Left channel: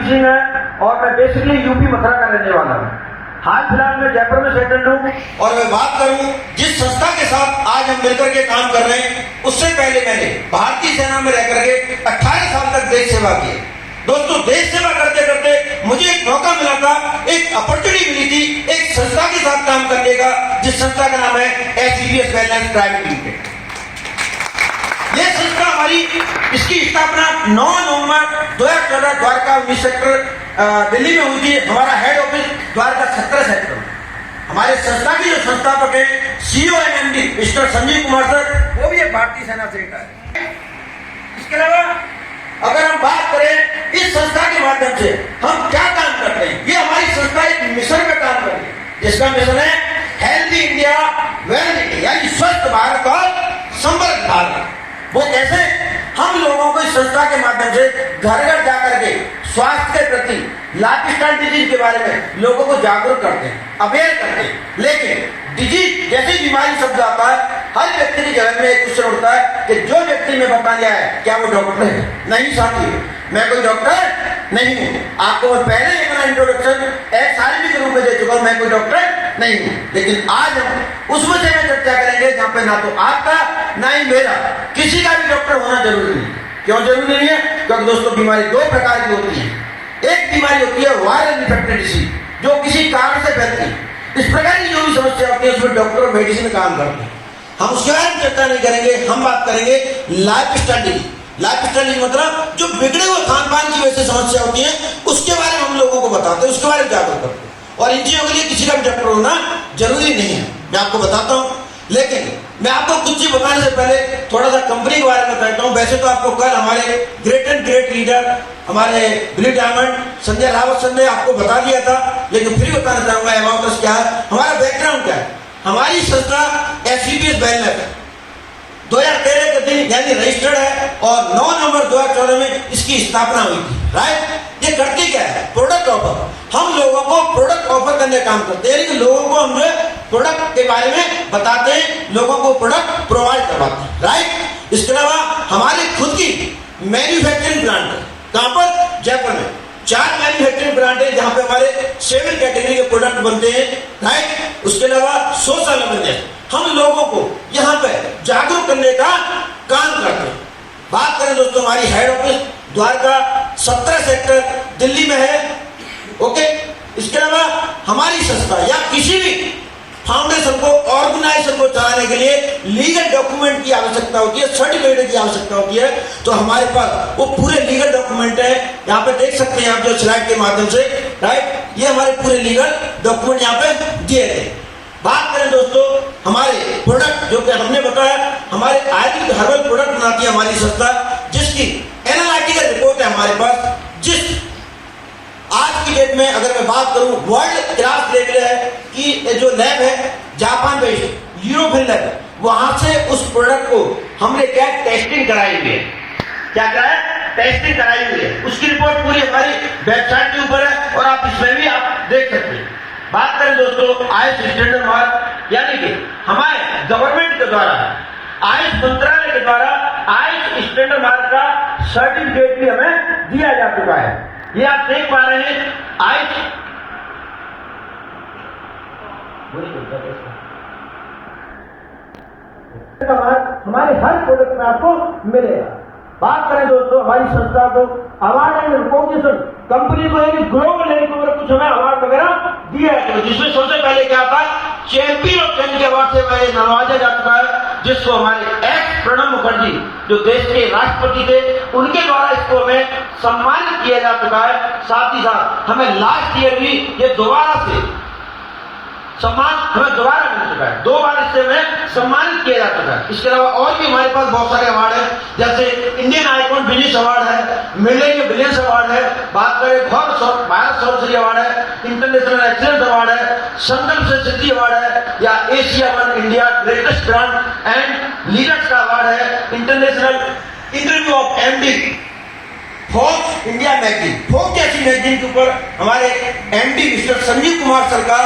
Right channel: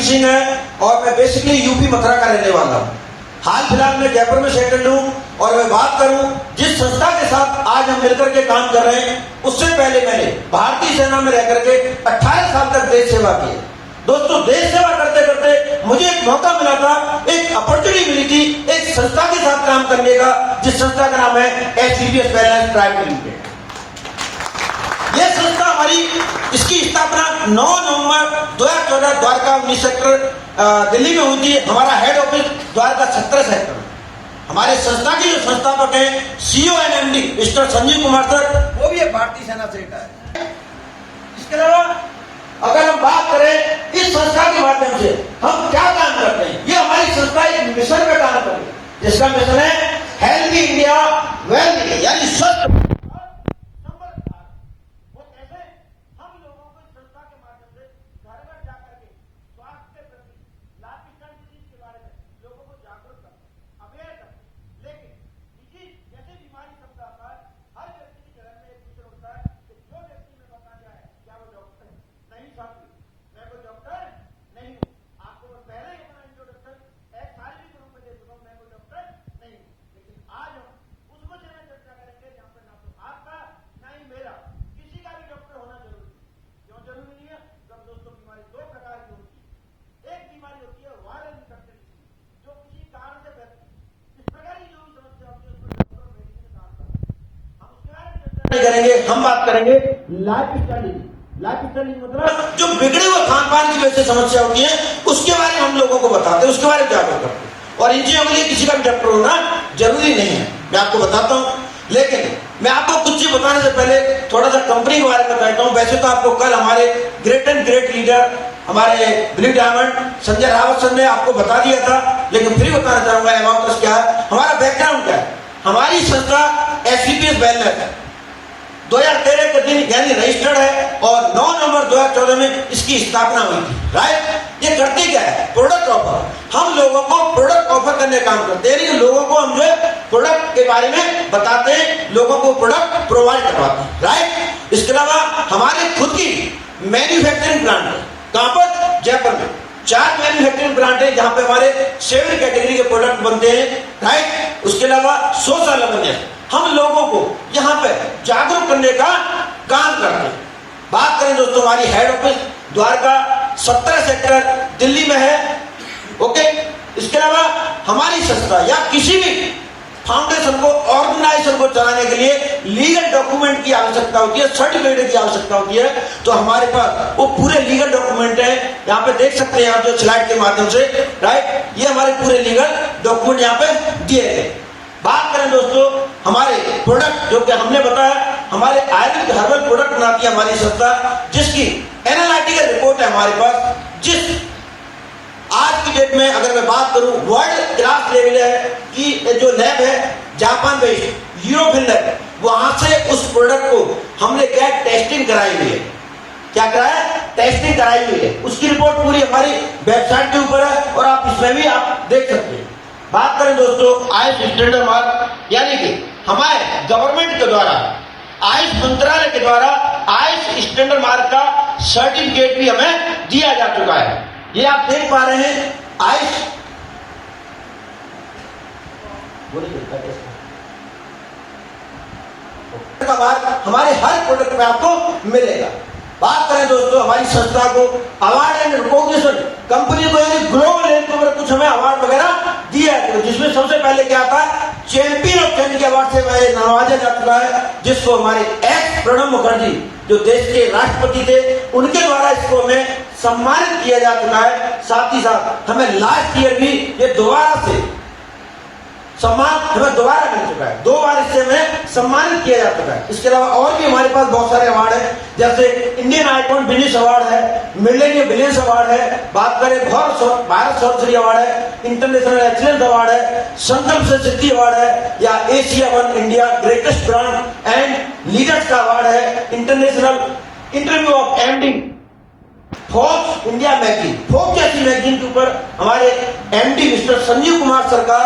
रणवीर सिंह है और मैं बेसिकली यूपी मथुरा का रहने वाला हूँ। हाल फिलहाल में जयपुर में सेटल्ड हूँ और मैं बात करूँ जिस संस्था के साथ आज हम मिलकर के काम कर रहे हैं, उससे पहले मैंने भारतीय सेना में रह करके 18 साल तक देश सेवा की। दोस्तों, देश सेवा करते करते मुझे एक मौका मिला था, एक अपॉर्चुनिटी मिली थी एक संस्था के साथ काम करने का, जिस संस्था का नाम है HPPS वेलनेस प्राइवेट लिमिटेड। यह संस्था हमारी, इसकी स्थापना 9 नवंबर 2014 द्वारका 19 सेक्टर दिल्ली में हुई थी। हमारा हेड ऑफिस द्वारका 17 सेक्टर में। हमारे संस्था की जो संस्थापक है CEO and MD mister Sanjeev Kumar sir, वो भी एक भारतीय सेना से है। इसके अलावा अगर हम बात करें इस संस्था के माध्यम से हम क्या काम करते हैं, ये हमारी संस्था एक मिशन पे काम कर रही है। इसका मिशन है हेल्दी इंडिया वेल इंडिया, यानी स्वस्थ भारत और समृद्ध भारत। वो कैसे? हम लोगों को इस संस्था के माध्यम से घर घर जाकर के स्वास्थ्य के प्रति, लाइफ स्टाइल डिजीज के बारे में लोगों को जागरूक करते हैं, अवेयर करते हैं। लेकिन डिजीज जैसी बीमारी शब्द आता है, हर व्यक्ति के जहन में एक क्वेश्चन उठता है कि जो व्यक्ति में बताया है क्या वो डॉक्टर है? नहीं साथी, मैं कोई डॉक्टर नहीं हूँ। आपको मैं पहले अपना इंट्रोडक्शन एक शारीरिक रूप में दे चुका हूँ, मैं कोई डॉक्टर नहीं हूँ। लेकिन आज हम उस विषय में चर्चा करेंगे जहाँ पे ना तो आपका ना ही मेरा, किसी का भी डॉक्टर होना जरूरी नहीं। क्यों जरूरी नहीं है? क्योंकि दोस्तों, बीमारी 2 प्रकार की होती है। एक बीमारी होती है वायरल इन्फेक्टेड डिसीज, जो किसी कारण से फैलती है। इस प्रकार की जो भी समस्या होती है उसमें डॉक्टर और मेडिसिन काम करते हैं। हम उसके बारे में चर्चा नहीं करेंगे, हम बात करेंगे life style disease. Life style disease मतलब जो बिगड़े हुए खान पान की वजह से समस्या होती है, उसके बारे में हम लोगों को बताते हैं, उसके बारे में जागरूक करते हैं। और इन चीजों के लिए किसी का भी डॉक्टर होना जरूरी नहीं है, मैं आपको बताता हूँ। लेकिन मैं आपको कुछ चीज बताने से पहले थोड़ा सा कंपनी के बारे में कहता हूँ। वैसे तो आपको कल हमारे ग्रेट एंड ग्रेट लीडर, हमारे blue diamond Sanjay Rawat sir ने आपको बता दिया था, लेकिन फिर बताना चाहूंगा एमाउंट क्या है, हमारा बैकग्राउंड क्या है। हमारी संस्था HPPS वेलनेस 2013 के दिन यानी रजिस्टर्ड है और 9 नवंबर 2014 में इसकी स्थापना हुई थी। राइट? ये करती क्या है? Product offer. हम लोगों को प्रोडक्ट ऑफर करने का काम करते हैं, लोगों को हम जो प्रोडक्ट के बारे में बताते हैं, लोगों को प्रोडक्ट प्रोवाइड करवाते हैं। राइट? इसके अलावा हमारी खुद की मैन्युफैक्चरिंग प्लांट है। कहां पर? जयपुर में 4 मैन्युफैक्चरिंग प्लांट है जहां पे हमारे 7 कैटेगरी के प्रोडक्ट बनते हैं। राइट? उसके अलावा सोशल अवेयरनेस, हम लोगों को यहाँ पे जागरूक करने का काम करते हैं। बात करें दोस्तों, हमारी head office Dwarka 17 sector Delhi में है। ओके, इसके अलावा हमारी संस्था या किसी भी फाउंडेशन को, ऑर्गेनाइजेशन को चलाने के लिए लीगल डॉक्यूमेंट की आवश्यकता होती है, सर्टिफिकेट की आवश्यकता होती है। तो हमारे पास वो पूरे लीगल डॉक्यूमेंट है, यहाँ पे देख सकते हैं आप जो स्लाइड के माध्यम से। राइट? ये हमारे पूरे लीगल डॉक्यूमेंट यहाँ पे दिए गए। बात करें दोस्तों हमारे प्रोडक्ट, जो कि हमने बताया हमारे आयुर्वेदिक हर्बल प्रोडक्ट बनाती है हमारी संस्था, जिसकी एनालिटिकल रिपोर्ट है हमारे पास, जिस आज की डेट में अगर मैं बात करूं वर्ल्ड क्लास लेवल है। ये जो लैब है जापान बेस्ड यूरोपियन लैब, वहां से उस प्रोडक्ट को हमने क्या टेस्टिंग कराई हुई है। क्या कराया? टेस्टिंग कराई हुई है। उसकी रिपोर्ट पूरी हमारी वेबसाइट के ऊपर है और आप इसमें भी आप देख सकते हैं। बात करें दोस्तों आयुष स्टैंडर्ड मार्क, यानी कि हमारे गवर्नमेंट के द्वारा, आयुष मंत्रालय के द्वारा आयुष स्टैंडर्ड मार्क का सर्टिफिकेट भी हमें दिया जा चुका है। ये आप देख पा रहे हैं आयुष का मार्क हमारे हर प्रोडक्ट में आपको मिलेगा। बात करें दोस्तों हमारी संस्था को अवार्ड एंड रिकॉग्निशन, कंपनी को यानी ग्लोबल लेवल के ऊपर कुछ हमें अवार्ड वगैरह दिया है, जिसमें सबसे पहले क्या आता है चैंपियन ऑफ चेंज के अवार्ड से वह नवाजा जा चुका है, जिसको हमारे एक्स प्रणब मुखर्जी जो देश के राष्ट्रपति थे उनके द्वारा इसको हमें सम्मानित किया जा चुका है। साथ ही साथ हमें लास्ट ईयर भी ये दोबारा से सम्मान हमें दोबारा मिल चुका है, 2 बार इससे हमें सम्मानित किया जा चुका है। इसके अलावा और भी हमारे पास बहुत सारे अवार्ड हैं, जैसे इंडियन आइकॉन बिजनेस अवार्ड है, मिलेनियम बिजनेस अवार्ड है, बात करें भारत सौरश्री अवार्ड है, इंटरनेशनल एक्सीलेंस अवार्ड है, संकल्प से सिद्धि अवार्ड है, या Asia one India greatest brand and leaders का अवार्ड है, international interview of MD Forbes India magazine, Forbes जैसी मैगजीन के ऊपर हमारे MD mister Sanjeev Kumar sir का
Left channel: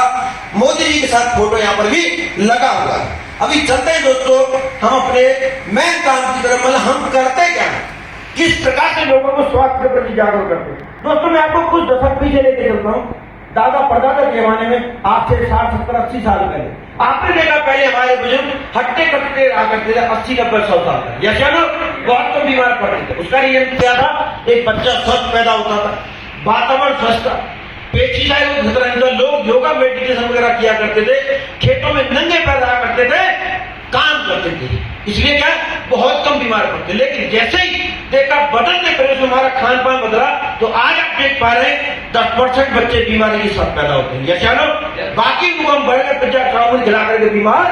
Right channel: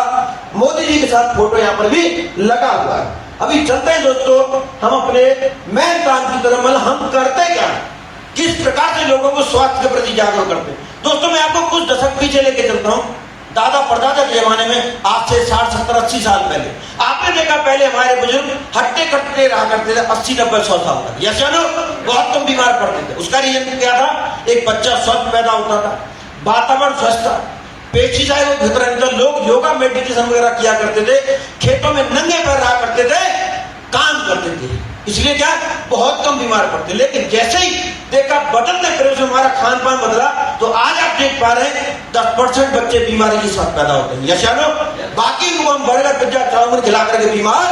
मोदी जी के साथ फोटो यहाँ पर भी लगा हुआ है। अभी चलते हैं दोस्तों हम अपने मेन काम की तरफ, मतलब हम करते क्या है। किस प्रकार से लोगों को स्वास्थ्य के प्रति जागरूक करते हैं। दोस्तों मैं आपको कुछ दशक पीछे लेके चलता हूँ, दादा परदादा के जमाने में, आज से 60 70 80 साल पहले आपने देखा, पहले हमारे बुजुर्ग हट्टे कट्टे रहा करते थे 80 90 100 साल तक, या चलो बहुत कम बीमार पड़ते थे। उसका रीजन क्या था? एक बच्चा स्वस्थ पैदा होता था, वातावरण स्वस्थ था, पेस्टिसाइड को खतरा नहीं था, लोग योगा मेडिटेशन वगैरह किया करते थे, खेतों में नंगे पैर रहा करते थे, काम करते थे, इसलिए क्या बहुत कम बीमार पड़ते। लेकिन जैसे ही देखा बदलते परिवेश में हमारा खान पान बदला, तो आज आप देख पा रहे हैं 10% बच्चे बीमारी के साथ पैदा होते हैं, यस या नो? बाकी लोग हम बर्गर पिज्जा चाउमीन खिला करके बीमार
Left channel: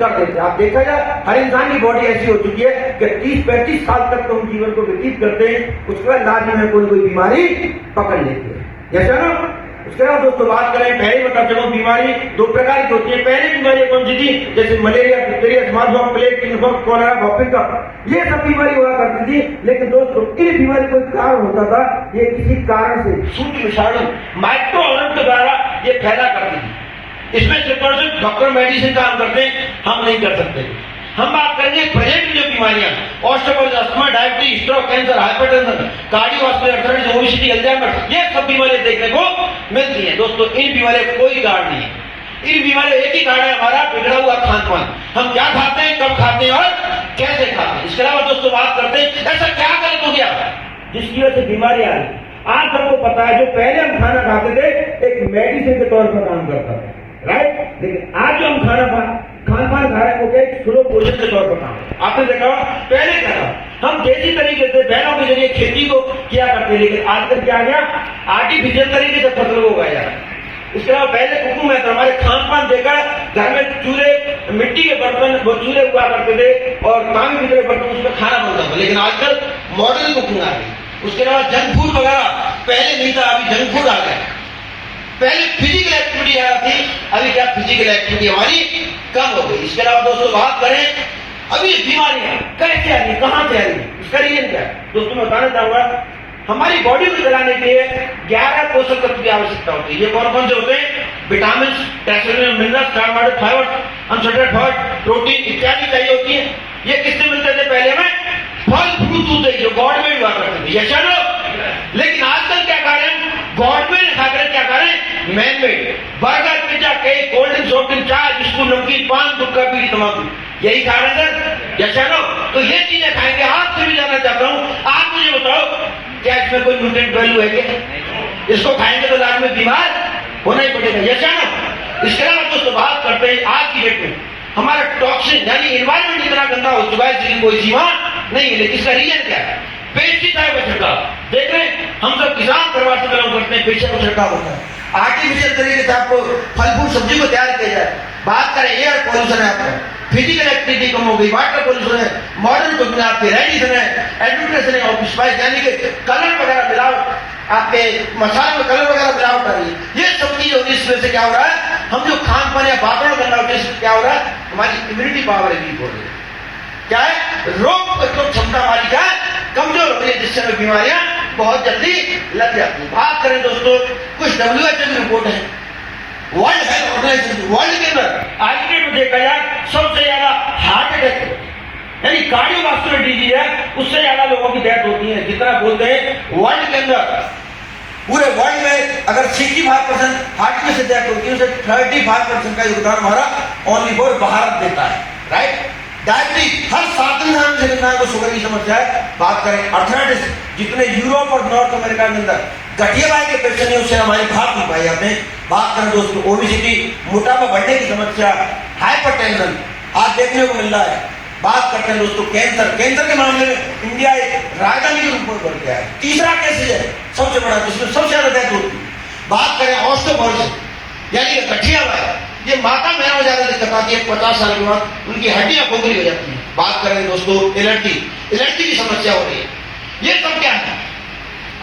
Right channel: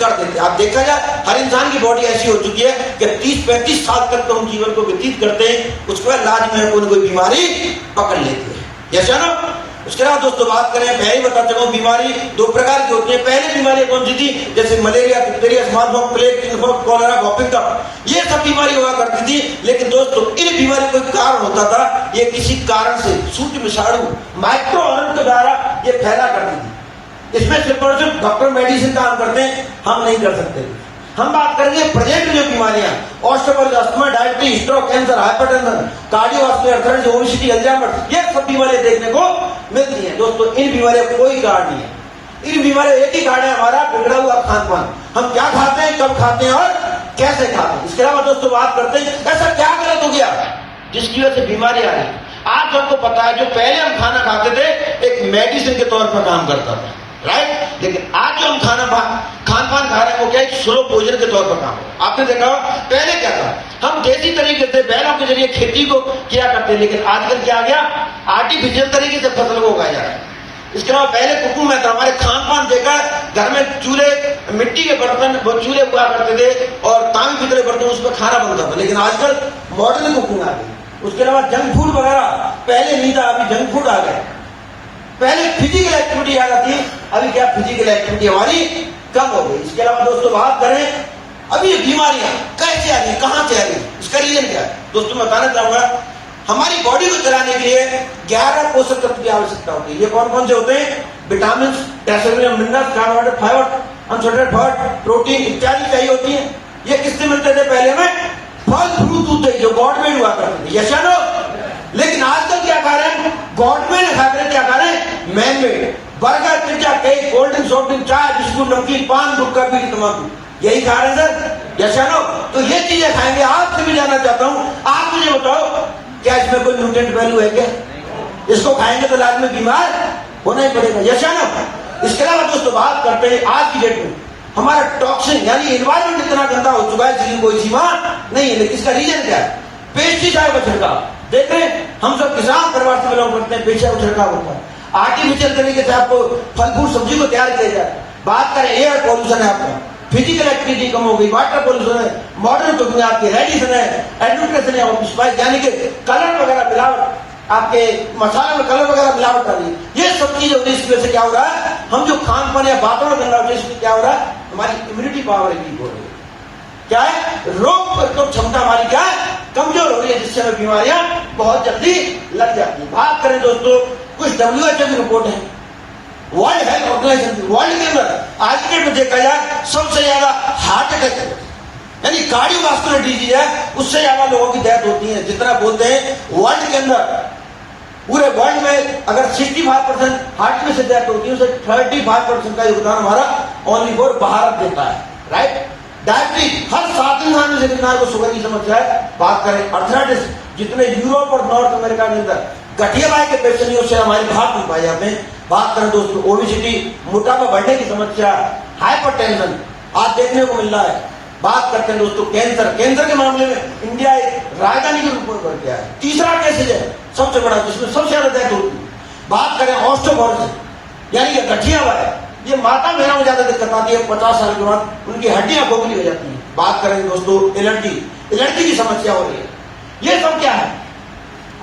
कर देते। आप देखा जाए हर इंसान की बॉडी ऐसी हो चुकी है कि 30-35 साल तक तो हम जीवन को व्यतीत करते हैं, उसके बाद लाज में कोई बीमारी पकड़ लेती है, यस या नो? उसके बाद दोस्तों बात करें, पहले बता चुका हूं बीमारी 2 प्रकार की होती है। पहले बीमारी कौन सी थी? जैसे malaria, diphtheria, small pox, plague, chickenpox, cholera, whooping cough, ये सब बीमारी हुआ करती थी। लेकिन दोस्तों इन बीमारी कोई कारण होता था, ये किसी कारण से सूक्ष्म विषाणु माइक्रो ऑर्गन के द्वारा ये फैला करती थी। इसमें सिर्फ और सिर्फ डॉक्टर मेडिसिन काम करते हैं, हम नहीं कर सकते। हम बात करेंगे प्रेजेंट में जो बीमारियां, osteoporosis, asthma, diabetes, stroke, cancer, hypertension, cardiovascular, arthritis, obesity, Alzheimer, ये सब बीमारियां देखने को मिलती हैं। दोस्तों इन बीमारियों का कोई कारण नहीं है। इन बीमारियों एक ही कारण है, हमारा बिगड़ा हुआ खान पान। हम क्या खाते हैं, कब खाते हैं और कैसे खाते हैं। इसके अलावा दोस्तों बात करते हैं ऐसा क्या गलत हो गया जिसकी वजह से बीमारी आ रही। आज हमको पता है जो पहले हम खाना खाते थे एक मेडिसिन के तौर पर काम करता था, राइट? लेकिन आज जो हम खान पान खा रहे हैं वो क्या एक स्लो भोजन के तौर पर काम है। आपने देखा पहले क्या था, हम देसी तरीके से बैलों के जरिए खेती को किया करते हैं, लेकिन आजकल क्या आ गया, आर्टिफिशियल तरीके से फसल को उगाया जा रहा है। इसके अलावा पहले कुकिंग में हमारे खान पान देखा है, घर में चूल्हे, मिट्टी के बर्तन, वो चूल्हे हुआ करते थे और तांबे पीतल के बर्तन, उसमें खाना बनता था। लेकिन आजकल मॉडर्न कुकिंग आ गई। उसके अलावा जंक फूड वगैरह पहले नहीं था, अभी जंक फूड आ गया। पहले फिजिकल एक्टिविटी आ रही थी, अभी क्या फिजिकल एक्टिविटी हमारी कम हो गई। इसके अलावा दोस्तों बात करें अभी बीमारियां कैसे आ रही है, कहां से आ रही है, इसका रीजन क्या है? दोस्तों मैं बताना चाहूंगा, हमारी बॉडी को चलाने के लिए 11 पोषक तत्व की आवश्यकता होती है। ये कौन कौन से होते हैं? Vitamin, minerals, carbohydrate, fibre, unsaturated fat, protein इत्यादि चाहिए होती है। ये किससे मिलते थे? पहले हमें फल फ्रूट दूध जो गॉड में हुआ करते थे, यस या नो? लेकिन आजकल क्या खा रहे हैं? गॉड में खा रहे हैं, क्या खा रहे हैं? Man made, burger, pizza, cake, cold drink, soft drink, चाय, बिस्कुट, नमकीन, पान, गुटखा, बीड़ी, तंबाकू, यही खा रहे हैं सर, यस या नो? तो ये चीजें खाएंगे। आपसे भी जानना चाहता हूं, आप मुझे बताओ क्या इसमें कोई न्यूट्रिएंट वैल्यू है क्या? इसको खाएंगे तो लाज में बीमार होना ही पड़ेगा, यस या नो? इसके अलावा दोस्तों बात करते हैं आज की डेट में हमारा टॉक्सिन यानी एनवायरमेंट इतना गंदा हो चुका है जिसकी कोई सीमा नहीं है। लेकिन इसका रीजन क्या है? पेस्टिसाइड का छिड़काव। देख रहे हैं हम सब किसान परिवार से बिलोंग करते हैं, पेस्टिसाइड का छिड़काव होता है, आर्टिफिशियल तरीके से आपको फल फूल सब्जी को तैयार किया जाए। बात करें एयर पॉल्यूशन है, आपका फिजिकल एक्टिविटी कम हो गई, वाटर पॉल्यूशन है, मॉडर्न कुकिंग आपके रेडिएशन है, एडल्ट्रेशन है, और स्पाइस यानी कि कलर वगैरह मिलावट, आपके मसाले में कलर वगैरह मिलावट आ रही है। ये सब चीजें होती है। इसकी वजह से क्या हो रहा है? हम जो खान पान या वातावरण गंदा होता है, इससे क्या हो रहा है? हमारी इम्यूनिटी पावर वीक हो रही है। क्या है? रोग प्रतिरोधक क्षमता हमारी क्या है? कमजोर हो रही है, जिससे हमें बीमारियां बहुत जल्दी लग जाती है। बात करें दोस्तों कुछ WHO की रिपोर्ट है, वर्ल्ड हेल्थ ऑर्गेनाइजेशन, वर्ल्ड के अंदर आज के डेट में देखा जाए सबसे ज्यादा हार्ट अटैक यानी कार्डियोवास्कुलर डिजीज है, उससे ज्यादा लोगों की डेथ होती है। जितना बोलते हैं वर्ल्ड के अंदर, पूरे वर्ल्ड में अगर 65% हार्ट में से डेथ होती है, उसे 35% का योगदान हमारा ओनली फॉर भारत देता है, राइट? डायबिटीज हर 7 इंसान में से इंसान को शुगर की समस्या है। बात करें अर्थराइटिस, जितने यूरोप और नॉर्थ अमेरिका के अंदर गठिया के पेशेंट है, उससे हमारी भारत में पाई जाते हैं। बात करें दोस्तों ओबेसिटी, मोटापा बढ़ने की समस्या, हाइपरटेंशन आज देखने को मिल रहा है। बात करते हैं दोस्तों कैंसर, कैंसर के मामले में इंडिया एक राजधानी के रूप में बढ़ गया है, तीसरा केस है सबसे बड़ा, जिसमें सबसे ज्यादा डेथ होती है। बात करें ऑस्टियोपोरोसिस यानी कि गठिया हुआ है, ये माता बहनों में ज्यादा दिक्कत आती है, 50 साल के बाद उनकी हड्डियां खोखली हो जाती हैं। बात करें दोस्तों एलर्जी की समस्या हो रही है। ये सब क्या है?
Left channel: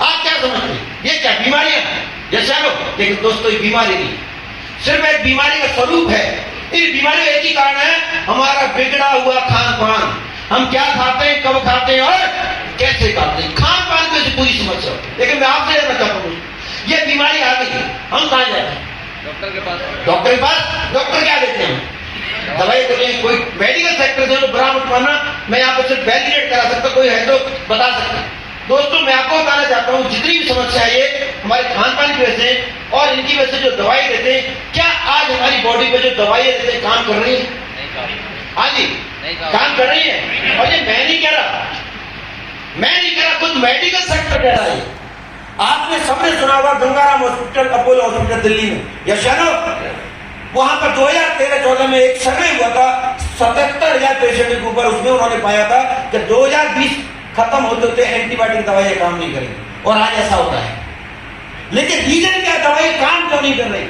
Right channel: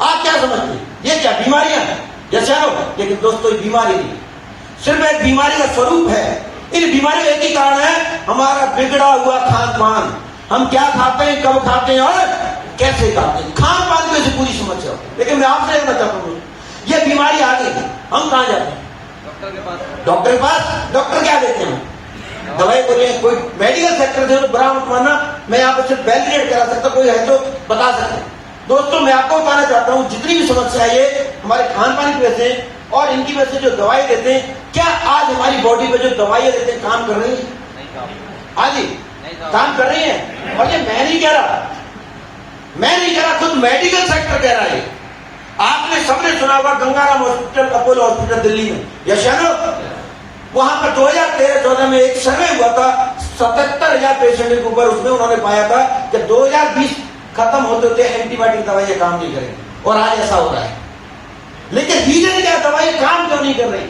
आप क्या समझते हैं? ये क्या बीमारियां हैं? जैसे लेकिन दोस्तों ये बीमारी नहीं, सिर्फ एक बीमारी का स्वरूप है। इन बीमारियों एक ही कारण है, हमारा बिगड़ा हुआ खान पान। हम क्या खाते हैं, कब खाते हैं और कैसे खाते हैं, खान पान को पूरी समस्या होती है। लेकिन मैं आपसे जानना चाहता हूँ, ये बीमारी आ गई, हम कहाँ जाते हैं? डॉक्टर के पास। डॉक्टर क्या देते हैं? दवाई बोले। कोई मेडिकल सेक्टर से बरामद करना, मैं यहाँ पर सिर्फ वैलिडेट करा सकता, कोई है तो बता सकते हैं। दोस्तों मैं आपको बताना चाहता हूँ, जितनी भी समस्या है ये हमारे खान पान की वजह से और इनकी वजह से जो दवाई देते हैं, क्या आज हमारी बॉडी पे जो दवाइयाँ देते हैं काम कर रही है? हाँ जी, काम कर रही है। और ये मैं नहीं कह रहा, खुद मेडिकल सेक्टर कह रहा है। आपने सबने सुना होगा Gangaram hospital, Apollo hospital Delhi में, यस या नो? वहां पर 2013-14 में एक सर्वे हुआ था 77,000 पेशेंट के ऊपर। उसमें उन्होंने पाया था कि 2020 खत्म होते होते एंटीबायोटिक दवाइयां काम नहीं करेंगी, और आज ऐसा होता है। लेकिन रीजन क्या, दवाई काम क्यों नहीं कर रही?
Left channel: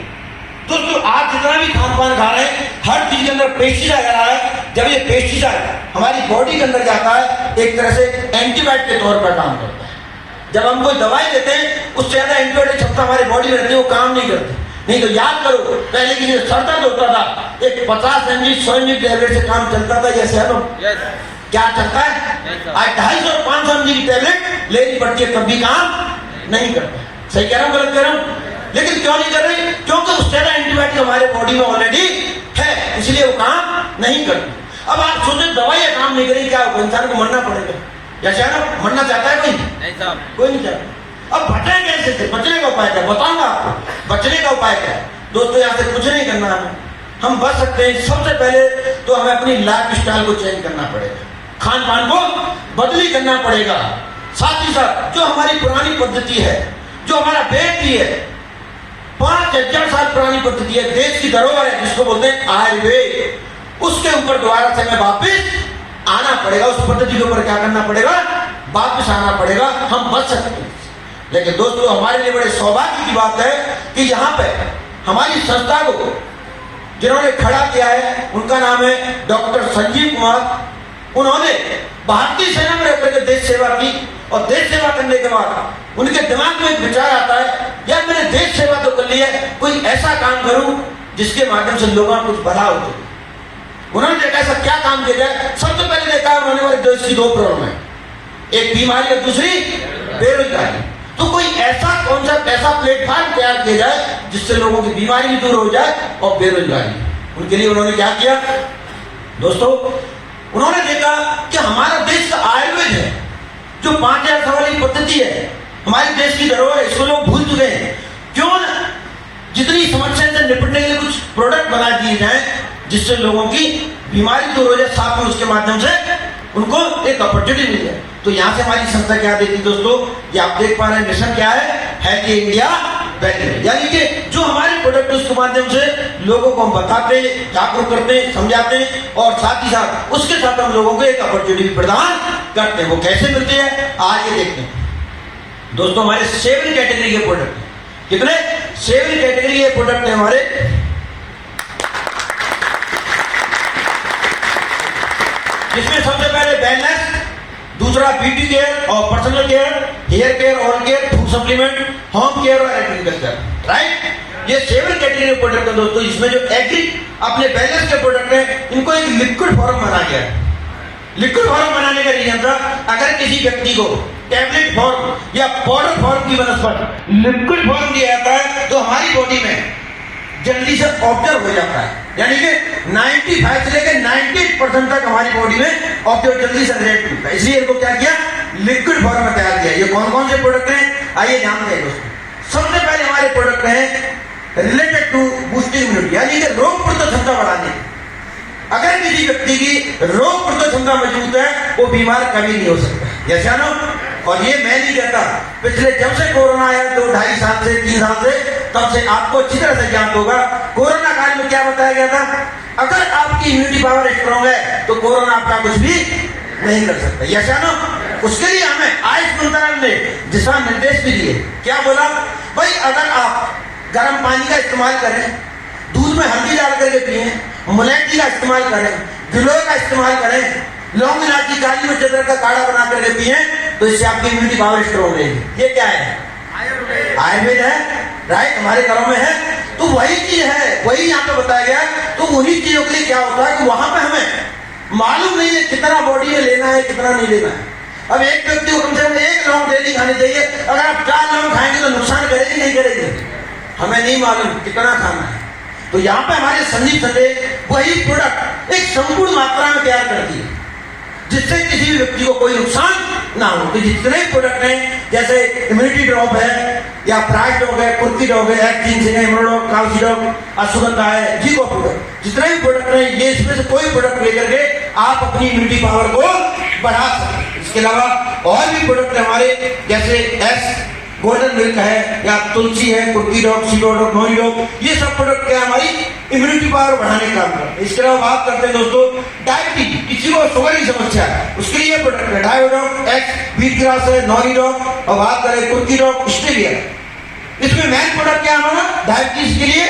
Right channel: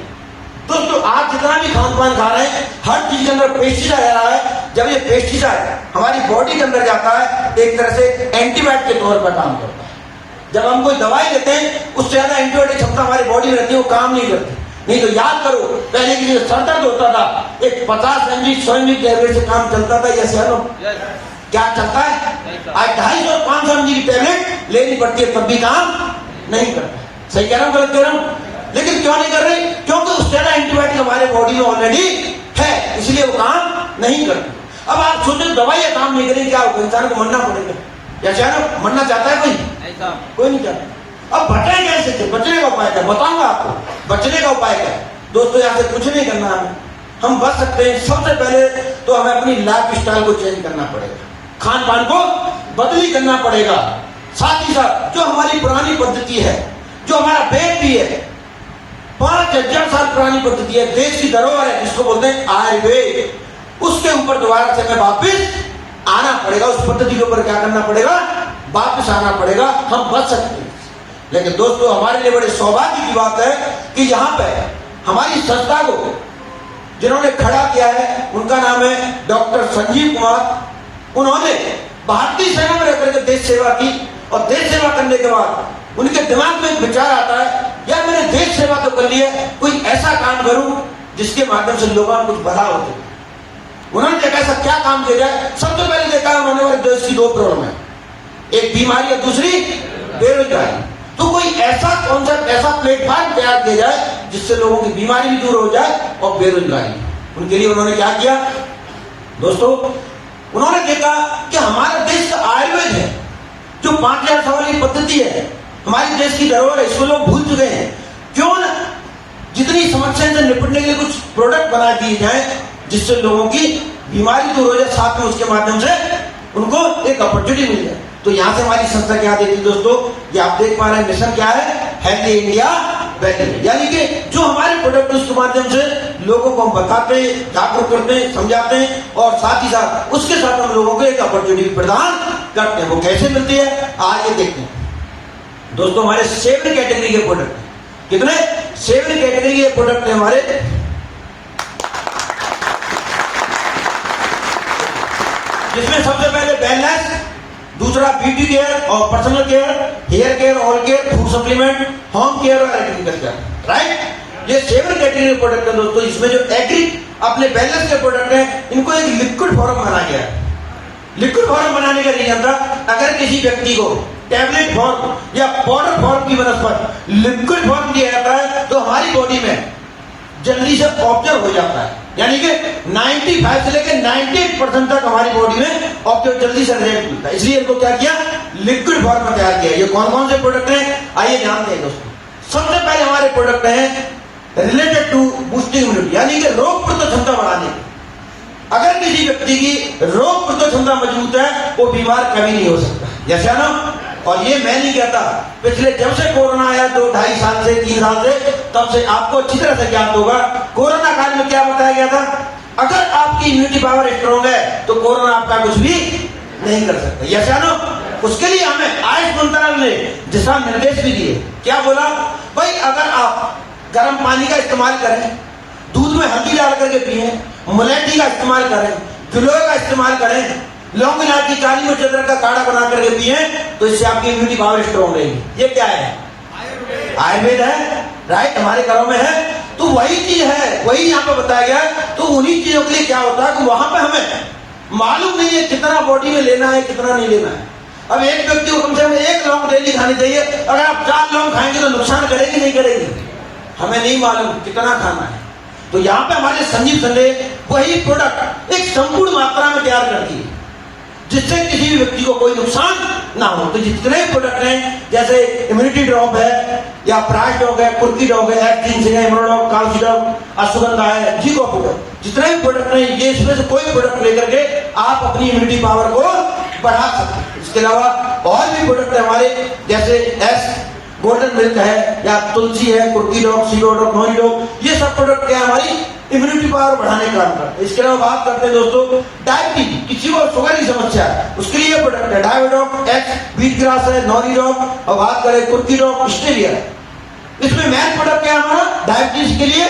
दोस्तों आज जितना भी खान पान खा रहे हैं, हर चीज के अंदर पेस्टिसाइड आ रहा है। जब ये पेस्टिसाइड हमारी बॉडी के अंदर जाता है, एक तरह से एंटीबायोटिक के तौर पर काम करता है। जब हम कोई दवाई देते हैं, उससे ज्यादा एंटीबायोटिक क्षमता हमारी बॉडी में रहती है, वो काम नहीं करती। नहीं तो याद करो, पहले की जो सर दर्द होता था, एक 50 mg 100 mg टैबलेट से काम चलता था, जैसे है लोग क्या चलता है? आज 250-500 mg की टैबलेट लेनी पड़ती है, तब भी काम नहीं करता। सही कह रहा हूँ, गलत कह रहा हूँ? लेकिन क्यों नहीं कर रही? क्योंकि उससे ज्यादा एंटीबायोटिक हमारे बॉडी में ऑलरेडी है, इसलिए वो काम नहीं करती। अब आप सोचो दवाइयां काम नहीं करेगी, क्या होगा? इंसान को मरना पड़ेगा। या चाहे मरना चाहता है कोई नहीं चाहता। अब बचें कैसे? बचने का उपाय क्या बताऊंगा आपको। बचने का उपाय क्या है दोस्तों? यहाँ से कुछ नहीं करना हमें, हम बच सकते हैं। सबसे पहले तो हमें अपनी लाइफ स्टाइल को चेंज करना पड़ेगा, खान पान को बदली करना पड़ेगा। साथ ही साथ जो हमारी पुरानी पद्धति है, जो हमारा वेद भी है, 5,000 साल पुरानी पद्धति है, देश की धरोहर है, जिसको बोलते हैं आयुर्वेद, उसके ऊपर दोबारा से हमें वापिस आना पड़ेगा। उस पद्धति के ऊपर क्या करना पड़ेगा? वापिस आना पड़ेगा। हम बच सकते हैं। लेकिन दोस्तों हमारे लिए बड़े सौभाग्य की बात है कि यहाँ पे हमारी संस्था को जिन्होंने खड़ा किया है, उनका नाम है डॉक्टर संजीव कुमार। उन्होंने भारतीय सेना में रहकर देश सेवा की, और देश सेवा करने के बाद उनके दिमाग में एक विचार आता है, यार मैंने देश सेवा तो कर ली है, कोई ऐसा काम करूं जिसके माध्यम से लोगों को कुछ भला हो। उन्होंने देखा ऐसा क्या काम किया जाए। सबसे पहले देखा उन्होंने हमारे देश की 2 प्रॉब्लम है, एक बीमारी और दूसरी बेरोजगारी। तो कोई ऐसा कॉन्सेप्ट, ऐसा प्लेटफॉर्म तैयार किया जाए जिससे लोगों की बीमारी भी दूर हो जाए और बेरोजगारी। उनके लिए उन्होंने क्या किया दोस्तों? उन्होंने देखा कि हमारा देश का आयुर्वेद है, जो 5,000 साल वाली पद्धति है, हमारे देश की धरोहर है, इसको लोग भूल चुके हैं। क्यों न जितनी समस्या से निपटने के लिए कुछ प्रोडक्ट बना दिए जाए जिससे लोगों की बीमारी दूर हो जाए, साथ में उसके माध्यम से उनको एक अपॉर्चुनिटी मिल जाए। तो यहाँ से हमारी संस्था क्या देती है दोस्तों? ये आप देख पा रहे हैं, मिशन क्या है? Healthy India better. यानी कि जो हमारे प्रोडक्ट उसके माध्यम से लोगों को हम बताते, जागरूक करते, समझाते हैं, और साथ ही साथ उसके साथ हम लोगों को एक अपॉर्चुनिटी प्रदान करते हैं। वो कैसे मिलती है आगे देखते हैं दोस्तों। हमारे 7 कैटेगरी के प्रोडक्ट, कितने? 7 कैटेगरी के प्रोडक्ट है हमारे। जिसमें सबसे पहले वेलनेस, दूसरा ब्यूटी केयर और personal care, hair care, all care, food supplement, home care और एग्रीकल्चर, राइट? ये 7 कैटेगरी के प्रोडक्ट है दोस्तों। इसमें जो एग्री अपने बैलेंस के प्रोडक्ट है, इनको एक लिक्विड फॉर्म बनाया गया है। लिक्विड फॉर्म बनाने का रीजन था, अगर किसी व्यक्ति को टैबलेट फॉर्म या पाउडर फॉर्म की वनस्पति लिक्विड फॉर्म दिया जाता है, तो हमारी बॉडी में जल्दी से ऑब्जर्व हो जाता है। यानी कि 95 से लेकर 98% तक हमारी बॉडी में ऑब्जर्व जल्दी से रिएक्ट होता है। इसलिए इनको क्या किया? लिक्विड फॉर्म में तैयार किया। ये कौन कौन से प्रोडक्ट हैं आइए जानते हैं दोस्तों। सबसे पहले हमारे प्रोडक्ट हैं रिलेटेड टू बूस्टिंग इम्यूनिटी, यानी कि रोग प्रतिरोधक क्षमता बढ़ाने। अगर किसी व्यक्ति की रोग प्रतिरोधक क्षमता मजबूत है, वो बीमार कभी नहीं हो सकता। यस या नो? और ये मैं नहीं कहता, पिछले जब से कोरोना आया 2-2.5 साल से 3 साल से, तब से आपको अच्छी तरह से ज्ञात होगा कोरोना काल में क्या बताया गया था? अगर आपकी इम्यूनिटी पावर स्ट्रॉन्ग है तो कोरोना आपका कुछ भी नहीं कर सकता। यस या नो? उसके लिए हमें आयुष मंत्रालय ने दिशा निर्देश भी दिए। क्या बोला भाई? अगर आप गर्म पानी का इस्तेमाल करें, दूध में हल्दी डाल करके पिए, मुलेठी का इस्तेमाल करें, गिलोय का इस्तेमाल करें, लौंग इलायची काली मिर्च अदरक का काढ़ा बना करके पिए, तो इससे आपकी इम्यूनिटी पावर स्ट्रॉन्ग रहेगी। ये क्या है? आयुर्वेद है, राइट? हमारे घरों में है। तो वही चीज है, वही यहाँ पे बताया गया है। तो उन्हीं चीजों के लिए क्या होता है कि वहां पे हमें मालूम नहीं है कितना बॉडी में लेना है, कितना नहीं लेना है। अब एक व्यक्ति को कम से कम 1 लौंग डेली खानी चाहिए। अगर आप 4 लौंग खाएंगे तो नुकसान करेगी नहीं करेगी? हमें नहीं मालूम कितना खाना है। तो यहाँ पे हमारे संजीव संदेश वही प्रोडक्ट एक संपूर्ण मात्रा में तैयार करती है, जिससे किसी भी व्यक्ति को कोई नुकसान ना हो। तो जितने प्रोडक्ट हैं जैसे इम्यूनिटी ड्रॉप है या प्राइस डॉग है, कुर्की डॉग है, एक्टिन है, इम्यूनोडॉग, काउची डॉग, अश्वगंधा है, जीको प्रोडक्ट, जितने भी प्रोडक्ट हैं ये इसमें से कोई प्रोडक्ट लेकर के आप अपनी इम्यूनिटी पावर को बढ़ा सकते हैं। इसके अलावा और भी प्रोडक्ट है हमारे, जैसे एस गोल्डन मिल्क है या तुलसी है, कुर्की डॉग, सीडो डॉग, नोरी डॉग, ये सब प्रोडक्ट क्या हमारी इम्यूनिटी पावर बढ़ाने का काम करते हैं। इसके अलावा बात करते हैं दोस्तों डायबिटीज, किसी को शुगर की समस्या है उसके लिए प्रोडक्ट है डायोडॉग, एक्स व्हीट ग्रास है, नोरी डॉग, और बात करें कुर्की डॉग, स्टेविया। इसमें मेन प्रोडक्ट क्या है हमारा डायबिटीज के लिए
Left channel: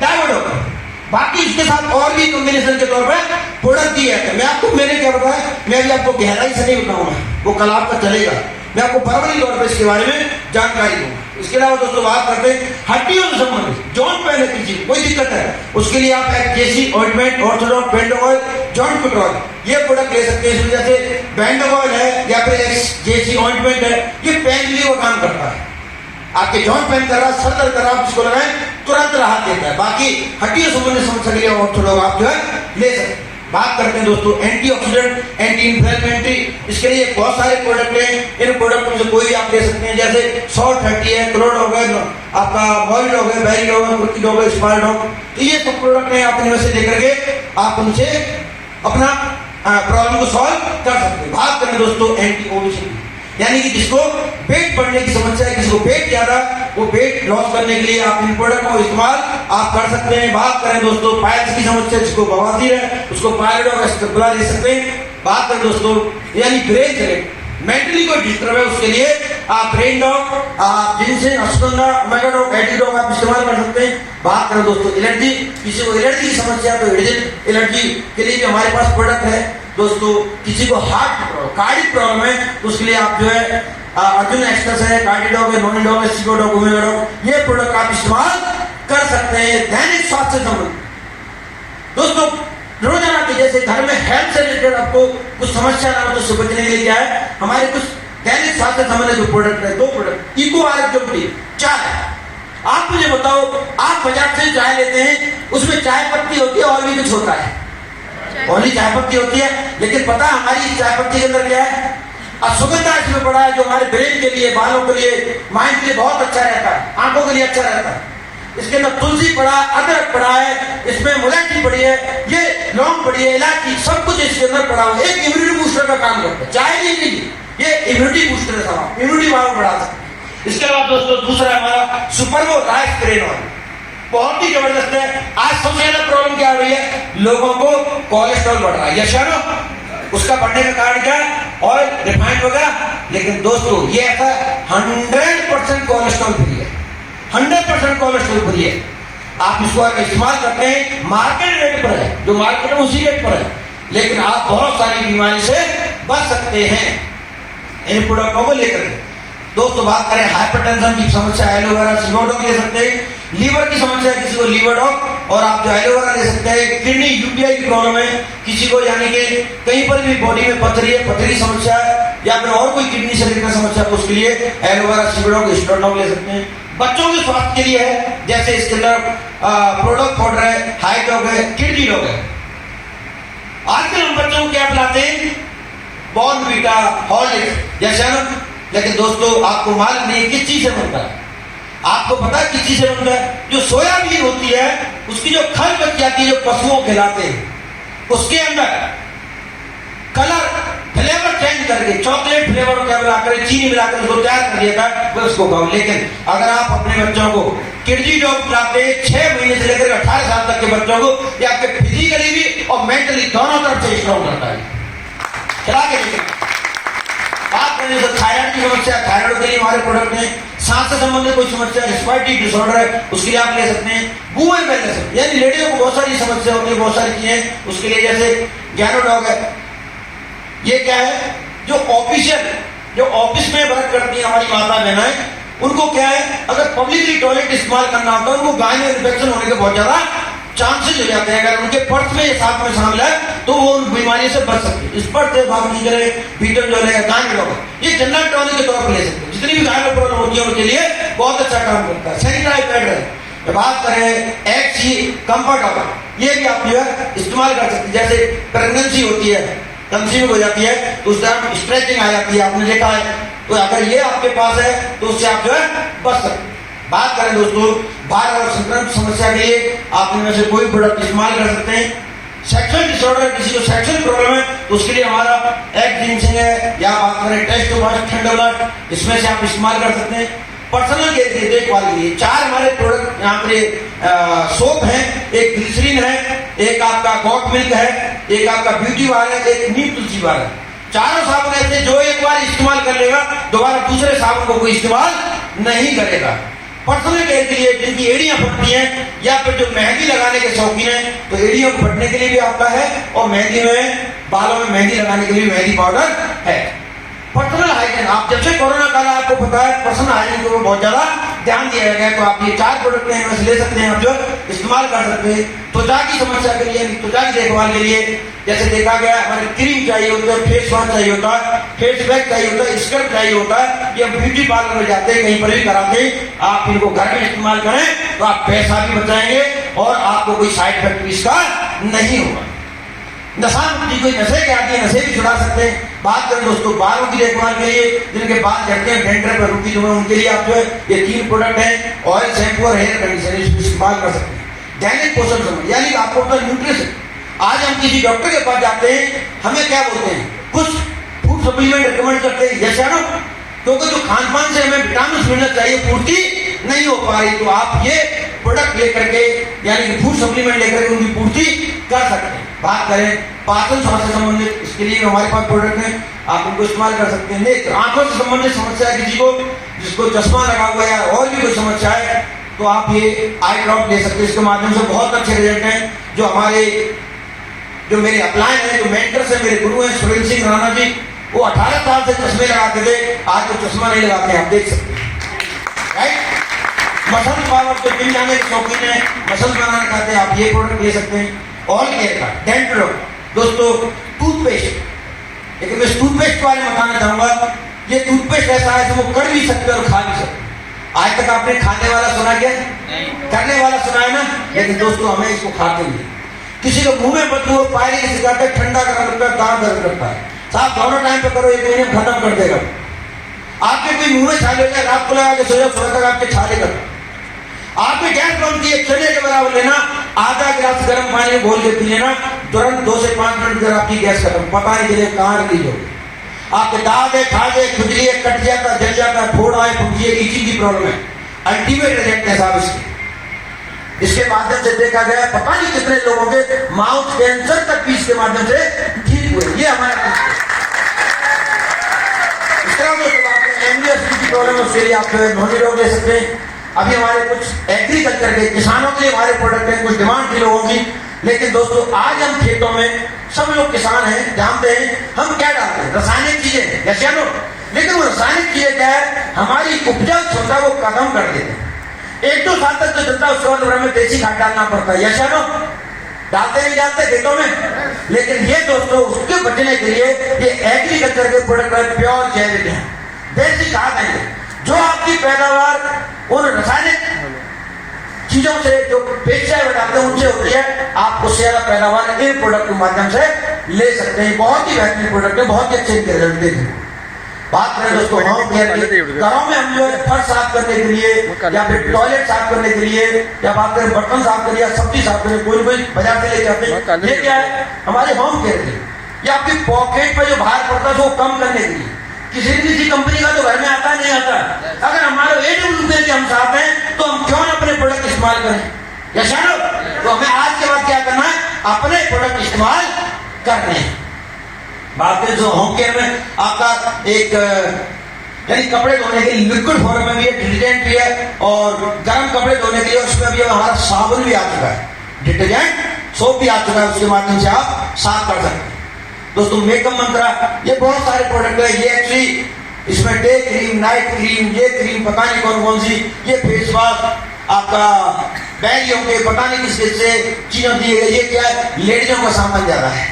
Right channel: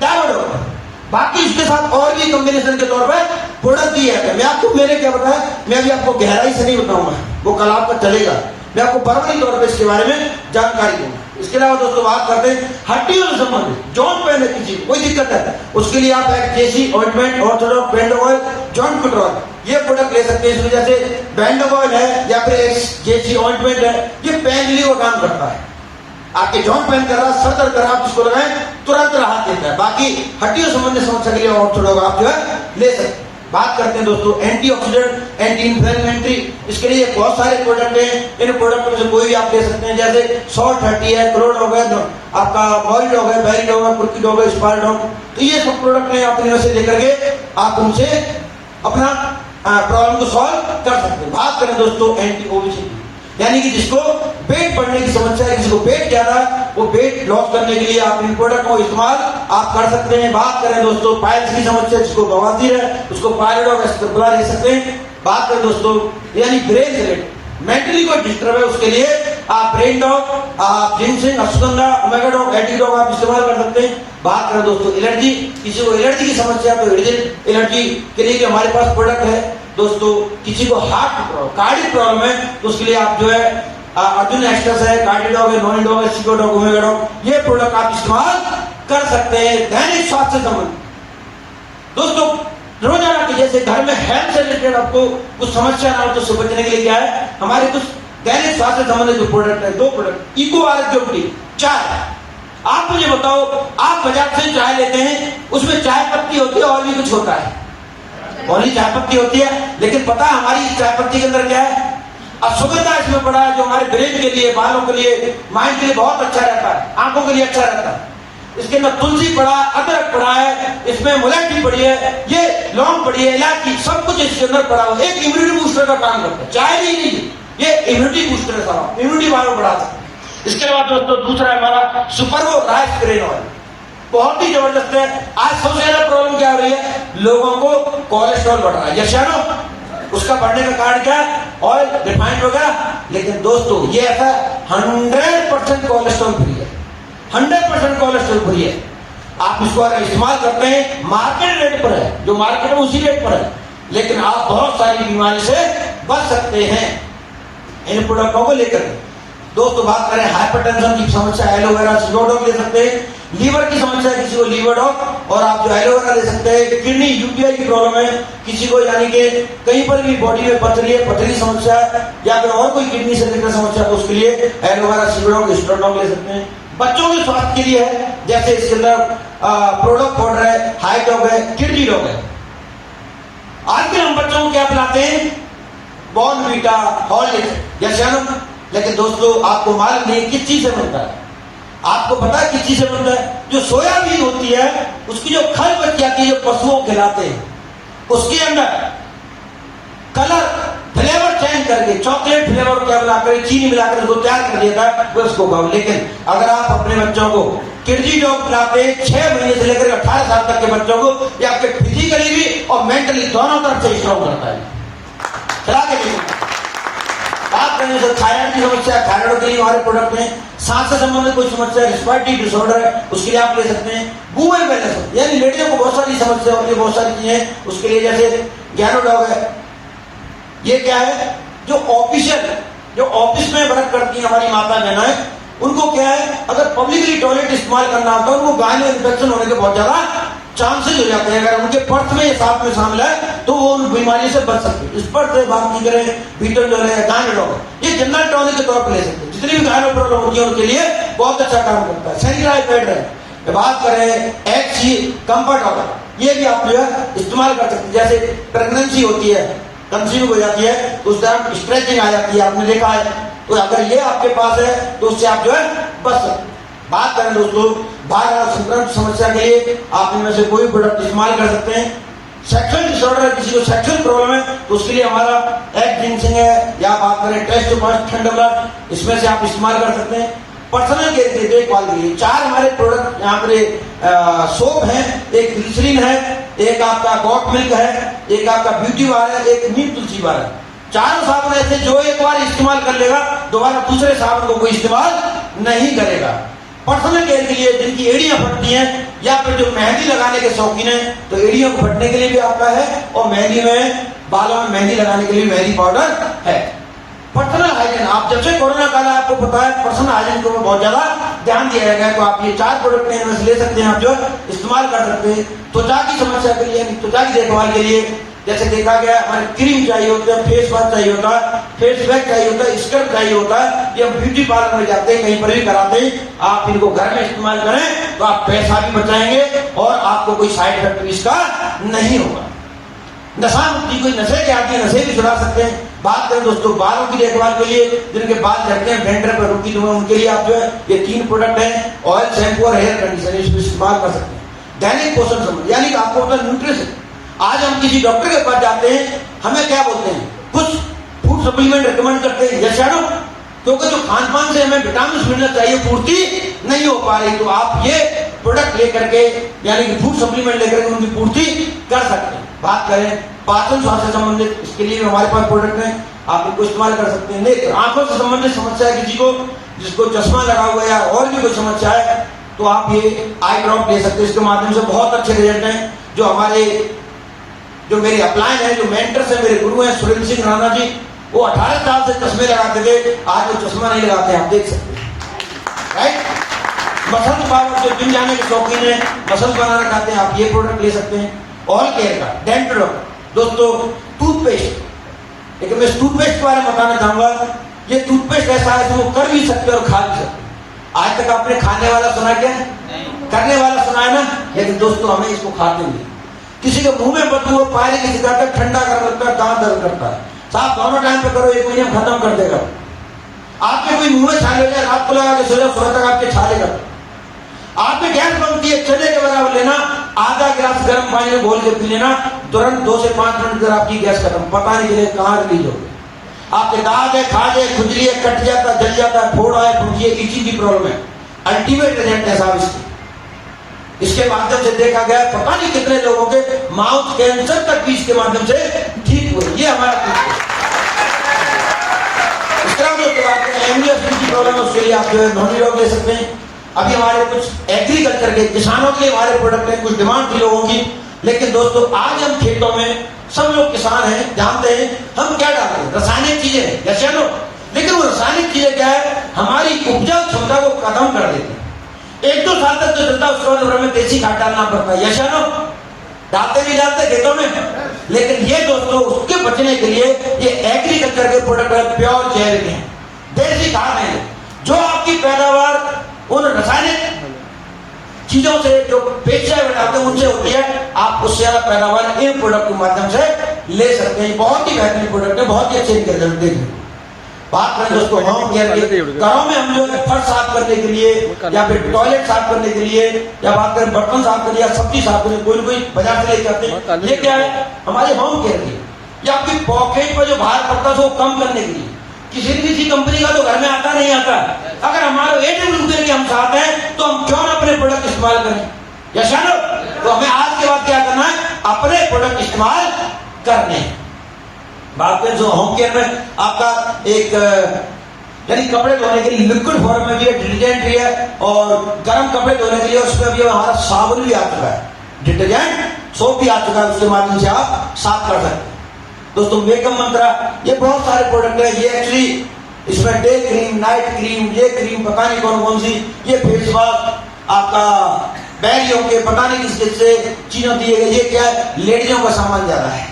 डायोडॉग। बाकी इसके साथ और भी कॉम्बिनेशन के तौर पर प्रोडक्ट दिए हैं। मैं आपको मैंने क्या बताया, मैं अभी आपको गहराई से नहीं बताऊंगा, वो कल आपका चलेगा, मैं आपको परवरी तौर पर इसके बारे में जानकारी दूंगा। इसके अलावा दोस्तों बात करते हैं हड्डियों से संबंधित, जॉइंट पेन है किसी कोई दिक्कत है उसके लिए आप JC ointment, Orthodoc, band oil, joint control, ये प्रोडक्ट ले सकते हैं। इसमें जैसे बैंड ऑयल है या फिर जेसी ऑइंटमेंट है, ये पेन रिलीव का काम करता है। आपके जॉइंट पेन कर रहा, सर दर्द कर रहा, आप इसको लगाएं तुरंत राहत देता है। बाकी हड्डियों संबंधित समस्या के लिए ऑर्थोडॉक आप जो है ले सकते हैं। बात करते हैं दोस्तों एंटीऑक्सीडेंट, एंटी इंफ्लेमेटरी, इसके लिए बहुत सारे प्रोडक्ट हैं। इन प्रोडक्ट में से कोई भी आप ले सकते हैं, जैसे 130 है, क्लोड हो गया, आपका मॉल डॉग है, बैरी डॉग है, कुर्की डॉग है, स्पार डॉग, तो ये सब प्रोडक्ट हैं। आप इनमें से लेकर के आप उनसे अपना प्रॉब्लम को सॉल्व कर सकते हैं। बात करें दोस्तों एंटी ओबेसिटी, यानी कि जिसको पेट बढ़ने की समस्या है, किसी को पेट ज्यादा, वो पेट लॉस करने के लिए आप इन प्रोडक्ट को इस्तेमाल आप कर सकते हैं। बात करें दोस्तों पाइल्स की समस्या, जिसको बवासीर है उसको पायलट और स्टेपुला ले सकते हैं। बात करें दोस्तों यानी ब्रेन सेलेक्ट, मेंटली कोई डिस्टर्ब है उसके लिए आप ब्रेन डॉग, आप ginseng, ashwagandha, omega dog, anti dog आप इस्तेमाल कर सकते हैं। बात करें दोस्तों एलर्जी, किसी को एलर्जी की समस्या है तो एलर्जी के लिए भी हमारे पास प्रोडक्ट है। दोस्तों किसी को हार्ट कार्डिक प्रॉब्लम है तो उसके लिए आप जो है अर्जुन एक्सप्रेस है, कार्डिडॉग है, नॉनिडॉग है, सीडोडॉग, ओमेगा डॉग, ये प्रोडक्ट आप इस्तेमाल कर सकते हैं। दैनिक स्वास्थ्य संबंध दोस्तों रोजाना के जैसे घर में हेल्थ से रिलेटेड आपको कुछ समस्या ना हो तो उससे बचने के लिए क्या है हमारे कुछ दैनिक स्वास्थ्य संबंधित जो प्रोडक्ट है, दो प्रोडक्ट, इको आरोग्य चाय। आप मुझे बताओ, आप बाजार से चाय लेते हैं उसमें चाय पत्ती होती है और भी कुछ होता है, ओनली चाय पत्ती होती है, लेकिन पता है हमारी चाय पत्ती के अंदर क्या है, अश्वगंधा इसमें पड़ा है जो हमारे ब्रेन के लिए, बालों के लिए, माइंड के लिए बहुत अच्छा रहता है, आंखों के लिए अच्छा रहता है। इसके अंदर तुलसी पड़ा, अदरक पड़ा है, इसमें मुलैठी पड़ी है, ये लौंग पड़ी है, इलायची, सब कुछ इसके अंदर पड़ा हुआ है। एक इम्यूनिटी बूस्टर का काम करता है, चाय नहीं लीजिए, ये इम्यूनिटी बूस्टर है, इम्यूनिटी पावर बढ़ा सकते हैं। इसके बाद दोस्तों दूसरा हमारा सुपरवो राइस ग्रेन ऑयल, बहुत ही जबरदस्त है। आज सबसे ज्यादा प्रॉब्लम क्या हो रही है, लोगों को कोलेस्ट्रॉल बढ़ रहा है, यस या नो? उसका बढ़ने का कारण क्या है, ऑयल, रिफाइंड वगैरह। लेकिन दोस्तों ये ऐसा 100% कोलेस्ट्रॉल फ्री है, 100% कोलेस्ट्रॉल फ्री है। आप इसको अगर इस्तेमाल करते हैं मार्केट रेट पर है, जो मार्केट में उसी रेट पर है, लेकिन आप बहुत सारी बीमारी से बच सकते हैं इन प्रोडक्टों को लेकर। दोस्तों बात करें हाइपरटेंशन की समस्या, एलोवेरा सिगोडॉग ले सकते हैं। लीवर की समस्या है किसी को लीवर डॉग, और आप जो एलोवेरा ले सकते हैं। किडनी यूटीआई की प्रॉब्लम है किसी को, यानी कि कहीं पर भी बॉडी में पथरी है, पथरी समस्या है, या फिर और कोई किडनी से रिलेटेड समस्या है तो उसके लिए एलोवेरा सिगोडॉग, स्ट्रोडॉग ले सकते हैं। बच्चों के स्वास्थ्य के लिए है, जैसे इसके अंदर प्रोडक्ट पाउडर है, हाई डॉग है, किडनी डॉग है। आजकल हम बच्चों को क्या पिलाते हैं, बॉर्नवीटा, हॉर्लिक्स, जैसे। लेकिन दोस्तों आपको मालूम नहीं किस चीज से बनता है, आपको पता है किस चीज से बनता है, जो सोयाबीन होती है उसकी जो खल बच जाती है, जो पशुओं को खिलाते हैं, उसके अंदर कलर फ्लेवर चेंज करके चॉकलेट फ्लेवर क्या मिलाकर, चीनी मिलाकर उसको तैयार कर दिया था तो उसको खाओ। लेकिन अगर आप अपने बच्चों को किडनी डॉग खिलाते 6 महीने से लेकर 18 साल तक के बच्चों को, ये आपके फिजिकली भी और मेंटली दोनों तरफ से स्ट्रॉन्ग करता है, खिला के। बात करने तो थायराइड की समस्या, थायराइड के लिए हमारे प्रोडक्ट में। सांस से संबंधित कोई समस्या, रिस्पायरेटरी डिसऑर्डर है, उसके लिए आप ले सकते हैं। वुमेन वेलनेस, यानी लेडियों को बहुत सारी समस्या होती है, बहुत सारी चीजें, उसके लिए जैसे गैनोडॉग है। ये क्या है, जो ऑफिस में वर्क करती है हमारी माता बहनाएं, उनको क्या है, अगर पब्लिकली टॉयलेट इस्तेमाल करना होता है, उनको गाय में इन्फेक्शन होने के बहुत ज्यादा चांसेस हो जाते हैं। अगर उनके पर्थ में ये साथ में शामिल है तो वो उन बीमारी से बच सकते हैं। इस पर बात की करें, बीटल जो है गायनोलॉग, ये जनरल टॉनिक के तौर पर ले सकते हैं। जितनी भी गायनो प्रॉब्लम होती है उनके लिए बहुत अच्छा काम करता है। सैनिटाइज पैड है, बात करें एक्सी कंफर्ट ऑयल, ये भी आप जो है इस्तेमाल कर सकते हैं। जैसे प्रेगनेंसी होती है कंज्यूम हो जाती है तो उस टाइम स्ट्रेचिंग आ जाती है, आपने देखा है। तो अगर ये आपके पास है तो उससे आप जो है बच सकते। बात करें दोस्तों बाल और संक्रमण समस्या के लिए आप इनमें से कोई प्रोडक्ट इस्तेमाल कर सकते हैं। सेक्सुअल डिसऑर्डर, किसी को सेक्सुअल प्रॉब्लम है तो उसके लिए हमारा एग जिंसिंग है, या बात करें टेस्ट बस्ट थंडरबर्ड, इसमें से आप इस्तेमाल कर सकते हैं। पर्सनल केयर के देखभाल के लिए 4 हमारे प्रोडक्ट यहाँ पर सोप है, एक ग्लिसरीन है, एक आपका गॉट मिल्क है, एक आपका ब्यूटी बार है, एक नीम तुलसी बार है। 4 साबुन ऐसे जो एक बार इस्तेमाल कर लेगा दोबारा दूसरे साबुन को कोई इस्तेमाल नहीं करेगा। पर्सनल केयर के लिए जिनकी एड़ियां फटती हैं या फिर जो मेहंदी लगाने के शौकीन हैं तो एड़ियों को फटने के लिए भी आपका है, और मेहंदी में बालों में मेहंदी लगाने के लिए मेहंदी पाउडर है। पर्सनल हाइजीन, आप जब से कोरोना काल आपको पता है पर्सनल हाइजीन को बहुत ज्यादा ध्यान दिया गया है, तो आप ये 4 प्रोडक्ट इनमें से ले सकते हैं, आप जो इस्तेमाल कर सकते हैं। त्वचा की समस्या के लिए, त्वचा की देखभाल के लिए जैसे देखा गया हमारे क्रीम चाहिए होता है, फेस वॉश चाहिए होता है, फेस पैक चाहिए होता है, स्क्रब चाहिए होता है, ये ब्यूटी पार्लर में जाते हैं कहीं पर भी कराते हैं। आप इनको घर में इस्तेमाल करें तो आप पैसा भी बचाएंगे और आपको कोई साइड इफेक्ट भी इसका नहीं होगा। नशा मुक्ति, कोई नशे के आदमी नशे भी छुड़ा सकते हैं। बात करें दोस्तों बालों की देखभाल के लिए, जिनके बाल झड़ते हैं, डेंड्रफ पर रुकी जो है उनके लिए आप जो है ये 3 प्रोडक्ट हैं, ऑयल, शैम्पू और हेयर कंडीशनर, इसको इस्तेमाल कर सकते हैं। दैनिक पोषण समझ, यानी आपको अपना न्यूट्रिशन, आज हम किसी डॉक्टर के पास जाते हैं, हमें क्या बोलते हैं, कुछ फूड सप्लीमेंट रिकमेंड करते हैं, यस या नो, क्योंकि जो खान पान से हमें विटामिन मिलना चाहिए पूर्ति नहीं हो पा रही, तो आप ये प्रोडक्ट लेकर के यानी कि फूड सप्लीमेंट लेकर के उनकी पूर्ति कर सकते हैं। बात करें पाचन स्वास्थ्य से संबंधित, इसके लिए हमारे पास प्रोडक्ट है, आप उनको इस्तेमाल कर सकते हैं। आंखों से संबंधित समस्या है किसी को, जिसको चश्मा लगा हुआ है या और भी कोई समस्या है, तो आप ये आई ड्रॉप ले सकते हैं। इसके माध्यम से बहुत अच्छे रिजल्ट हैं। जो हमारे जो मेरे अपलाइन है, जो मेंटर्स है, मेरे गुरु हैं सुरेंद्र सिंह राणा जी, वो 18 साल से चश्मे लगाते थे, आज वो चश्मा नहीं लगाते हैं, आप देख सकते हैं, राइट। मसल पावर, जो जिम जाने के शौकीन है, मसल बनाना चाहते हैं, आप ये प्रोडक्ट ले सकते हैं। ऑल केयर का डेंटल दोस्तों, टूथपेस्ट, लेकिन मैं टूथपेस्ट के बारे में बताना चाहूंगा। ये टूथपेस्ट ऐसा है जो वो कर भी सकते और खा भी सकते। आज तक आपने खाने वाला सुना क्या? करने वाला सुना है ना, लेकिन दोस्तों हमें इसको खाते नहीं। किसी के मुंह में बदबू और पायरी की सिगरेट ठंडा कर रखता है, दांत दर्द करता है, साहब दोनों टाइम पे करो, 1 महीने में खत्म कर देगा। आपके कोई मुंह में छाले हो जाए, रात को लगा के सो जाओ, सुबह तक आपके छाले कर। आपकी गैस बनती है, चने के बराबर लेना, आधा गिलास गर्म पानी में घोल के पी लेना, तुरंत 2 से 5 मिनट में आपकी गैस खत्म, पता नहीं चले कहाँ रिलीज हो। आपके दाद है, खाज है, खुजली है, कट जाता है, जल जाता है, फोड़ा है, फुंसी है, इसी की प्रॉब्लम है। अल्टीमेट रिजल्ट है साहब इसके। इसके माध्यम से देखा गया पता नहीं कितने लोगों के माउथ कैंसर तक भी इसके माध्यम से ठीक हुए। ये हमारा इस तरह जो एमडीएस की प्रॉब्लम है उसके लिए आप जो है नॉनी रोग ले सकते हैं। अभी हमारे कुछ एग्रीकल्चर के किसानों के लिए हमारे प्रोडक्ट है, कुछ डिमांड थी लोगों की, लेकिन दोस्तों आज हम खेतों में सब लोग किसान हैं, जानते हैं हम क्या डालते हैं, रासायनिक चीजें, जैसे लो, लेकिन वो रासायनिक चीजें क्या है, हमारी उपजाऊ क्षमता को खत्म कर देते हैं। 1-2 साल तक तो चलता है, उसके बाद हमें देसी खाद डालना पड़ता है, यस या नो, डालते नहीं डालते खेतों में। लेकिन ये दोस्तों उसके बचने के लिए ये एग्रीकल्चर के प्रोडक्ट है, प्योर जैविक है, देसी खाद है, जो आपकी पैदावार उन रासायनिक चीजों से जो पेस्टिसाइड डालते हैं उनसे होती है, आप उससे ज्यादा पैदावार इन प्रोडक्ट के माध्यम से ले सकते हैं। बहुत ही बेहतरीन प्रोडक्ट है, बहुत ही अच्छे रिजल्ट देते हैं। बात करें दोस्तों होम केयर की, घरों में हम जो है फर्श साफ करने के लिए या फिर टॉयलेट साफ करने के लिए, या बात करें बर्तन साफ करने या सब्जी साफ करने, कोई बाजार से लेके आते हैं, ये क्या है हमारे होम केयर के लिए। या आपकी पॉकेट में जो भार पड़ता है वो कम करने के लिए। किसी कंपनी का तो घर में आता नहीं आता, अगर हमारे AWL के हम साथ हैं तो हम क्यों अपने प्रोडक्ट इस्तेमाल करें, यस नो। तो हमें आज के बाद क्या करना है, अपने प्रोडक्ट इस्तेमाल करने हैं। बात करें जो होम केयर में आपका एक यानी कपड़े धोने के लिए लिक्विड फॉर्म में भी है, डिटर्जेंट भी है, और गर्म कपड़े धोने के लिए उसमें भी हमारा साबुन भी आ चुका है, डिटर्जेंट सोप भी आ चुका है, उसके माध्यम से आप साफ कर सकते हैं। दोस्तों मेकअप मंत्रा, ये बहुत सारे प्रोडक्ट है, ये एक्चुअली इसमें डे क्रीम, नाइट क्रीम, ये क्रीम पता नहीं कौन कौन सी, ये फेस वॉश आपका बैगियों के पता नहीं किस किस से चीजों दिए गए। ये क्या है, लेडीजों का सामान ज्यादा है,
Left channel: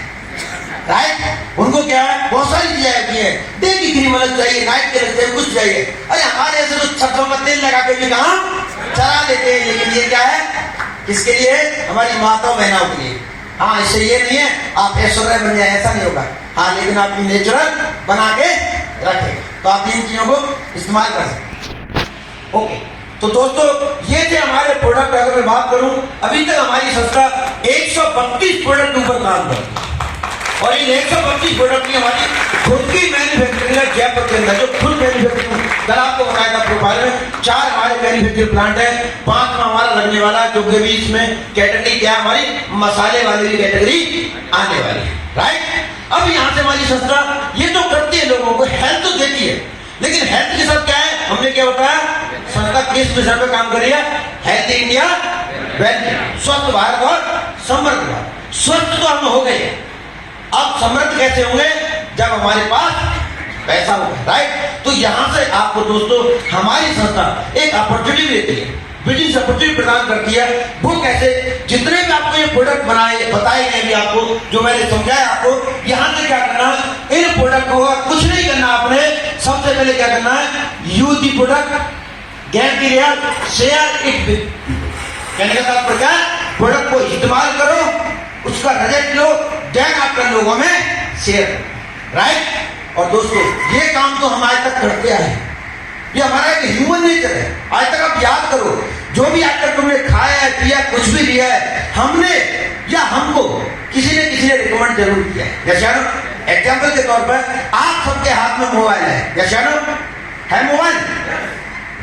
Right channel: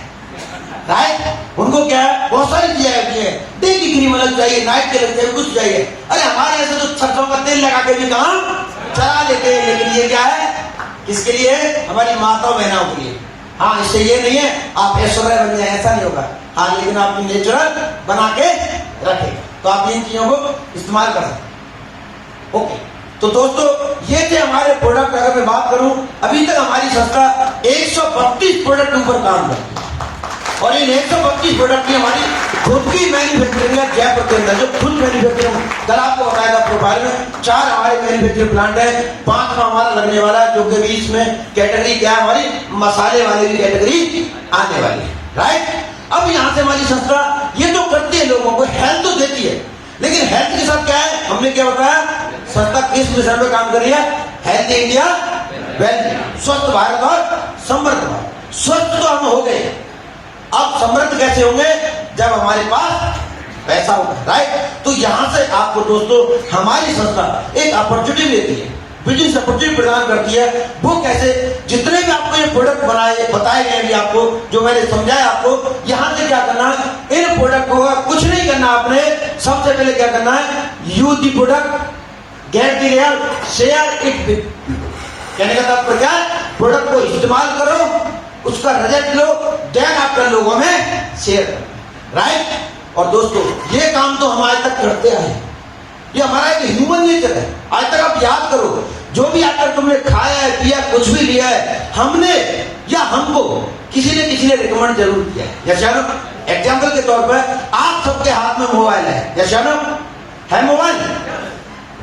राइट, उनको क्या है बहुत सारी चीजें आती है, डे की क्रीम अलग चाहिए, नाइट के अलग चाहिए, कुछ चाहिए। अरे हमारे ऐसे तो सरसों का तेल लगा के भी काम चला लेते हैं, लेकिन ये क्या है, किसके लिए, हमारी माता बहनों के लिए। हाँ, इससे ये नहीं है आप ऐश्वर्या बन जाए, ऐसा नहीं होगा। हाँ, लेकिन आप नेचुरल बना के रखें तो आप इन चीजों को इस्तेमाल कर सकते। ओके, तो दोस्तों ये थे हमारे प्रोडक्ट। अगर मैं बात करूं, अभी तक हमारी संस्था 132 प्रोडक्ट के ऊपर काम करती है और इन 132 प्रोडक्ट की हमारी खुद की मैन्युफैक्चरिंग है जयपुर के अंदर, जो खुद मैन्युफैक्चरिंग। कल आपको बताया था प्रोफाइल में 4 हमारे मैन्युफैक्चरिंग प्लांट है, 5 में हमारा लगने वाला है, क्योंकि अभी इसमें कैटेगरी क्या है, हमारी मसाले वाले की कैटेगरी आने वाली है, राइट। अब यहाँ से हमारी संस्था ये तो करती है, लोगों को हेल्थ तो देती है, लेकिन हेल्थ के साथ क्या है, हमने क्या बताया, संस्था किस मिशन पे काम कर रही है, हेल्थ इंडिया वेल, स्वस्थ भारत और समृद्ध भारत। स्वस्थ तो हम हो गए, अब समृद्ध कैसे होंगे, जब हमारे पास पैसा होगा, राइट। तो यहां से आपको दोस्तों हमारी संस्था एक अपॉर्चुनिटी देती है, बिजनेस अपॉर्चुनिटी प्रदान करती है। वो कैसे, जितने भी आपको ये प्रोडक्ट बताए गए आपको, जो मैंने समझाया आपको, यहां से क्या करना है, इन प्रोडक्ट को कुछ नहीं करना आपने। सबसे पहले क्या करना है, use the product, get the result, share it with. कहने का तात्पर्य, प्रोडक्ट को इस्तेमाल करो, उसका रिजल्ट लो, देन आपके लोगों में शेयर, राइट। और दोस्तों ये काम तो हम आज तक करते आए, ये हमारा एक ह्यूमन नेचर है। आज तक आप याद करो, जो भी आज तक तुमने खाया है, पिया, कुछ भी लिया है, हमने या हमको किसी ने रिकमेंड जरूर किया है। जैसे ना एग्जाम्पल के तौर पर आप सबके हाथ में मोबाइल है, जैसे ना है मोबाइल।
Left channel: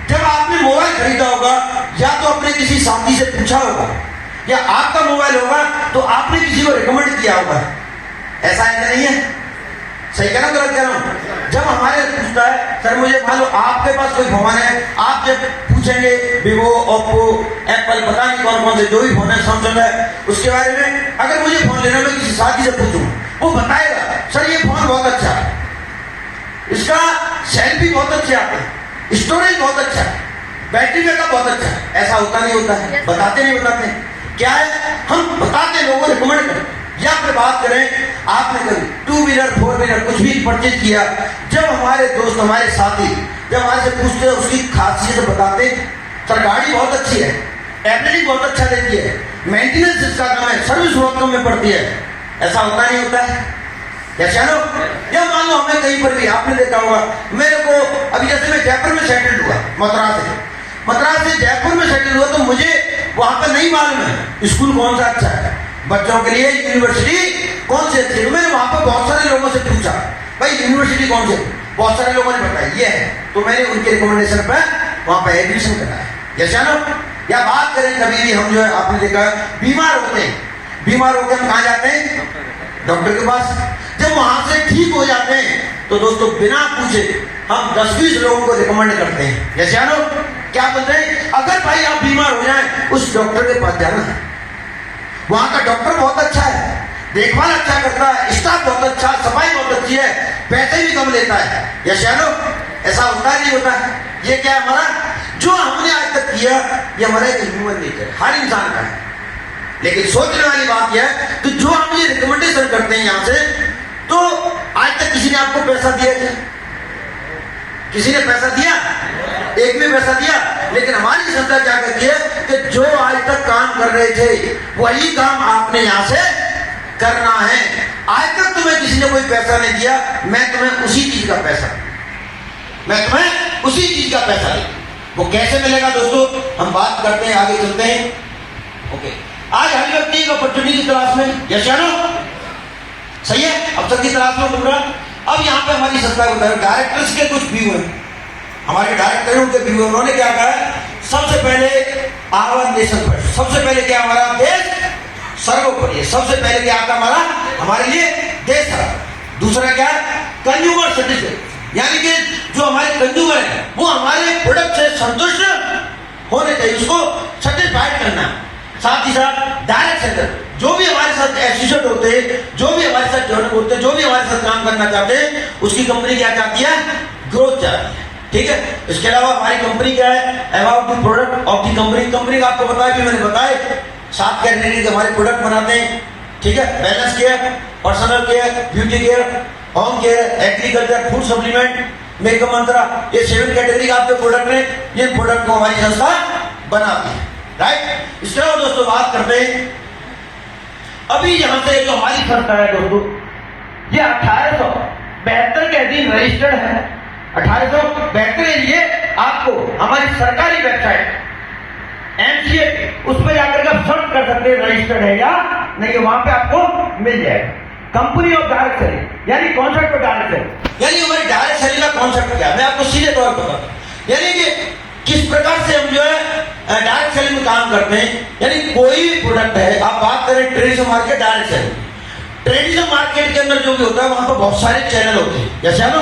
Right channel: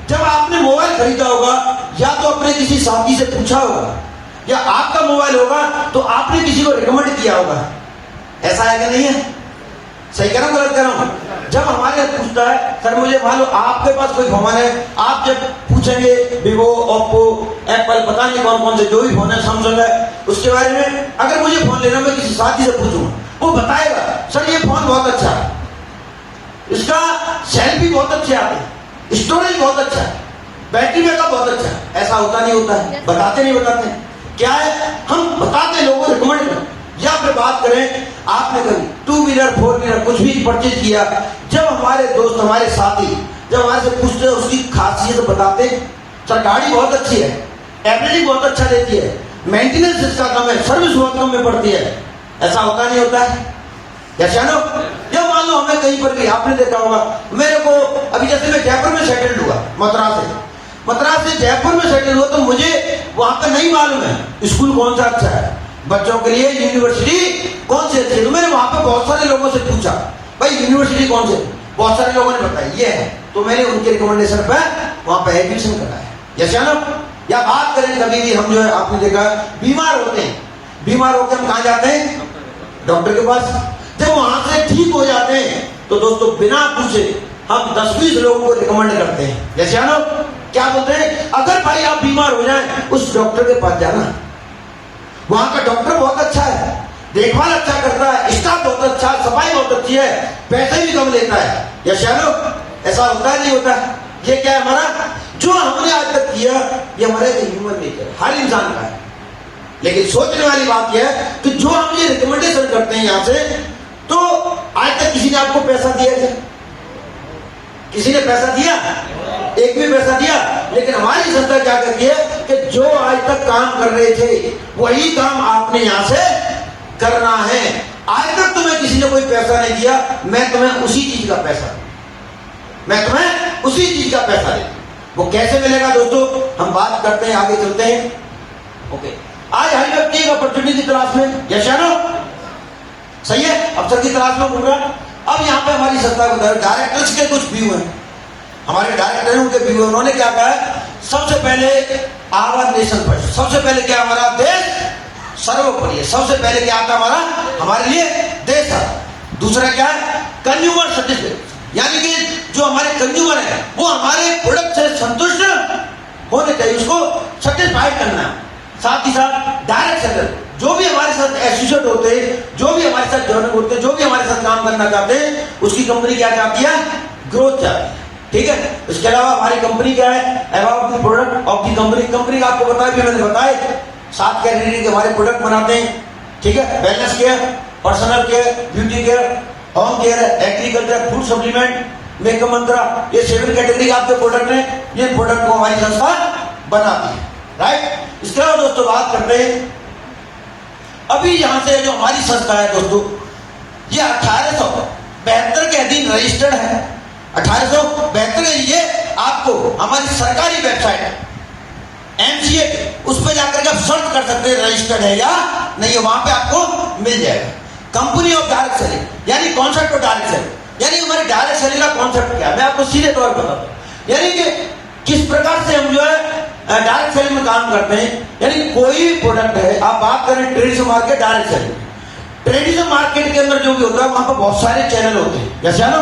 जब आपने मोबाइल खरीदा होगा, या तो अपने किसी साथी से पूछा होगा, या आपका मोबाइल होगा तो आपने किसी को रिकमेंड किया होगा, ऐसा है कि नहीं है? सही कह रहा हूं, गलत कह रहा हूं? जब हमारे पूछता है, सर मुझे मान लो आपके पास कोई फोन है, आप जब पूछेंगे वीवो, ओप्पो, एप्पल, पता नहीं कौन कौन से जो भी फोन है, सैमसंग है, उसके बारे में अगर मुझे फोन लेना, मैं किसी साथी से पूछूं, वो बताएगा सर ये फोन बहुत अच्छा है, इसका सेल्फी बहुत अच्छे आते हैं, स्टोरेज बहुत अच्छा है, बैटरी बैकअप बहुत अच्छा है। ऐसा होता नहीं होता है, बताते नहीं बताते क्या है, हम बताते लोगों को रिकमेंड करें। या फिर बात करें, आपने कभी 2 व्हीलर 4 व्हीलर कुछ भी परचेज किया, जब हमारे दोस्त, हमारे साथी जब हमारे से पूछते, उसकी खासियत बताते, सर गाड़ी बहुत अच्छी है, एवरेजिंग बहुत अच्छा देती है, मेंटेनेंस इसका कम है, सर्विस बहुत कम में पड़ती है। ऐसा होता नहीं होता है? जैसे नो, या मान लो हमें कहीं पर भी, आपने देखा होगा, मेरे को अभी जैसे मैं जयपुर में सेटल्ड हुआ, मद्रास से जयपुर में सेटल हुआ, तो मुझे वहां का नहीं मालूम है स्कूल कौन सा अच्छा है बच्चों के लिए, यूनिवर्सिटी कौन सी अच्छी है। तो मैंने वहां पर बहुत सारे लोगों से पूछा, भाई यूनिवर्सिटी कौन सी? बहुत सारे लोगों ने बताया ये है, तो मैंने उनके रिकमेंडेशन पर वहां पर एडमिशन करा है। जैसे ना, या बात करें कभी भी हम जो है, आपने देखा बीमार होते हैं, बीमार होकर हम कहां जाते हैं? डॉक्टर के पास। जब वहां से ठीक हो जाते हैं तो दोस्तों बिना पूछे हम 10-20 लोगों को रिकमेंड करते हैं। जैसे ना, क्या बोलते हैं, अगर भाई आप बीमार हो जाए, उस डॉक्टर के पास जाना, वहां का डॉक्टर बहुत अच्छा है, देखभाल अच्छा करता है, स्टाफ बहुत अच्छा, सफाई बहुत अच्छी है, पैसे भी कम लेता है। जैसे ना, ऐसा होता है नहीं होता? ये क्या है हमारा, जो हमने आज तक किया, ये हमारा एक ह्यूमन नेचर है, हर इंसान का है। लेकिन सोचने वाली बात यह है, तो जो हम ये रिकमेंडेशन करते हैं यहां से, तो आज तक किसी ने आपको पैसा दिया क्या? किसी ने पैसा दिया? एक भी पैसा दिया? लेकिन हमारी संस्था क्या करती है कि जो आज तक काम कर रहे थे, वही काम आपने यहां से करना है। आज तक तुम्हें किसी ने कोई पैसा नहीं दिया, मैं तुम्हें उसी चीज का पैसा दूं। वो कैसे मिलेगा दोस्तों, हम बात करते हैं, आगे चलते हैं। ओके, आज हर व्यक्ति एक अपॉर्चुनिटी की तलाश में, जैसे ना, सही है, अवसर की तलाश में बोल रहा। अब यहाँ पे हमारी संस्था के डायरेक्टर्स के कुछ व्यू हैं, हमारे डायरेक्टर हैं, उनके व्यू, उन्होंने क्या कहा है, सबसे पहले आवर नेशन फर्स्ट, सबसे पहले क्या, हमारा देश सर्वोपरि है, सबसे पहले क्या आता हमारे लिए देश है। दूसरा क्या है, कंज्यूमर सर्टिफिकेट, यानी कि जो हमारे कंज्यूमर है वो हमारे प्रोडक्ट से संतुष्ट होने चाहिए, उसको सर्टिफाइड करना है। साथ ही साथ डायरेक्ट सेलर, जो भी हमारे साथ एसोसिएट होते हैं, जो भी हमारे साथ जॉइन होते हैं, जो भी हमारे साथ काम करना चाहते हैं, उसकी कंपनी क्या चाहती है, ग्रोथ चाहती है। ठीक है, इसके अलावा हमारी कंपनी क्या है, about the product of the company का आपको बताया भी, मैंने बताया 7 कैटेगरी के हमारे प्रोडक्ट बनाते हैं। ठीक है, wellness care, personal care, beauty care, home care, agriculture, food supplement, makeup mantra, ये 7 कैटेगरी का आपके प्रोडक्ट है। ये प्रोडक्ट को हमारी संस्था बनाती है, राइट। इसके अलावा दोस्तों बात करते हैं, अभी यहां से जो हमारी संस्था है दोस्तों, ये 1872 के अधीन रजिस्टर्ड है। 1872 के लिए आपको हमारी सरकारी वेबसाइट MCA उस पर जाकर के आप सर्च कर सकते हैं रजिस्टर्ड है या नहीं है, वहां पे आपको मिल जाएगा। कंपनी ऑफ डायरेक्ट सेलिंग यानी कॉन्सेप्ट ऑफ डायरेक्ट सेलिंग, यानी हमारी डायरेक्ट सेलिंग का कॉन्सेप्ट क्या है, मैं आपको सीधे तौर पर बताता हूं। यानी कि किस प्रकार से हम जो है डायरेक्ट सेलिंग में काम करते हैं। यानी कोई भी प्रोडक्ट है, आप बात करें traditional market, direct selling, traditional market के अंदर जो भी होता है वहां पर बहुत सारे चैनल होते हैं, जैसे है ना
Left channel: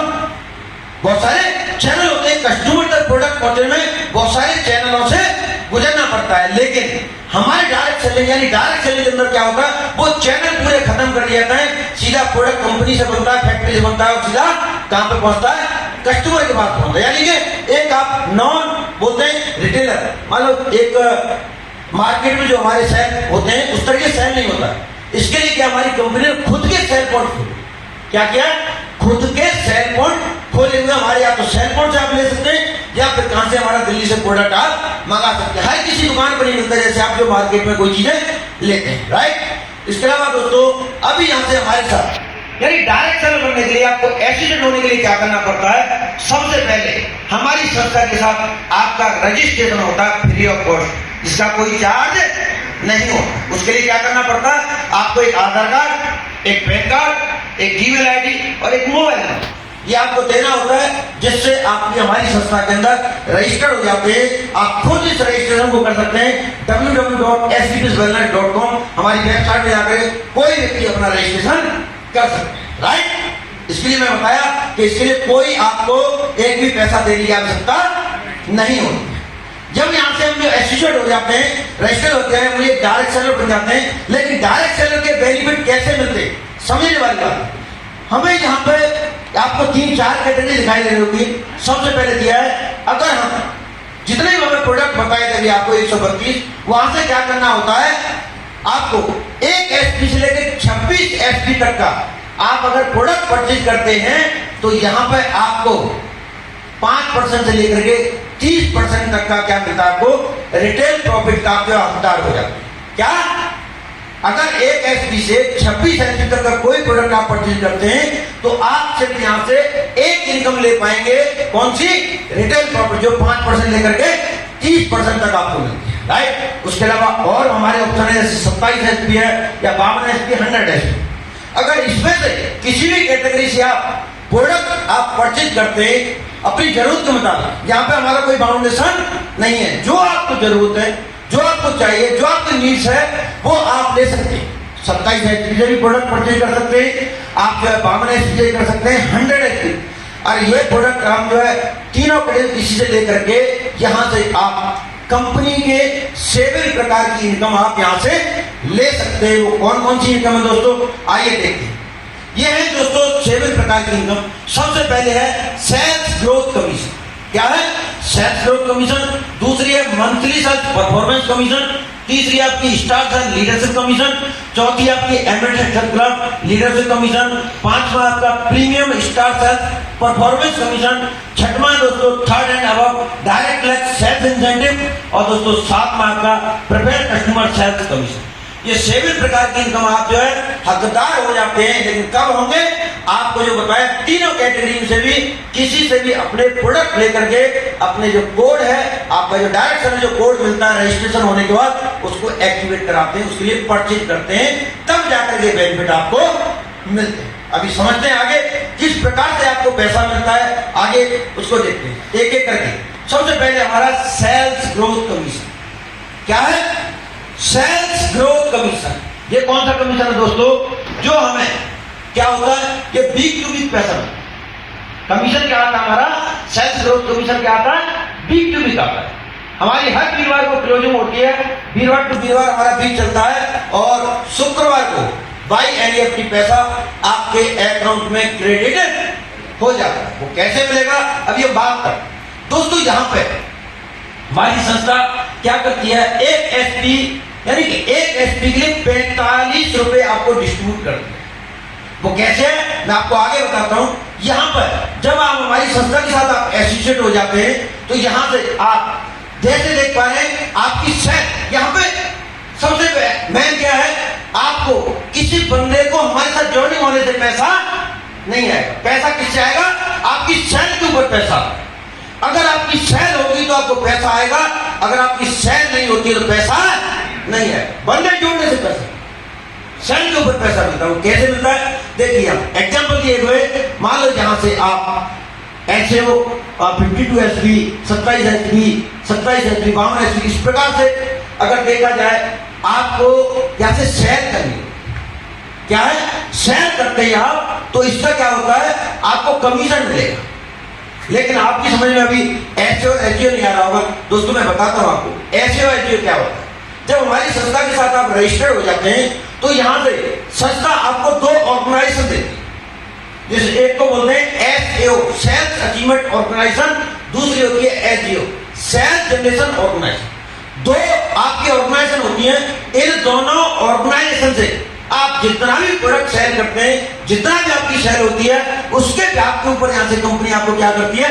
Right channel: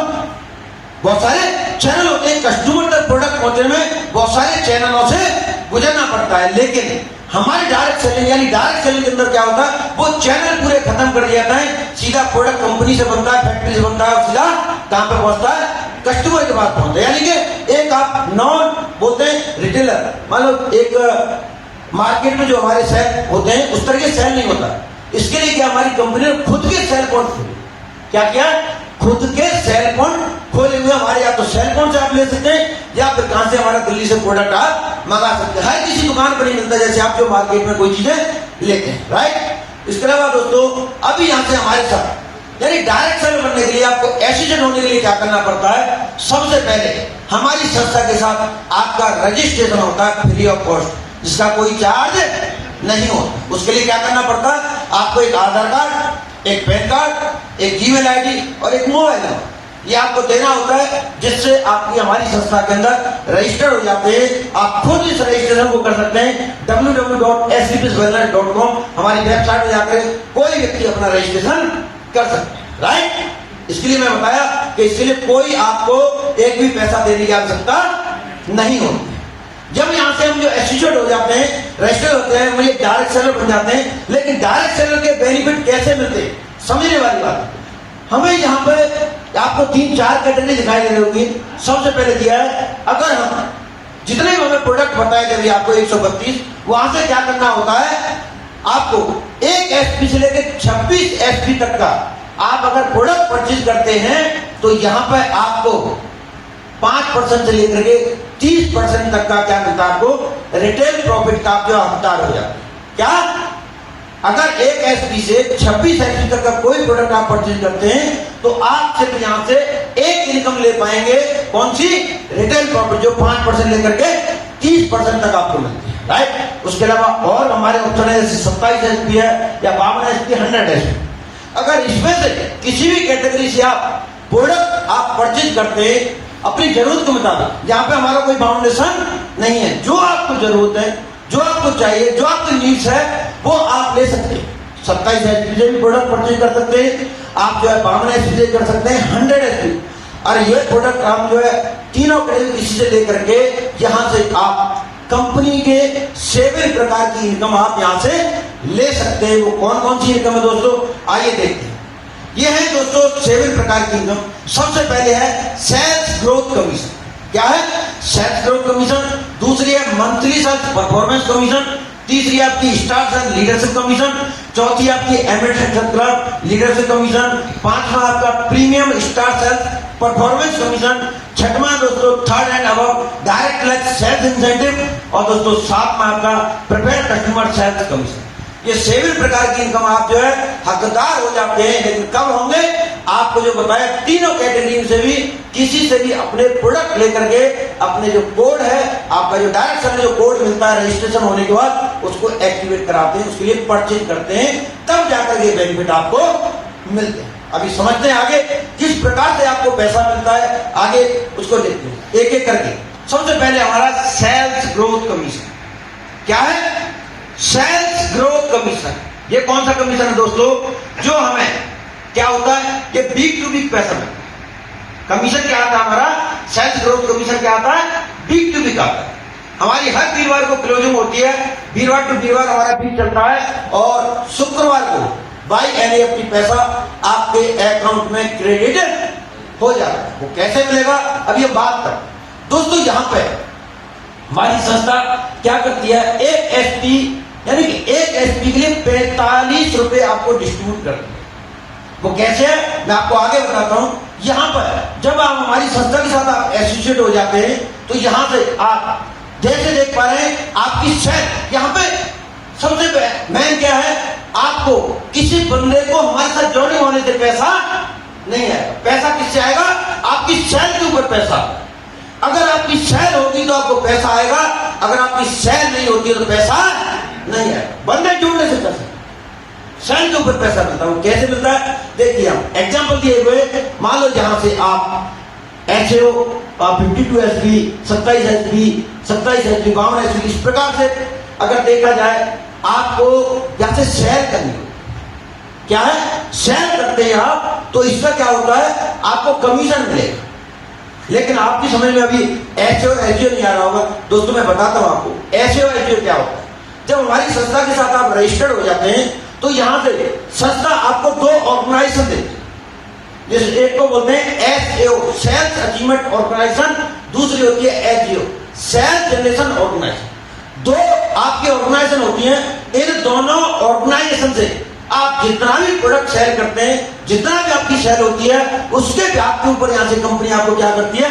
बहुत सारे चैनल होते हैं, कस्टमर तक प्रोडक्ट पहुंचने में बहुत सारे चैनलों से गुजरना पड़ता है। लेकिन हमारे डायरेक्ट सेलिंग यानी डायरेक्ट सेलिंग के अंदर क्या होता है, वो चैनल पूरे खत्म कर दिया जाता है, सीधा प्रोडक्ट कंपनी से बनता है, फैक्ट्री से बनता है और सीधा कहां पे पहुंचता है, कस्टमर के पास पहुंचता है। यानी कि एक आप नॉन बोलते हैं रिटेलर, मान लो एक मार्केट में जो हमारे सेल होते हैं उस तरह के सेल नहीं होता। इसके लिए क्या हमारी कंपनी ने खुद के सेल पॉइंट खोले, क्या किया, खुद के सेल पॉइंट खोले हुए हमारे, या तो सेल पॉइंट से आप ले सकते हैं या फिर कहां से हमारा दिल्ली से प्रोडक्ट आप मंगा सकते हैं। हर किसी दुकान पर नहीं मिलता जैसे आप जो मार्केट में कोई चीजें लेते हैं, राइट। इसके अलावा दोस्तों अभी यहां से हमारे साथ यानी डायरेक्ट सेलर बनने के लिए आपको एसोसिएट होने के लिए क्या करना पड़ता है, सबसे पहले हमारी संस्था के साथ आपका रजिस्ट्रेशन होता है फ्री ऑफ कॉस्ट, जिसका कोई चार्ज नहीं होता। उसके लिए क्या करना पड़ता है, आपको एक आधार कार्ड, एक पैन कार्ड, एक जीमेल आईडी और एक मोबाइल नंबर, ये आपको देना होता है, जिससे आपकी हमारी संस्था के अंदर रजिस्टर हो जाते हैं। आप खुद इस रजिस्ट्रेशन को कर सकते हैं www.sbpswellness.com हमारी वेबसाइट में जाकर कोई व्यक्ति अपना रजिस्ट्रेशन कर सकते हैं, राइट। इसके लिए मैं बताया कि इसके लिए कोई आपको एक भी पैसा देने की आवश्यकता नहीं होती। जब यहां से हम जो एसोसिएट हो जाते हैं, रजिस्टर होते हैं, वो ये डायरेक्ट सेलर बन जाते हैं। लेकिन डायरेक्ट सेलर के बेनिफिट कैसे मिलते, समझने वाली बात। हमें यहाँ पे आपको 3-4 कैटेगरी दिखाई दे रही होगी। सबसे पहले दिया है, अगर हम जितने भी हमें प्रोडक्ट बताए थे आपको 132, वहां से क्या करना होता है, आपको 1 SP से लेकर 26 SP तक का आप अगर प्रोडक्ट परचेज करते हैं तो यहाँ पे आपको 5% से लेकर के 30% तक का क्या मिलता है, आपको रिटेल प्रॉफिट का जो हकदार हो जाता है। क्या, अगर 1 SP से 26 SP तक का कोई प्रोडक्ट आप परचेज करते हैं तो आप सिर्फ यहां से एक इनकम ले पाएंगे, कौन सी, रिटेल प्रॉफिट, जो 5% लेकर के 30% तक आपको मिलती है, राइट। उसके अलावा और हमारे ऑप्शन है, जैसे 27 SP है या 52 SP, 100 SP। अगर इसमें से किसी भी कैटेगरी से आप प्रोडक्ट आप परचेज करते हैं अपनी जरूरत के मुताबिक, यहाँ पे हमारा कोई बाउंडेशन नहीं है, जो आपको जरूरत है, जो आपको चाहिए, जो आपकी नीड्स है वो आप ले सकते हैं। 27 SP से भी प्रोडक्ट परचेज कर सकते हैं आप, जो है 52 SP से कर सकते हैं, 100 SP। और ये प्रोडक्ट हम जो है तीनों किसी से लेकर के यहां से आप कंपनी के सेवन प्रकार की इनकम आप यहां से ले सकते हैं। वो कौन कौन सी इनकम है दोस्तों, आइए देखते हैं। ये है दोस्तों 7 प्रकार की इनकम। सबसे पहले है सेल्स ग्रोथ कमीशन। क्या है, सेल्स ग्रोथ कमीशन। दूसरी है मंथली सेल्स परफॉर्मेंस कमीशन। तीसरी आपकी स्टार सेल्स लीडरशिप कमीशन। चौथी आपकी एमएड क्लब लीडरशिप कमीशन। पांचवा आपका premium star sales performance commission. छठवां दोस्तों third and above direct sales incentive. और दोस्तों सातवां आपका प्रिफर्ड कस्टमर सेल्स कमीशन। ये 7 प्रकार की इनकम आप जो है हकदार हो जाते हैं। लेकिन कब होंगे, आपको जो बताया तीनों कैटेगरी से भी किसी से भी अपने प्रोडक्ट लेकर के अपने जो कोड है, आपका जो डायरेक्ट सेलर जो कोड मिलता है रजिस्ट्रेशन होने के बाद, उसको एक्टिवेट कराते हैं, उसके लिए परचेज करते हैं, तब जाकर के बेनिफिट आपको मिलते हैं। अभी समझते हैं आगे किस प्रकार से आपको पैसा मिलता है, आगे उसको देखते हैं एक एक करके। सबसे पहले हमारा सेल्स ग्रोथ कमीशन। क्या है, सेल्स ग्रोथ कमीशन। ये कौन सा कमीशन है दोस्तों, जो हमें क्या होता है, ये वीक टू वीक पैसा मिलता है। कमीशन क्या आता है हमारा, सेल्स ग्रोथ कमीशन क्या आता है, वीक टू वीक आता है। हमारी हर वीरवार को क्लोजिंग होती है, वीरवार टू वीरवार हमारा वीक चलता है, और शुक्रवार को बाई एनईएफटी पैसा आपके अकाउंट में क्रेडिट हो जाता है। वो कैसे मिलेगा, अभी हम बात करें दोस्तों। यहां पर हमारी संस्था क्या करती है, एक एसपी यानी कि एक एसपी के लिए 45 रुपए आपको डिस्ट्रीब्यूट करती है। वो कैसे है, मैं आपको आगे बताता हूं। यहां पर जब आप हमारी संस्था के साथ आप एसोसिएट हो जाते हैं तो यहां से आप जैसे देख पा रहे हैं आपकी सेल, यहां पे सबसे मेन क्या है, आपको किसी बंदे को हमारे साथ जोड़ने होने से पैसा नहीं आएगा। पैसा किससे आएगा? आपकी सेल के ऊपर पैसा। अगर आपकी सेल होगी तो आपको पैसा आएगा, अगर आपकी सेल नहीं होती तो पैसा नहीं आएगा। बंदे जोड़ने से पैसा, सेल के ऊपर पैसा मिलता है। वो कैसे मिलता है? देखिए हम एग्जाम्पल दिए हुए, मान लो जहां से आप HAO 52 SP, 27 SP, 27 SP, 52 SP, इस प्रकार से अगर देखा जाए आपको यहां से शेयर करनी है। क्या है? शेयर करते हैं आप, तो इसका क्या होता है? आपको कमीशन मिलेगा। लेकिन आपकी समझ में अभी HAO और HGO नहीं आ रहा होगा। दोस्तों मैं बताता हूं आपको HAO HGO क्या होता है। जब हमारी संस्था के साथ आप रजिस्टर्ड हो जाते हैं तो यहां से संस्था आपको 2 ऑर्गेनाइजेशन देती है। जैसे एक को बोलते हैं SAO, सेल्स अचीवमेंट ऑर्गेनाइजेशन, दूसरी होती है HGO, सेल्स जनरेशन ऑर्गेनाइजेशन। 2 आपकी ऑर्गेनाइजेशन होती है। इन दोनों ऑर्गेनाइजेशन से आप जितना भी प्रोडक्ट सेल करते हैं, जितना भी आपकी सेल होती है, उसके ब्याज के ऊपर यहां से कंपनी आपको क्या करती है?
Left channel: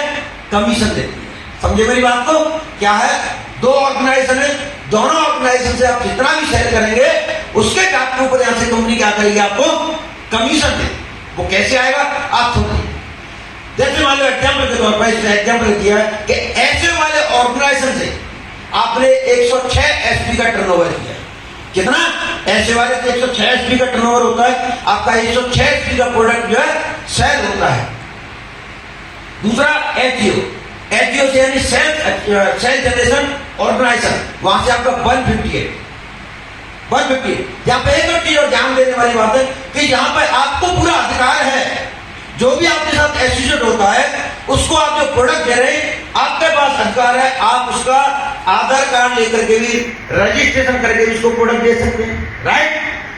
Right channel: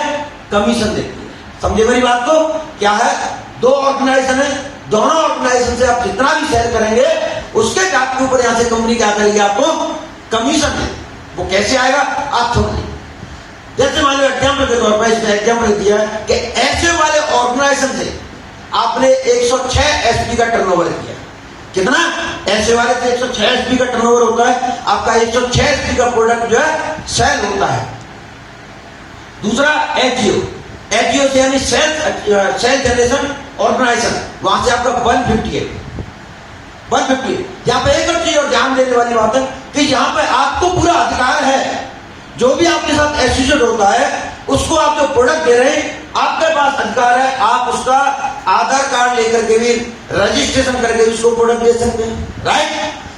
कमीशन देती है। समझे मेरी बात को? क्या है? 2 ऑर्गेनाइजेशन है, दोनों ऑर्गेनाइजेशन से आप जितना भी सेल करेंगे उसके ब्याज के ऊपर यहां से कंपनी क्या करेगी? आपको कमीशन देगी। वो कैसे आएगा? आप समझिए। जैसे मान लो एग्जाम्पल के तौर पर इसने एग्जाम्पल दिया कि ऐसे वाले ऑर्गेनाइजेशन से आपने 106 SP का टर्नओवर किया। कितना? ऐसे वाले से 106 SP का टर्नओवर होता है, आपका 106 SP का प्रोडक्ट जो है सेल होता है। दूसरा HGO से यानी सेल जनरेशन ऑर्गेनाइजेशन, वहां से आपका 158। यहाँ पे एक और चीज और ध्यान देने वाली बात है कि यहाँ पे आपको पूरा अधिकार है, जो भी आपके साथ एसोसिएट होता है उसको आप जो प्रोडक्ट दे रहे हैं आपके पास अधिकार है, आप उसका आधार कार्ड लेकर के भी रजिस्ट्रेशन करके उसको प्रोडक्ट दे सकते हैं। राइट?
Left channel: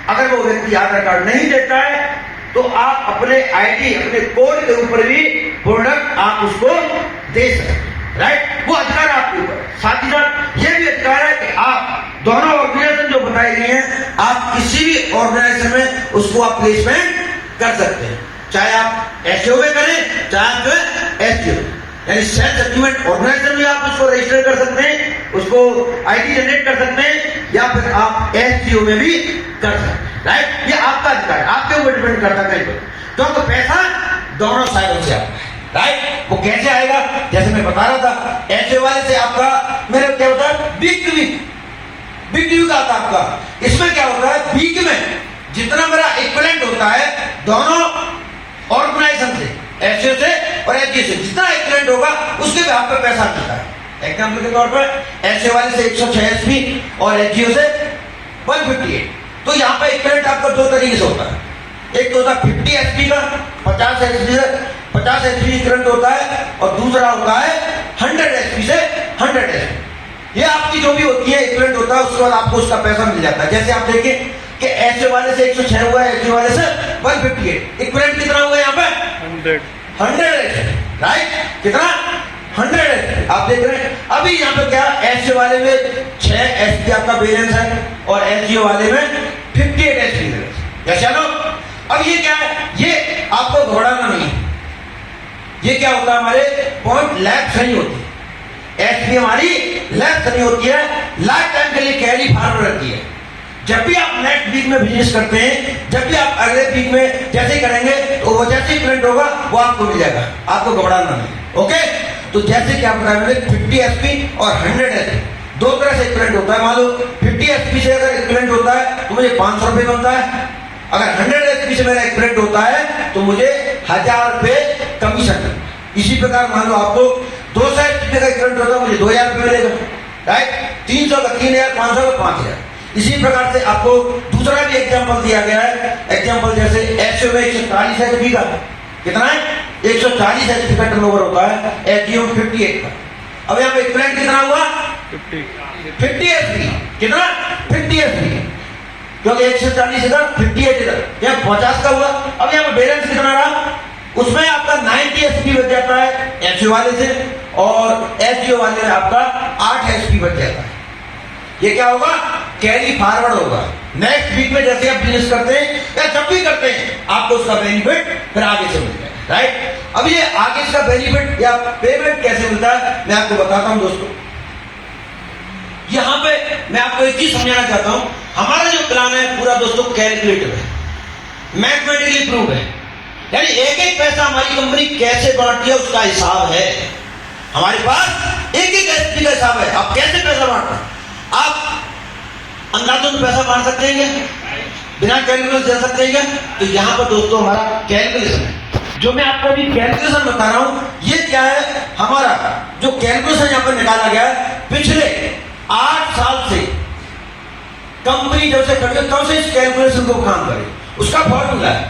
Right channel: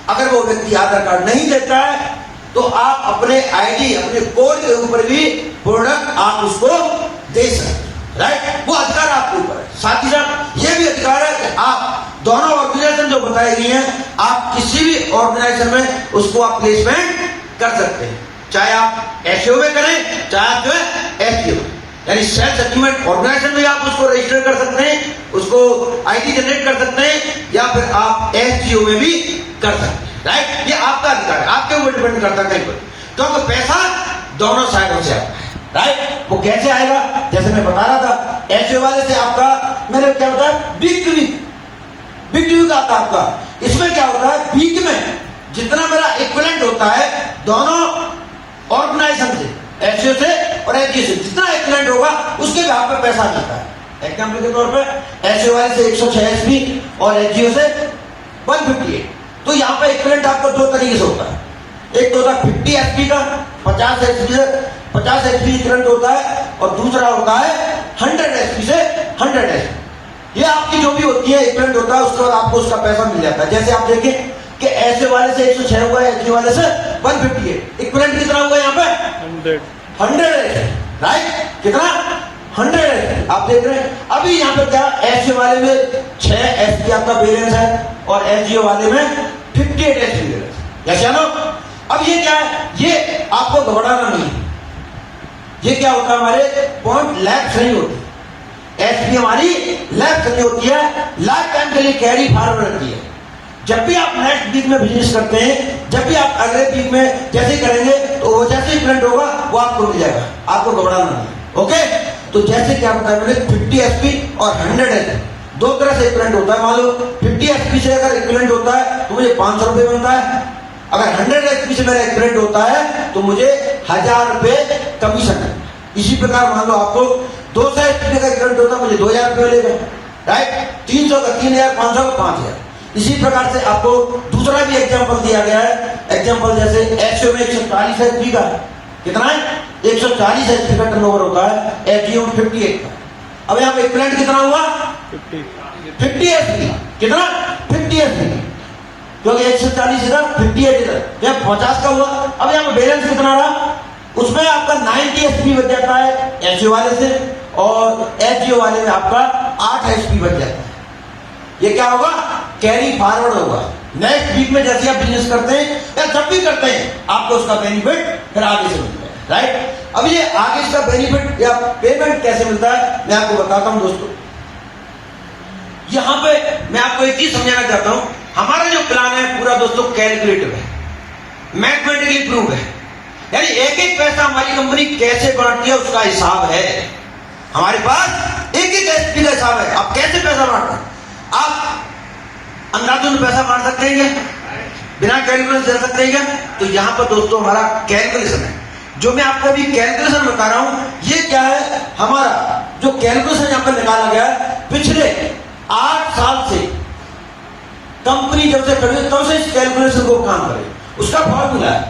अगर वो व्यक्ति आधार कार्ड नहीं देता है तो आप अपने आईडी, अपने कोड के ऊपर भी प्रोडक्ट आप उसको दे सकते हैं। राइट? वो अधिकार आपके ऊपर है। साथ ही साथ ये भी अधिकार है कि आप दोनों ऑर्गेनाइजेशन जो बताई गई हैं, आप किसी भी ऑर्गेनाइजेशन में उसको आप प्लेसमेंट कर सकते हैं, चाहे आप HAO में करें, चाहे आप जो है SGO यानी सेल्स अचीवमेंट ऑर्गेनाइजेशन में आप उसको रजिस्टर कर सकते हैं, उसको आईडी जनरेट कर सकते हैं, या फिर आप SGO में भी कर सकते हैं। राइट? ये आपका अधिकार है, आपके ऊपर डिपेंड करता है। तो आपको पैसा दोनों साइडों से आता है। राइट? वो कैसे आएगा? जैसे मैं बता रहा था, HAO वाले से आपका, मैंने क्या बताया, बिग ड्यू का आता आपका। इसमें क्या होता है? वीक में जितना मेरा इक्विवेलेंट होता है दोनों ऑर्गेनाइजेशन से, HAO से और HGO से, जितना इक्विवेलेंट होगा उसके भी आपको पैसा मिलता है। एग्जाम्पल के तौर पर HAO वाले से 106 SP और HGO से 158। तो यहाँ पे इक्विवेलेंट आपका 2 तरीके से होता है। एक तो होता है 50 SP का, 50 SP इक्विवेलेंट होता है, और दूसरा होता है 100 SP से 100 SP। ये आपकी जो भी होती है इक्विवेलेंट होता है, उसके बाद आपको उसका पैसा मिल जाता है। जैसे आप देखिए कि HAO वाले से 106 हुआ है, HGO वाले से 158। इक्विवेलेंट कितना हुआ यहाँ पे? 100 SP। राइट? कितना? 100 SP। आप देख रहे हैं अभी यहाँ पे क्या, HAO वाले में 6 SP आपका बैलेंस है और HGO वाले में 58 SP बैलेंस। जैसे अब ये क्या है? ये आपको घबराना नहीं है। ये क्या होता है? हमारे पॉइंट लेफ्ट नहीं होती, SP हमारी लेफ्ट नहीं होती है, लाइफ टाइम के लिए कैरी फॉरवर्ड रहती है। जब भी आप नेक्स्ट वीक में बिजनेस करते हैं, जब भी आप अगले वीक में जैसे करेंगे तो वो जैसे ही प्रिंट होगा वो आपको मिल जाएगा, आपको घबराना नहीं। ओके? तो जैसे कि आप बताए 50 SP और 100 SP 2 तरह से प्रिंट होता है। मान लो 50 SP से अगर प्रिंट होता है तो मुझे 500 रुपये बनता है, अगर 100 SP से मेरा प्रिंट होता है तो मुझे 1000 रुपये कमीशन। इसी प्रकार मान लो आपको 200 SP का प्रिंट होता है, मुझे 2000 रुपये मिलेगा। राइट? 300 का 3000, 500 का 5000। इसी प्रकार से आपको दूसरा भी एग्जाम्पल दिया गया है। एग्जाम्पल जैसे HAO में 140 HP का, कितना है? 140 HP का टर्नओवर होता है, HGO में 58 का। अब यहाँ पे इक्विवेलेंट कितना हुआ? 50 SP। कितना? 50 SP, क्योंकि 140 इधर 58 इधर, यहाँ 50 का हुआ। अब यहाँ पे बैलेंस कितना रहा? उसमें आपका 90 SP बच जाता है HAO वाले से, और HGO वाले में आपका 8 SP बच जाता है। ये क्या होगा? कैरी फॉरवर्ड होगा। नेक्स्ट वीक में जैसे आप बिजनेस करते हैं या जब भी करते हैं आपको उसका बेनिफिट फिर आगे से मिलता है। राइट? अब ये आगे इसका बेनिफिट या पेमेंट कैसे मिलता है मैं आपको बताता हूं दोस्तों। यहां पे मैं आपको एक चीज समझाना चाहता हूं हमारा जो प्लान है पूरा दोस्तों कैलकुलेटिव है, मैथमेटिकली प्रूव है, यानी एक एक पैसा हमारी कंपनी कैसे बांटती है उसका हिसाब है। हमारे पास एक एक एसपी का हिसाब है। आप कैसे पैसा बांटते हैं? आप अंदाजन पैसा बांट सकते हैं क्या? बिना कैलकुलेशन दे सकते हैं क्या? तो यहां पर दोस्तों हमारा कैलकुलेशन है। जो मैं आपको अभी कैलकुलेशन बता रहा हूं, ये क्या है? हमारा जो कैलकुलेशन यहां पर निकाला गया है, पिछले 8 साल से कंपनी जब से खड़ी है तब से इस कैलकुलेशन को काम करे, उसका फॉर्मूला है।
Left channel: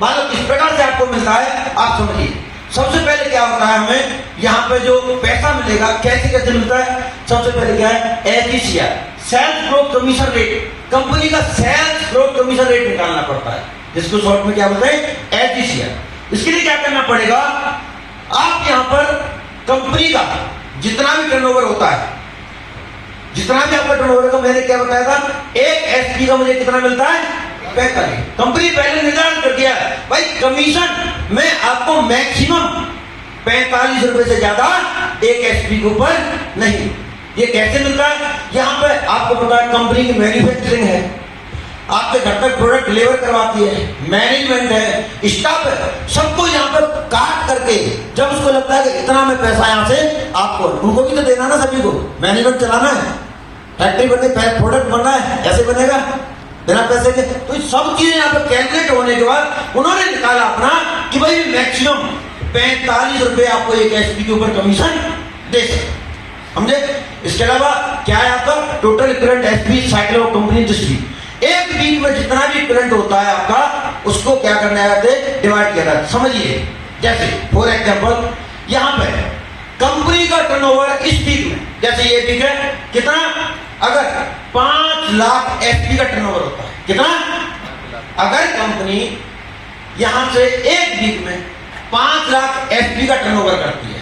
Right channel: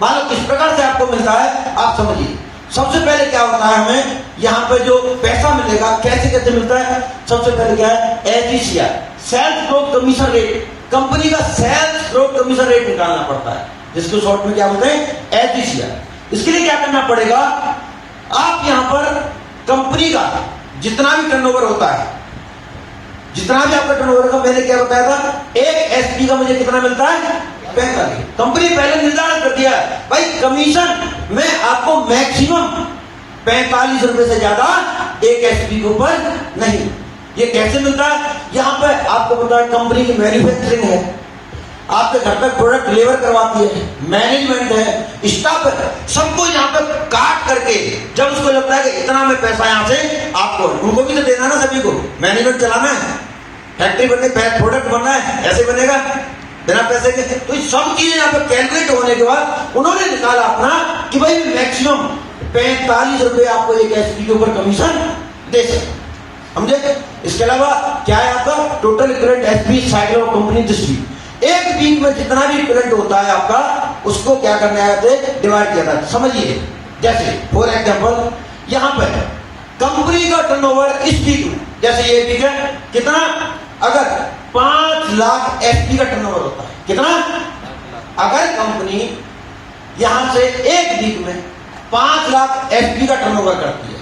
मानो इस प्रकार से आपको मिलता है, आप समझिए। सबसे पहले क्या होता है, हमें यहाँ पे जो पैसा मिलेगा कैसे कैसे मिलता है? सबसे पहले क्या है? Efficiency, sales growth commission rate. Company का सेल्स ग्रोथ कमीशन रेट निकालना पड़ता है, जिसको शॉर्ट में क्या बोलते हैं? एफिशिएंसी। इसके लिए क्या करना पड़ेगा? आप यहाँ पर कंपनी का जितना भी टर्नओवर होता है, जितना भी आपका टर्नओवर का, मैंने क्या बताया था, एक एसपी का मुझे कितना मिलता है? 45। कंपनी पहले निर्धारण कर दिया है भाई, कमीशन में आपको मैक्सिमम 45 रुपए से ज्यादा एक एसपी के ऊपर नहीं। ये कैसे मिलता है? यहाँ पे आपको पता है कंपनी की मैन्युफैक्चरिंग है, आपके घर तक प्रोडक्ट डिलीवर करवाती है, मैनेजमेंट है, स्टाफ है, सबको यहाँ पर काट करके जब उसको लगता है कि इतना में पैसा यहाँ से आपको, उनको भी तो देना ना, सभी को मैनेजमेंट चलाना है, फैक्ट्री बनने, प्रोडक्ट बनना है, ऐसे बनेगा बिना पैसे के। तो सब चीजें यहाँ पर कैलकुलेट होने के बाद उन्होंने निकाला अपना कि भाई मैक्सिमम 45 रुपए आपको एक एसपी के ऊपर कमीशन दे सकते, समझे? इसके अलावा क्या है आपका? Total equivalent SP cycle of company distribute. एक वीक में जितना भी इक्विवेलेंट होता है आपका, उसको क्या करना है? डिवाइड किया जाता है। समझिए, जैसे फॉर एग्जाम्पल यहाँ पर कंपनी का टर्नओवर इस वीक, जैसे ये वीक है कितना, अगर 5 लाख एसपी का टर्नओवर होता है, कितना? अगर कंपनी यहां से एक वीक में 5 लाख एसपी का टर्नओवर करती है,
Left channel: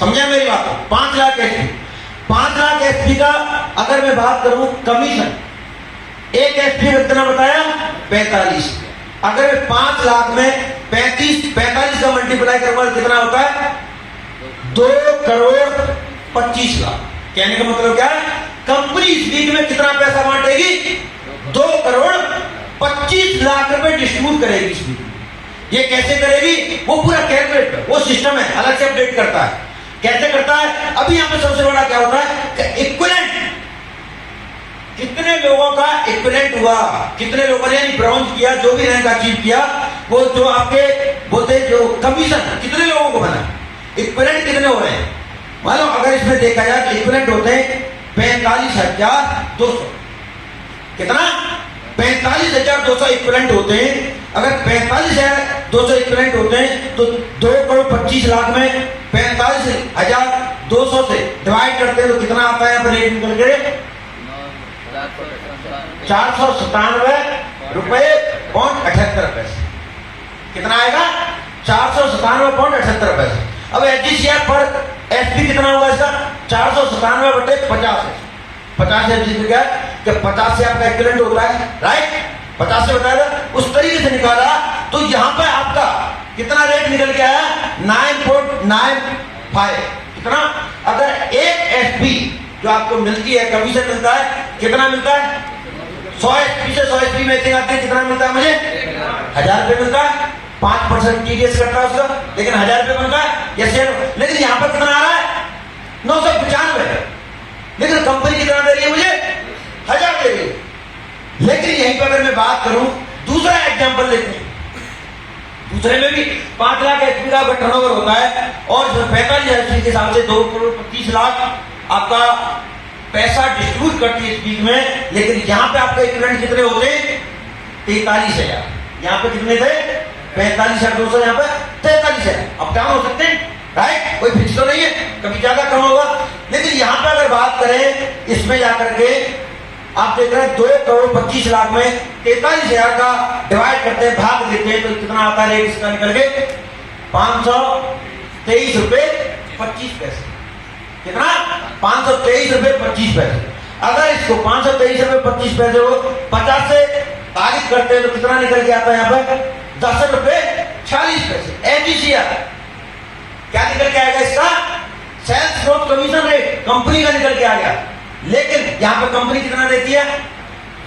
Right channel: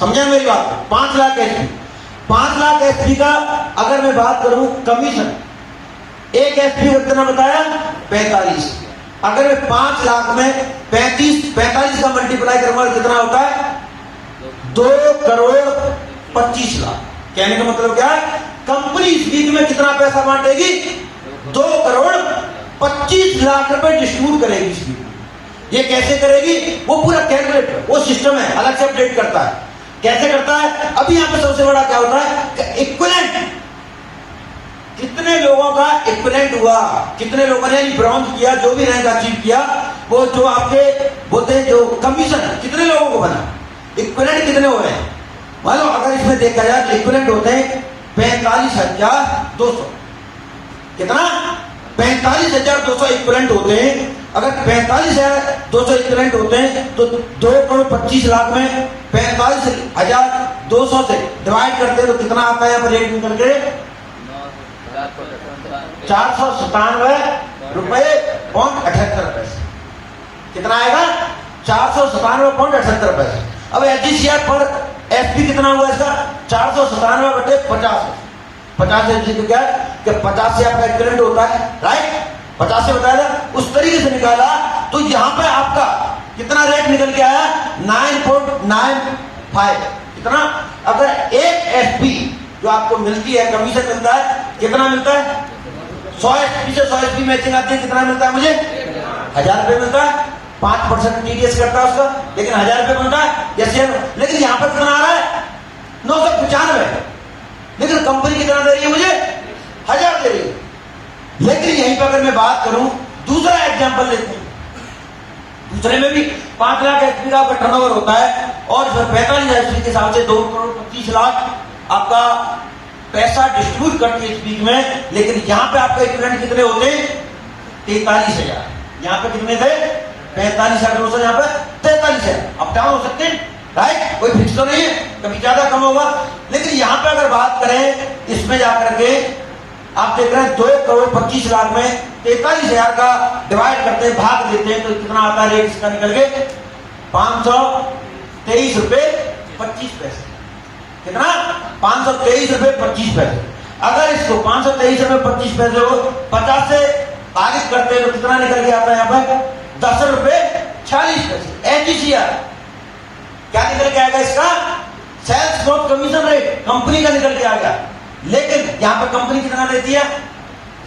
समझे मेरी बात? 5 लाख एसपी, 5 लाख एसपी का अगर मैं बात करूं कमीशन, एक एसपी में कितना बताया? 45। अगर मैं 5 लाख में 45 का मल्टीप्लाई करूंगा कितना होता है? 2 करोड़ 25 लाख। कहने का मतलब क्या है? कंपनी इस वीक में कितना पैसा बांटेगी? 2 करोड़ 25 लाख रुपए डिस्ट्रीब्यूट करेगी इस वीक में। ये कैसे करेगी? वो पूरा कैलकुलेट, वो सिस्टम है, अलग से अपडेट करता है। कैसे करता है? अभी यहां पे सबसे बड़ा क्या होता है? इक्विवेलेंट, कितने लोगों का इक्विवेलेंट हुआ, कितने लोगों ने ब्रॉन्ज किया, जो भी रैंक अचीव किया, वो जो आपके बोलते हैं जो कमीशन कितने लोगों को बना, इक्विवेलेंट कितने हो रहे हैं? मानो अगर इसमें देखा जाए इक्विवेलेंट होते हैं 45,200। कितना? 45,200 इक्विवेलेंट होते हैं। अगर 45,200 इक्विवेलेंट होते हैं तो 2 करोड़ 25 लाख में 45,200 से डिवाइड करते हैं तो कितना आता है? यहाँ पर रेट निकल के 497 रुपए पॉइंट 78 पैसे। कितना आएगा? 497.78 पैसे। अब एचजीसीआर पर एसपी कितना हुआ इसका? 497/50। 50 से क्या है? जब 50 से आपका इक्विवेलेंट होता है, राइट? 50 से बताया उस तरीके से निकाला, तो यहां पर आपका कितना रेट निकल के आया? 9.95। कितना? अगर एक एसपी जो आपको मिलती है, कमीशन मिलता है, कितना मिलता है? 100 एसपी से 100 एसपी मैचिंग आती है, कितना मिलता है मुझे? 1000 रुपये मिलता है। 5% टीडीएस कटता है उसका, लेकिन 1000 रुपये मिलता है। जैसे लेकिन यहां पर कितना आ रहा है? 995। लेकिन कंपनी कितना दे रही है मुझे? 1000 दे रही है। लेकिन यहीं पर अगर मैं बात करूं, दूसरा एग्जांपल लेते हैं, दूसरे में भी 5 लाख एसपी का टर्नओवर होता है और 45 एसपी के हिसाब से 2 करोड़ 25 लाख आपका पैसा डिस्ट्रीब्यूट करती है इस वीक में। लेकिन यहां पे आपका इक्विवेलेंट कितने होते हैं? 43,000। यहां पे कितने थे? 45,200, यहाँ पर 43,000। अप डाउन हो सकते हैं, राइट? कोई फिक्स तो नहीं है, कभी ज्यादा कम होगा। लेकिन यहां पे अगर बात करें, इसमें जाकर के आप देख रहे हैं 2 करोड़ 25 लाख में 43,000 का डिवाइड करते हैं, भाग देते हैं, तो कितना आता है रेट इसका निकल के? 523 रुपए 25 पैसे। कितना? 523 रुपए 25 पैसे। अगर इसको 523 रुपए 25 पैसे को 50 से भागित करते हैं तो कितना निकल के आता है? यहाँ पर 10 रुपए 40 पैसे। एचजीसीआर क्या निकल के आएगा इसका? Sales growth commission rate company का निकल के आ गया। लेकिन यहां पर कंपनी कितना देती है?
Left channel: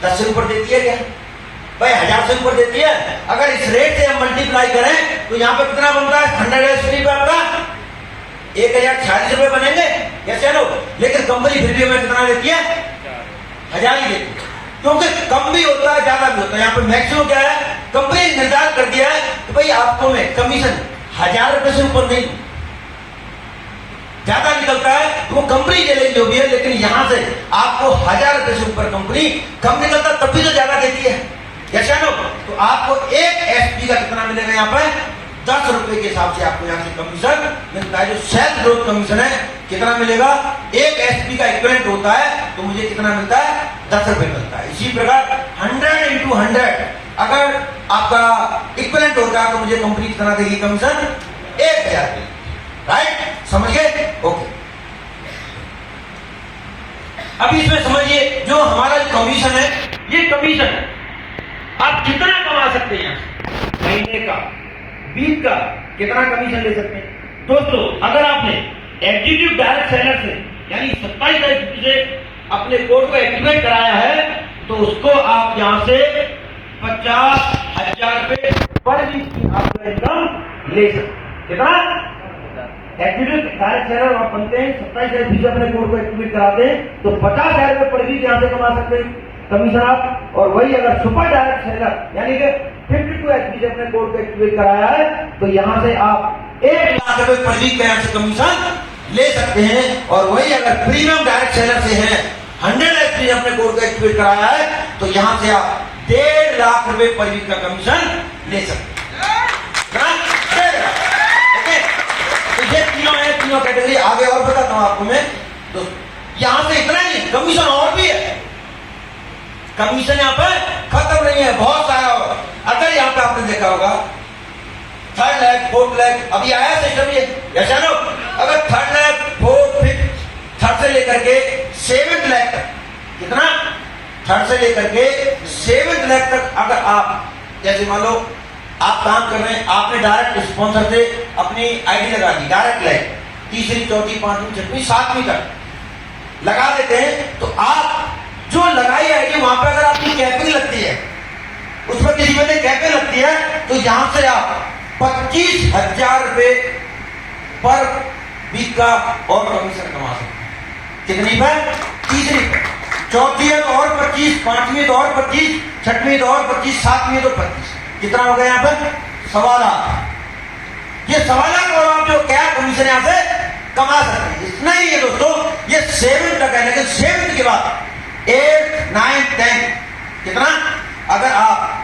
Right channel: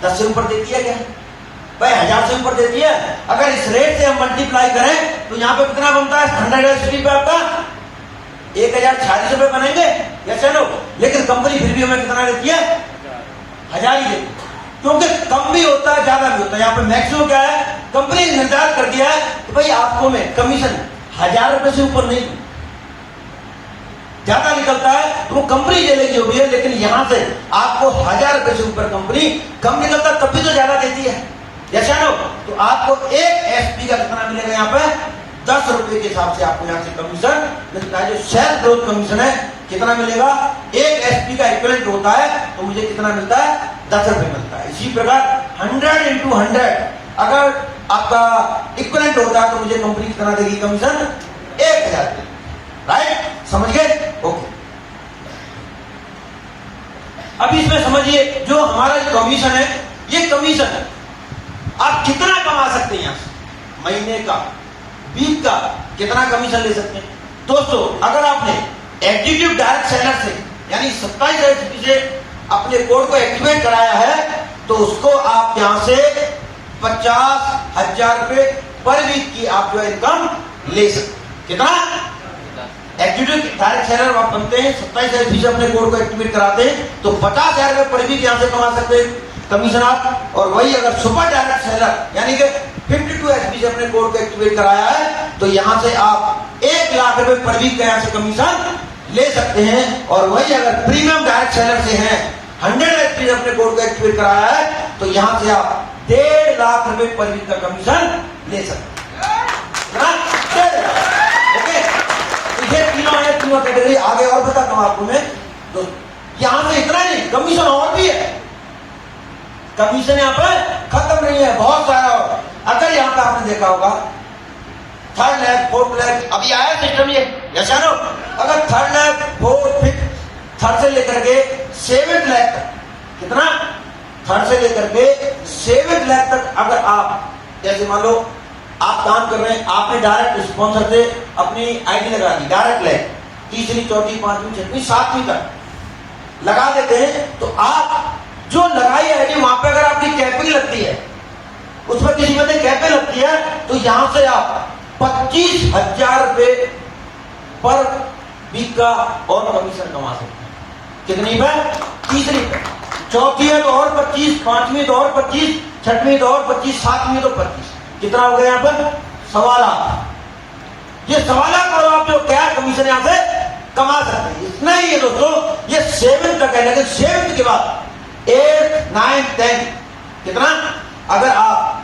10 से ऊपर देती है क्या भाई? 1000 से ऊपर देती है। अगर इस रेट से हम मल्टीप्लाई करें तो यहाँ पे कितना बनता है? 100 एचपी पे आपका 1046 रुपए बनेंगे या चलो। लेकिन कंपनी फिर भी हमें कितना देती है? 1000 ही देती है, क्योंकि कम भी होता है ज्यादा भी होता है। यहाँ पे मैक्सिमम क्या है? कंपनी ने निर्धारित कर दिया है कि भाई आपको मैं कमीशन 1000 रुपए से ऊपर नहीं दूं। ज्यादा निकलता है तो वो कंपनी ले लेगी जो भी है, लेकिन यहां से आपको 1000 रुपए से ऊपर कंपनी कम निकलता तब भी तो ज्यादा देती है, जैसा नो। तो आपको एक एसपी का कितना मिलेगा यहाँ पे? 10 रुपए के हिसाब से आपको यहाँ से कमीशन मिलता है। जो सेल्स ग्रोथ कमीशन है कितना मिलेगा? एक एसपी का इक्विवेलेंट होता है तो मुझे कितना मिलता है? 10 रुपए मिलता है। इसी प्रकार 100 into 100 अगर आपका इक्विवेलेंट होता है तो मुझे कंपनी कितना देगी कमीशन? 1000 रुपए। राइट, समझ गए? ओके। अब इसमें समझिए जो हमारा कमीशन है, ये कमीशन आप कितना कमा सकते हैं? महीने का, वीक का कितना कमीशन ले सकते हैं? दोस्तों अगर आपने एग्जीक्यूटिव डायरेक्ट सेलर से यानी 27 एचपी से अपने कोड को एक्टिवेट कराया है तो उसको आप यहां से 50,000 रुपए पर वीक की आप जो इनकम ले सकते। कितना? एग्जीक्यूटिव डायरेक्ट सेलर आप बनते हैं, 27 एचपी से अपने कोड को एक्टिवेट कराते हैं तो 50,000 रुपए पर वीक यहां से कमा सकते हैं कमीशन आप। और वही अगर सुपर डायरेक्ट सेलर यानी कि 52 एचपी से अपने कोड को एक्टिवेट कराया है तो यहां से आप 1 लाख रुपए पर वीक का यहां से कमीशन ले सकते हैं। और वही अगर प्रीमियम डायरेक्ट सेलर से हैं, 100 एचपी से अपने कोड को एक्टिवेट कराया है तो यहां से आप 1.5 लाख रुपए पर वीक का कमीशन ले सकते हैं। ओके, तो ये तीनों कैटेगरी आगे और बताता हूं आपको मैं। तो यहां से इतना नहीं, कमीशन और भी है। कमीशन यहाँ पे खत्म नहीं है, बहुत सारा। अगर यहाँ पे आपने देखा होगा 3rd लैब 4th लैब अभी आया सिस्टम ये, ऐसा नो। अगर 3rd lab 4th 5th 3rd से लेकर के 7th लैब तक, कितना? 3rd से लेकर के 7th लैब तक अगर आप जैसे मान लो आप काम कर रहे हैं, आपने डायरेक्ट स्पॉन्सर से अपनी आईडी लगा दी, डायरेक्ट लैब 3री 4थी 5वीं 6वीं 7वीं तक लगा देते हैं तो आप जो लगाई आईडी वहां पे अगर आपकी कैपिंग लगती है, उसमें किसी वजह कैपिंग लगती है तो यहां से आप 25,000 रुपए पर वीक का और कमीशन कमा सकते हैं। कितनी पर? 3री पर। 4थी है तो और 25, 5वीं तो और 25, 6वीं तो और 25, 7वीं तो 25। कितना हो गया यहाँ पर? 1.25 लाख। ये 1.25 लाख और आप जो क्या कमीशन यहां से कमा सकते हैं। इतना ही है दोस्तों, ये 7th का कहना है। 7th के बाद 8th 9th 10th कितना? अगर आप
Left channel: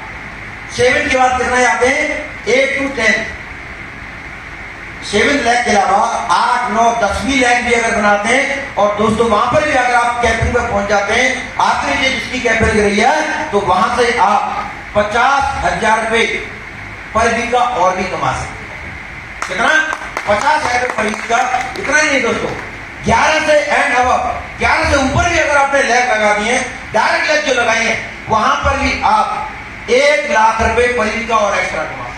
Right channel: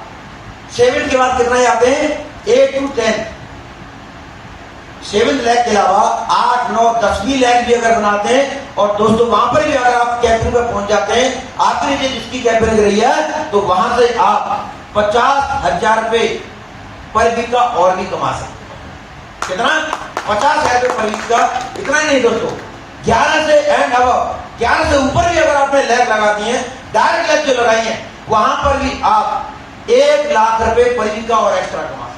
7th के बाद कितना आते हैं? 8 to 10 7 लाख के अलावा 8, 9, 10वीं लाख भी अगर बनाते हैं और दोस्तों वहां पर भी अगर आप कैपिंग पे पहुंच जाते हैं, आखिरी जो जिसकी कैपिंग लग रही है तो वहां से आप 50,000 रुपए पर वीक का और भी कमा सकते हैं। कितना? 50,000 रुपए पर वीक का। इतना नहीं दोस्तों, 11 से एंड अब 11 से ऊपर भी अगर आपने लैब लगा दी है, डायरेक्ट लैब जो लगाई है, वहां पर भी आप 1 लाख रुपए पर वीक का और एक्स्ट्रा कमा सकते हैं।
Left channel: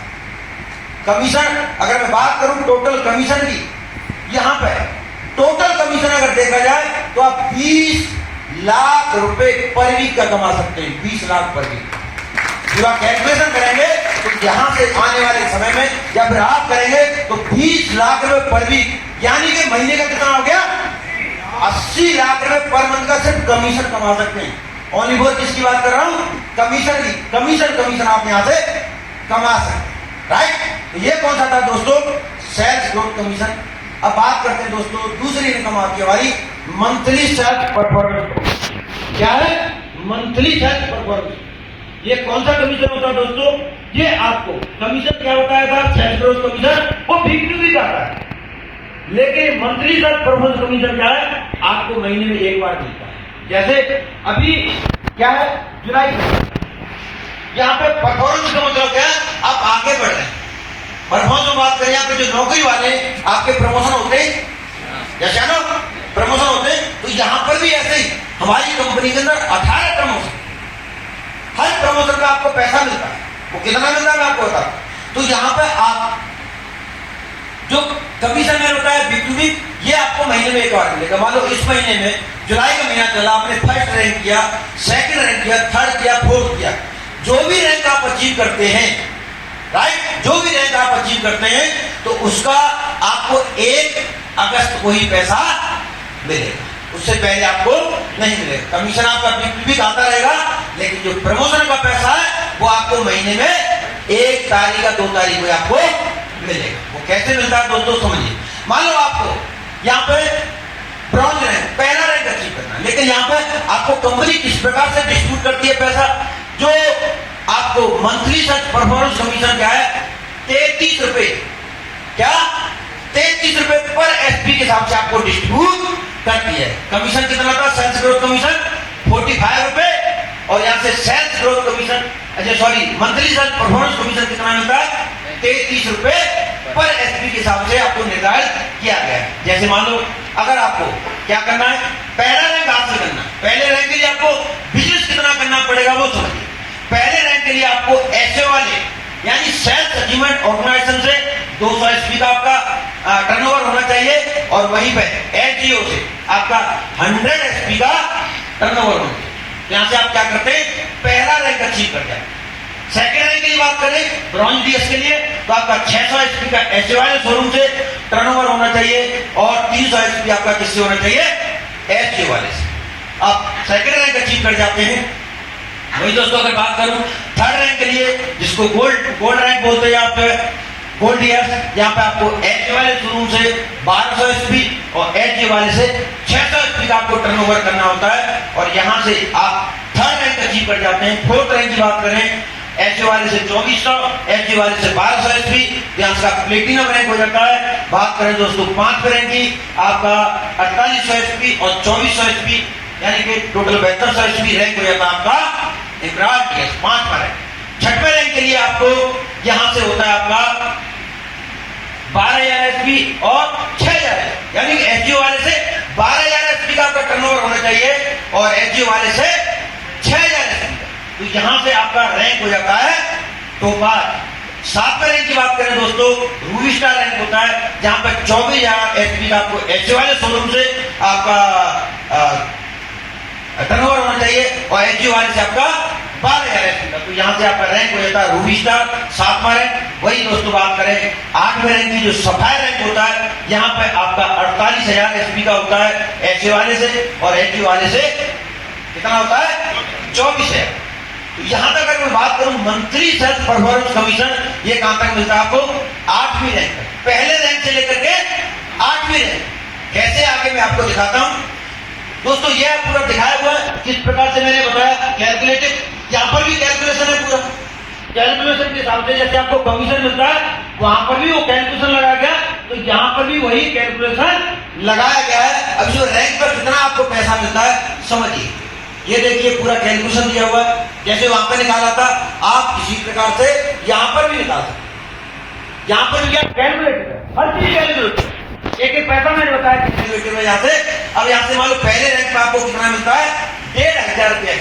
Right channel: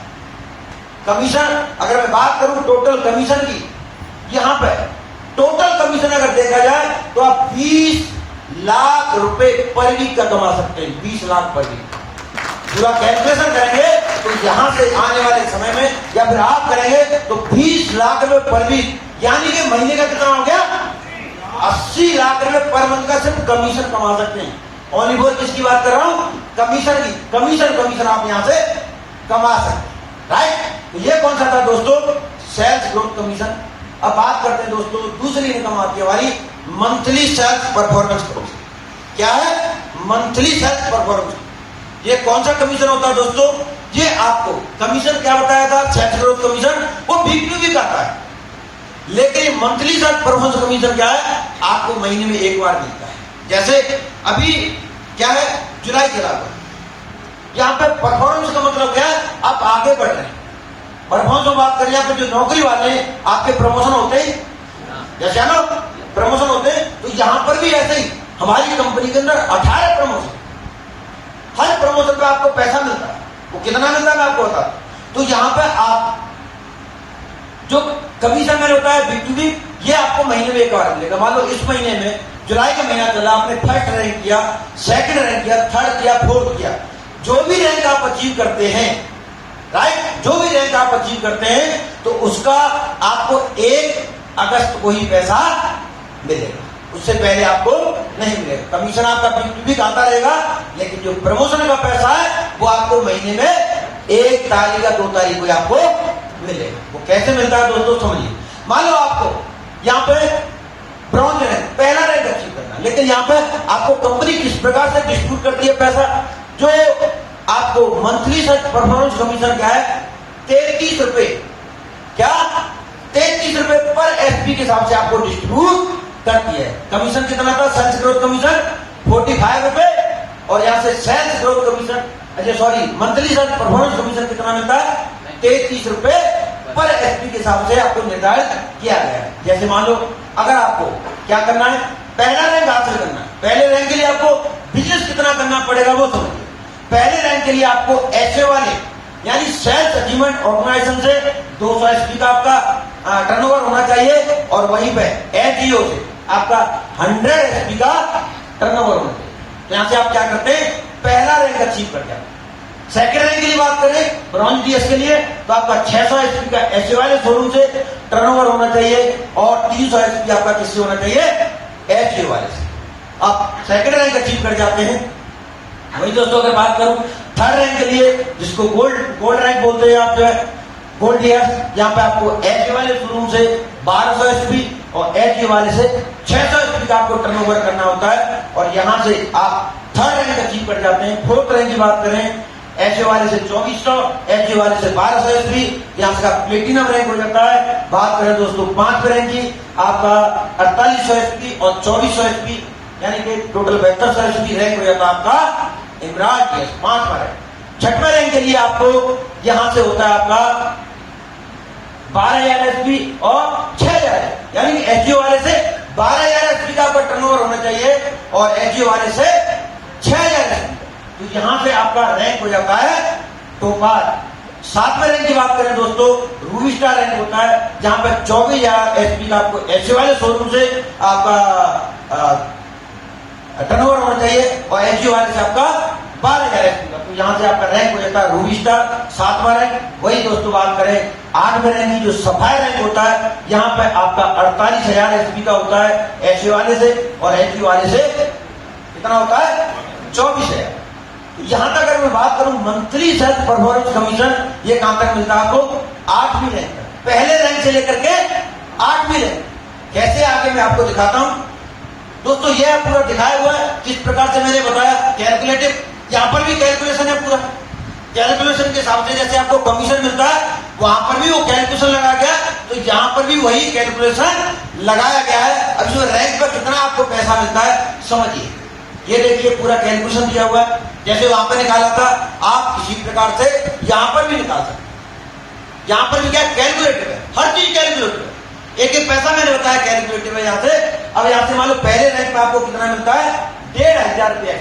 कमीशन अगर मैं बात करूं टोटल कमीशन की, यहां पर टोटल कमीशन अगर देखा जाए तो आप 20 लाख रुपए पर वीक का कमा सकते हैं। 20 लाख पर वीक पूरा कैलकुलेशन करेंगे तो यहां से आने वाले समय में या फिर आप करेंगे तो 20 लाख रुपए पर वीक, यानी कि महीने का कितना हो गया? 80 लाख रुपए पर मंथ का सिर्फ कमीशन कमा सकते हैं। ओनली फोर किसकी बात कर रहा हूं? कमीशन की। कमीशन आप यहां से कमा सकते हैं। राइट, तो ये कौन सा था दोस्तों? Sales growth commission. अब बात करते हैं दोस्तों दूसरी इनकम आपकी हमारी मंथली सेल्स परफॉर्मेंस। क्या है? Monthly sales performance. ये कौन सा कमीशन होता है दोस्तों? ये आपको कमीशन क्या बताया था? सेल्स ग्रोथ कमीशन, वो वीक टू वीक आता है। लेकिन मंथली सेल्स परफॉर्मेंस कमीशन क्या है? आपको महीने में एक बार मिलता है। जैसे अभी क्या है? जुलाई चला, यहाँ पे परफॉर्मेंस का मतलब क्या है? आप आगे बढ़ रहे हैं। परफॉर्मेंस में बात करें, यहाँ पे जो नौकरी वाले आपके प्रमोशन होते हैं, जैसे ना प्रमोशन होते हैं, तो यहाँ पर भी ऐसे ही हमारी कंपनी के अंदर 18 प्रमोशन, हर प्रमोशन का आपको पैसा मिलता है। वो कितना मिलता है मैं आपको बता। तो यहाँ पे आप जो कमीशन मैंने बताया बीपीवी, ये आपको महीने में एक बार मिलेगा। मान लो इस महीने में जुलाई का महीना चला, आपने फर्स्ट रैंक किया, सेकंड रैंक किया, थर्ड किया, फोर्थ किया, जो भी रैंक आप अचीव करते हैं, राइट, जो भी रैंक आप अचीव करते हैं, तो उसका आपको 1 अगस्त को ही पैसा मिलेगा, उससे पहले आपको नहीं मिलेगा। कमीशन आपका बीपीवी खाता रहेगा, लेकिन जो प्रमोशन का पैसा है वो आपको महीने में 1 तारीख या 2 तारीख को आपको मिलेगा। वो कैसे मिलता है दोस्तों समझिए। मान लो आपको यहाँ पे ब्रॉन्ज रैंक, पहला रैंक अचीव करना, लेकिन यहाँ पे आपको कंपनी किस प्रकार से डिस्ट्रीब्यूट करती है पैसा, जो आपको मंथली सर्च परफॉर्मेंस कमीशन क्या है, 33 रुपए, क्या 33 रुपए पर एसपी के हिसाब से आपको डिस्ट्रीब्यूट करती है। कमीशन कितना था, सेल्स ग्रोथ कमीशन 45 रुपए, और यहाँ से सेल्स ग्रोथ कमीशन, अच्छा sorry, monthly sales performance commission कितना मिलता है, 33 रुपए पर एसपी के हिसाब से आपको निर्धारित किया गया है। जैसे मान लो अगर आपको क्या करना है, पहला रैंक हासिल करना, पहले रैंक के लिए आपको बिजनेस कितना करना पड़ेगा वो समझिए। पहले रैंक के लिए आपको एसए वाले यानी सेल्स अचीवमेंट ऑर्गेनाइजेशन से 200 एसपी का आपका टर्नओवर होना चाहिए, और वहीं पे एचजीओ से आपका 100 एसपी का टर्नओवर होना चाहिए। यहां से आप क्या करते हैं, पहला रैंक अचीव करते हैं। सेकंड रैंक की बात करें ब्रॉन्ज डीएस के लिए, तो आपका 600 एचपी का एचए वाले शोरूम से टर्नओवर होना चाहिए, और 300 एचपी आपका किससे होना चाहिए, एचए वाले से। आप सेकंड रैंक अचीव कर जाते हैं। वही दोस्तों अगर बात करूं थर्ड रैंक के लिए, जिसको गोल्ड रैंक बोलते हैं, यहाँ पे गोल्ड डीएस, यहाँ पे आपको एचए वाले शोरूम से 1200 एचपी और एचए वाले से 600 एचपी का आपको टर्नओवर करना होता है, और यहां से आप थर्ड रैंक अचीव कर जाते हैं। फोर्थ रैंक की बात करें, एचए वाले से 2400, एचए वाले से 1200 एचपी, यहाँ से प्लेटिनम रैंक हो जाता है। बात करें दोस्तों 5th रैंक की, आपका 4800 एचपी और 2400 एचपी, यानी कि टोटल 7200 एचपी रैंक हो जाता है आपका एमराल्ड डीएस, 5वां रैंक। 6वें रैंक के लिए आपको यहां से होता है आपका 12000 एचपी और 6000, यानी एचजीओ वाले से 12000 एचपी का आपका टर्नओवर होना चाहिए, और एचजीओ वाले से 6000 एचपी। तो यहां से आपका रैंक हो जाता है टॉपर। 7वें रैंक की बात करें दोस्तों, रूबी स्टार रैंक होता है, जहां पर 24000 एचपी का आपको एचए वाले शोरूम से आपका टर्नओवर होना चाहिए, और एचजीओ वाले से आपका 12000 एचपी का। तो यहां से आपका रैंक हो जाता है रूबी स्टार, 7वां रैंक। वही दोस्तों बात करें 8वें रैंक की, जो सफायर रैंक होता है, यहाँ पे आपका 48000 एचपी का होता है एचए वाले से, और एचजीओ वाले से कितना होता है, 24000। तो यहां तक अगर मैं बात करूं मंथली सेल्स परफॉर्मेंस कमीशन, ये कहां तक मिलता है आपको, 8वीं रैंक तक, पहले रैंक से लेकर के 8वीं रैंक। कैसे आगे मैं आपको दिखाता हूं दोस्तों, यह पूरा दिखाया हुआ है किस प्रकार से मैंने बताया, कैलकुलेटिव, यहां पर भी कैलकुलेशन है पूरा। कैलकुलेशन के हिसाब से जैसे आपको कमीशन मिलता है, वहां पर भी वो कैलकुलेशन लगाया गया, तो यहां पर भी वही कैलकुलेशन लगाया गया है। अब जो रैंक पर कितना आपको पैसा मिलता है समझिए, ये देखिए पूरा कैलकुलेशन दिया हुआ है, जैसे वहां पर निकाला था, आप किसी प्रकार से यहां पर भी निकाल सकते। यहां पर भी क्या कैलकुलेटिव है, हर चीज कैलकुलेटिव है, एक एक पैसा मैंने बताया कैलकुलेटिव है। यहाँ से अब यहाँ से मान लो पहले रैंक पर आपको कितना मिलता है, 1500 रुपया,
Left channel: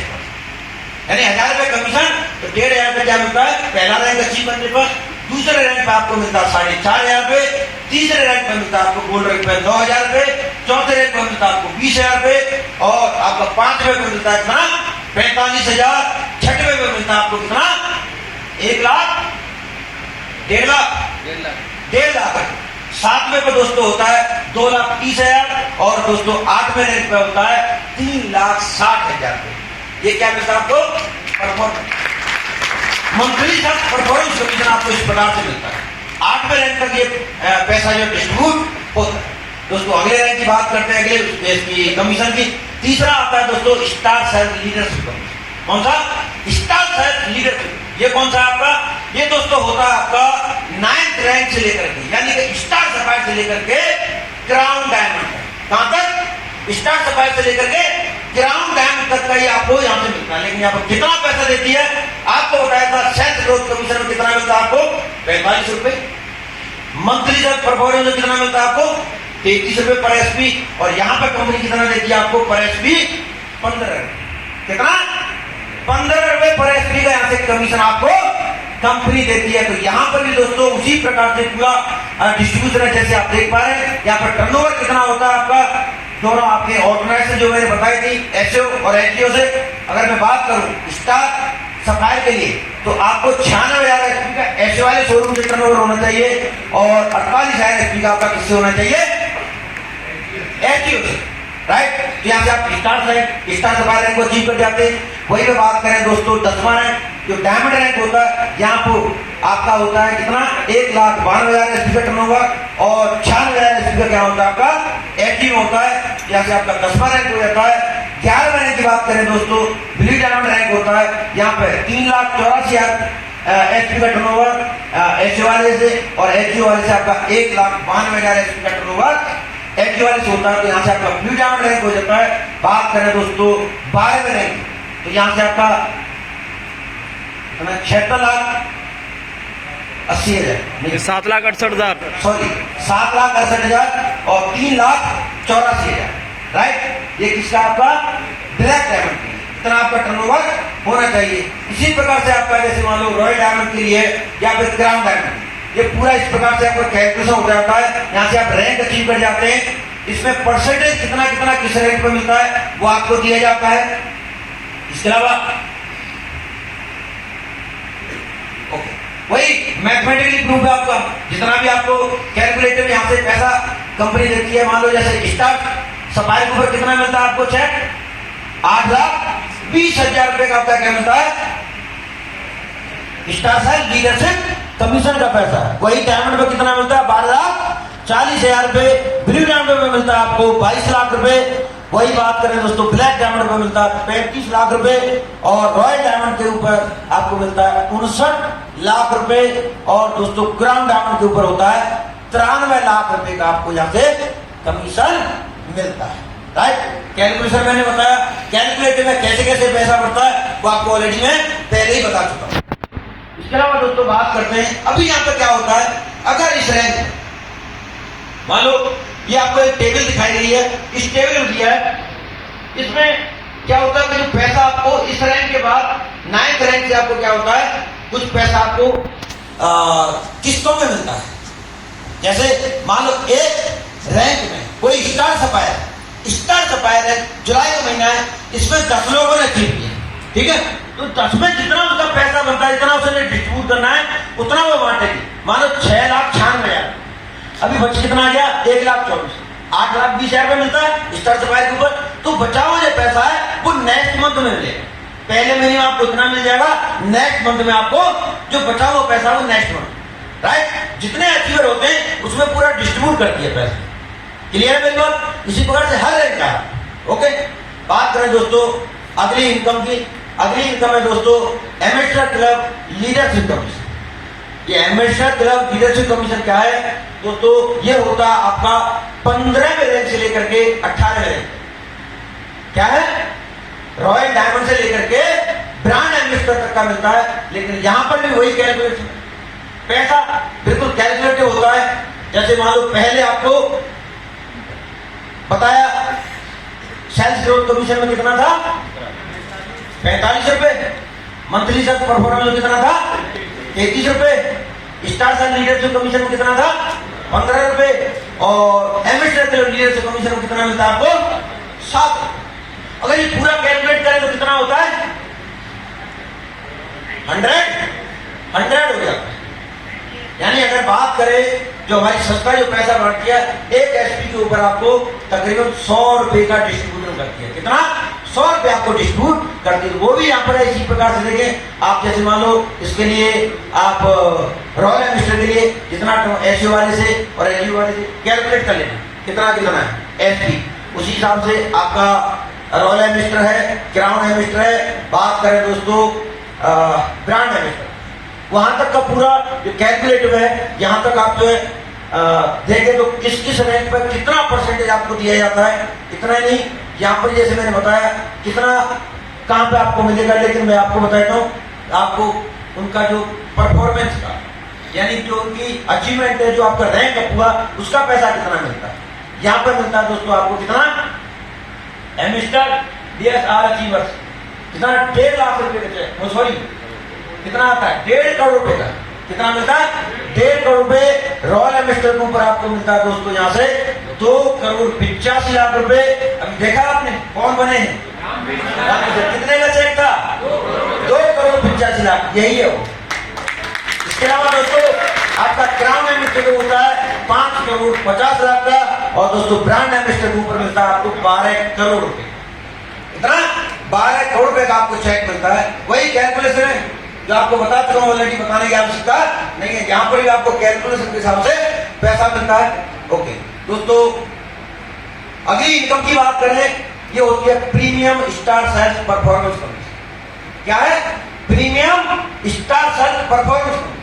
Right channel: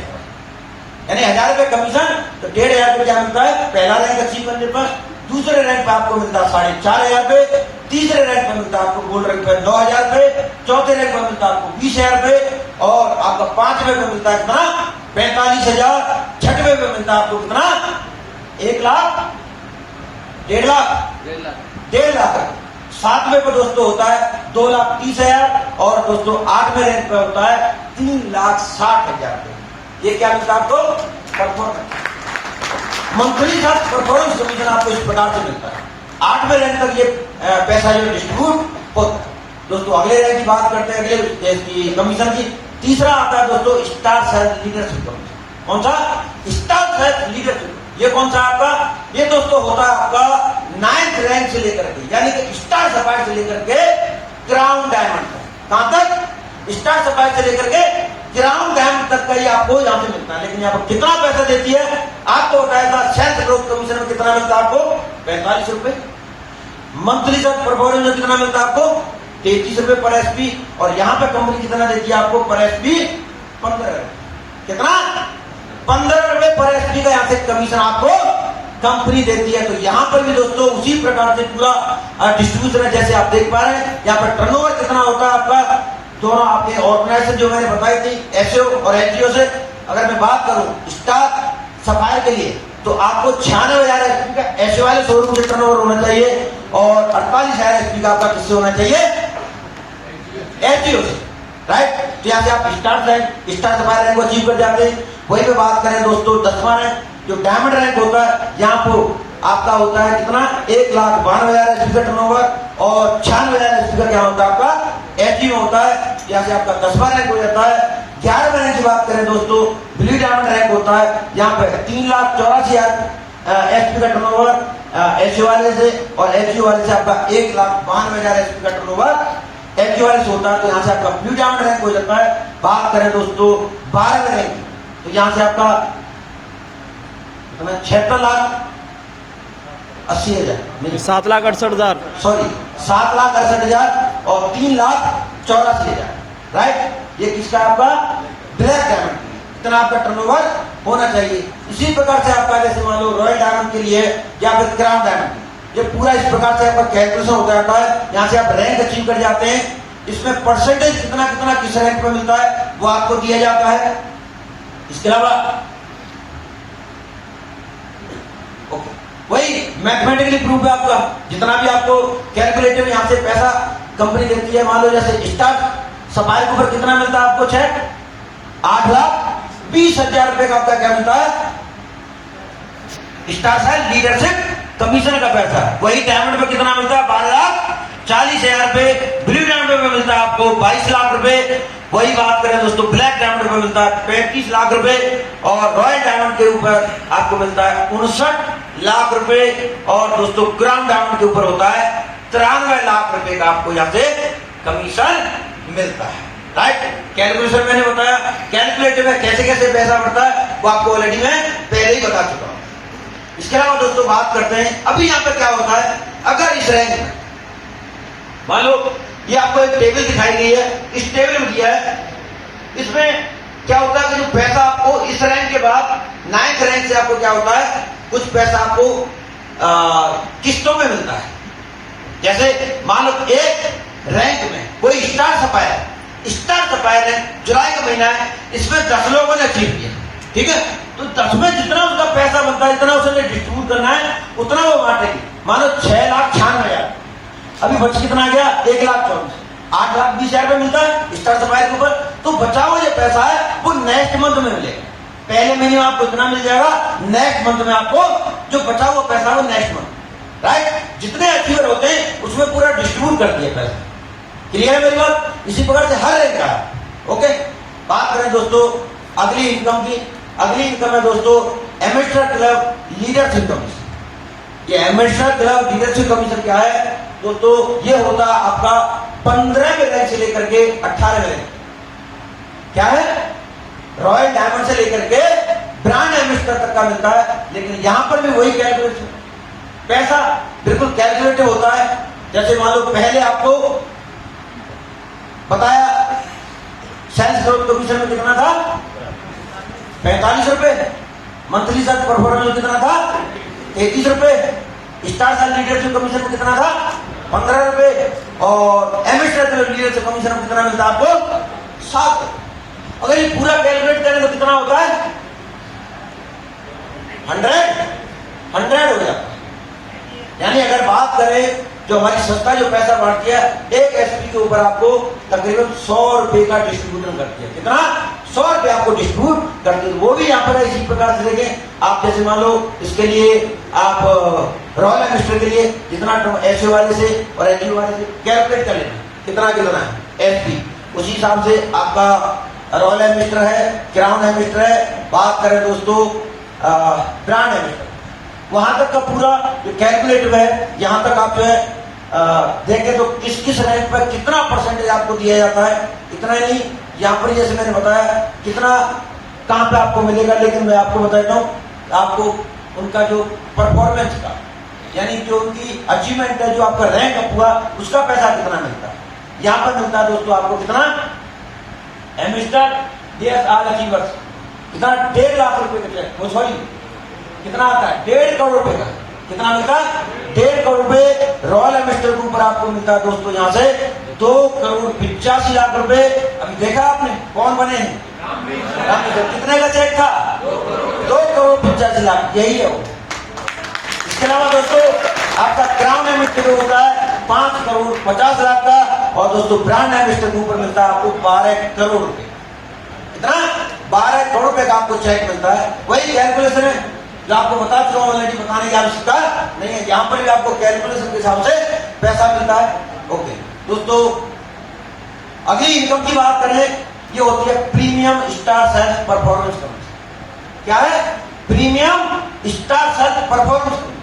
यानी 1000 रुपये कमीशन, तो 1500 रुपये क्या मिलता है पहला रैंक अचीव करने पर। दूसरे रैंक पे आपको मिलता है 4500 रुपये, तीसरे रैंक पे मिलता है आपको गोल्ड रैंक पे 9000 रुपये, चौथे रैंक पे मिलता है आपको 20000 रुपये, और आपका 5वें पे मिलता है कितना 45000, 6वें पे मिलता है आपको कितना 1 लाख, 1.5 लाख, 1.5 लाख। 7वें पे दोस्तों होता है 2,30,000, और दोस्तों 8वें रैंक पे होता है 3,60,000 रुपये। ये क्या मिलता है आपको, परफॉर्मेंस मंथली का परफॉर्मेंस कमीशन आपको इस प्रकार से मिलता है। 8वें रैंक तक ये पैसा जो डिस्ट्रीब्यूट होता है। दोस्तों अगले रैंक की बात करते हैं, अगले इसकी कमीशन की। तीसरा आता है दोस्तों स्टार सेल्स लीडरशिप कमीशन। कौन सा, स्टार सेल्स लीडरशिप, ये कौन सा आपका, ये दोस्तों होता है आपका 9th रैंक से लेकर के, यानी कि स्टार सफायर से लेकर के क्राउन डायमंड तक। कहां तक, स्टार सफायर से लेकर के क्राउन डायमंड तक का ये आपको यहाँ से मिलता है। लेकिन यहाँ पर कितना पैसा देती है आपको बताया था, सेल्स ग्रोथ कमीशन में कितना मिलता है आपको 45 रुपए, मंथली सेल्स परफॉर्मेंस में कितना मिलता है आपको 33 रुपए पर एसपी, और यहाँ पर कंपनी कितना देती है आपको पर एसपी 15 रुपए, कितना 15 रुपए पर एसपी का यहाँ से कमीशन आपको कंपनी देती है। तो यहाँ पर भी दोस्तों उसी प्रकार से पूरा डिस्ट्रीब्यूशन है। जैसे आप देख पा रहे हैं यहाँ पर टर्नओवर कितना होता है आपका, दोनों आपके ऑर्गेनाइजेशन जो मैंने बताई थी एसओ और एनजीओ से। अगर मैं बात करूं स्टार सप्लायर के लिए तो आपको 96,000 एचपी का एसओ वाले शोरूम से टर्नओवर होना चाहिए और 48,000 एचपी का आपका किससे होना चाहिए, एनजीओ से, राइट। तो यहाँ से आप स्टार सप्लायर रैंक को अचीव कर जाते हैं। वही पे बात करें दोस्तों 10वां रैंक जो डायमंड रैंक होता है, यहाँ पर आपका होता है कितना 1,92,000 एचपी का टर्नओवर और 96,000 एचपी का क्या होता है आपका एचपी होता है। यहाँ से आपका 10वां रैंक हो जाता है। 11वें रैंक की बात करें दोस्तों ब्लू डायमंड रैंक होता है, यहाँ पे 3,84,000 एचपी का टर्नओवर एचओ वाले से और एचओ वाले से आपका 1,92,000 एचपी का टर्नओवर एचओ वाले से होता है। तो यहाँ से आपका ब्लू डायमंड रैंक हो जाता है। बात करें दोस्तों 12वें रैंक तो यहाँ से आपका 76,80,000 7,68,000 सॉरी 7,68,000 और 3,84,000, राइट। ये किसका आपका ब्लैक डायमंड के लिए इतना आपका टर्नओवर होना चाहिए। इसी प्रकार से आपका जैसे मान लो रॉयल डायमंड के लिए या फिर क्राउन डायमंड, ये पूरा इस प्रकार से आपका कैलकुलेशन हो जाता है। यहाँ से आप रैंक अचीव कर जाते हैं। इसमें परसेंटेज कितना कितना किस रैंक पर मिलता है वो आपको दिया जाता है। इसके अलावा ओके वही मैथमेटिकली प्रूफ है आपका, जितना भी आपको कैलकुलेटर यहाँ से पैसा कंपनी देती है। मान लो जैसे स्टार सप्लायर के ऊपर कितना मिलता है आपको चेक 8,20,000 रुपए का आपका क्या मिलता है स्टार साइल लीडरशिप कमीशन का पैसा। वही डायमंड पे कितना मिलता है 12,40,000 रुपए। ब्लू डायमंड पे मिलता है आपको 22 लाख रुपए। वही बात करें दोस्तों ब्लैक डायमंड पे मिलता है 35 लाख रुपए और रॉयल डायमंड के ऊपर आपको मिलता है 59 लाख रुपए और दोस्तों क्राउन डायमंड के ऊपर होता है 93 लाख रुपए का आपको यहाँ से कमीशन मिलता है, राइट। कैलकुलेशन मैंने बताया, कैलकुलेटर में कैसे कैसे पैसा बढ़ता है वो आपको ऑलरेडी मैं पहले ही बता चुका हूं। इसके अलावा दोस्तों बात करते हैं अभी यहाँ पर क्या होता है। अगर इस रैंक मान लो ये आपको एक टेबल दिखाई गई है, इस टेबल में दिया है, इसमें क्या होता है कि जो पैसा आपको इस रैंक के बाद 9th रैंक से आपको क्या होता है कुछ पैसा आपको किस्तों में मिलता है। जैसे मान लो एक रैंक में कोई स्टार सप्लायर है, जुलाई का महीना है, इसमें 10 लोगों ने अचीव किया, ठीक है। तो 10 में जितना उनका पैसा बनता है इतना उसे डिस्ट्रीब्यूट करना है उतना वो बांटेगी। मानो 6,96,000 अभी बच कितना आ गया 1,24,000 8,20,000 रुपए मिलता है स्टार सप्लायर के ऊपर। तो बचा हुआ जो पैसा है वो नेक्स्ट मंथ में मिलेगा। पहले महीने में आपको इतना मिल जाएगा, नेक्स्ट मंथ में आपको जो बचा हुआ पैसा वो नेक्स्ट मंथ, राइट। जितने अचीवर होते हैं उसमें पूरा डिस्ट्रीब्यूट कर दिया पैसा। क्लियर है मेरी बात। इसी प्रकार से हर रैंक का है, ओके। बात करें दोस्तों अगली इनकम की। अगली इनकम है दोस्तों एमेचर क्लब लीडरशिप कमीशन। ये एमेचर क्लब लीडरशिप कमीशन क्या है दोस्तों, ये होता है आपका 15वें रैंक से लेकर के 18वें रैंक। क्या है रॉयल डायमंड से लेकर के ब्रांड एम्बेसडर तक का मिलता है। लेकिन यहां पर भी वही कैलकुलेशन पैसा बिल्कुल कैलकुलेटिव होता है। जैसे मान लो पहले आपको बताया सेल्स ग्रोथ कमीशन में कितना था 45 रुपए, मंथली सेल्स परफॉर्मेंस में कितना था 33 रुपए, स्टार सेल लीडरशिप कमीशन में कितना था 15 रुपए और एम्बेसडर लीडरशिप कमीशन में कितना मिलता है आपको 7। अगर ये पूरा कैलकुलेट करें तो कितना होता है 100 हो जाता है। यानी अगर बात करें जो हमारी संस्था जो पैसा बांटती है एक एसपी के ऊपर आपको तकरीबन 100 रुपए का डिस्ट्रीब्यूशन करती है। कितना 100 रुपए आपको डिस्ट्रीब्यूट करती है। वो भी यहाँ पर इसी प्रकार से देखें आप। जैसे मान लो इसके लिए आप रॉयल एम्बेसडर के लिए जितना एसओ वाले से और एलयू वाले से कैलकुलेट कर लेना कितना कितना है एसपी, उसी हिसाब से आपका रॉयल एम्बेसडर है, क्राउन एम्बेसडर है। बात करें दोस्तों ब्रांड एम्बेसडर, वहां तक का पूरा जो कैलकुलेटिव है यहां तक आप देखें तो किस किस रैंक पर कितना परसेंटेज आपको दिया जाता है। इतना नहीं यहाँ पर जैसे मैंने बताया कितना कहां पे आपको मिलेगा, लेकिन मैं आपको बताता हूँ आपको उनका जो परफॉर्मेंस का यानी जो उनकी अचीवमेंट है, जो आपका रैंक है पूरा, उसका पैसा कितना मिलता है। यहाँ पर मिलता है दोस्तों आपको कितना एम्बेसडर DSR अचीवर्स कितना 1.5 लाख रुपए का, सॉरी कितना आता है? 1.5 करोड़ रुपए का। कितना मिलता है? 1.5 करोड़ रुपए रॉयल एमिस्टर ग्रुप पर आपको मिलता है दोस्तों। यहाँ से 2,85,00,000 रुपए। अभी देखा आपने कौन बने हैं? कितने का चेक था? 2,85,00,000। यही है वो। इसके अलावा दोस्तों आपका क्राउन एमिस्टर होता है 5,50,00,000 का, और दोस्तों ब्रांड एमिस्टर ग्रुप पर मिलता है आपको 12 करोड़ रुपए। इतना 12 करोड़ रुपए का आपको चेक मिलता है। वही कैलकुलेशन है जो आपको बता चुका हूं, ऑलरेडी बताने की आवश्यकता नहीं है। जहां पर भी आपको कैलकुलेशन के हिसाब से पैसा मिलता है। ओके दोस्तों, अगली इनकम की बात करें, ये होती है premium star sales performance commission. क्या है? Premium star sales performance commission.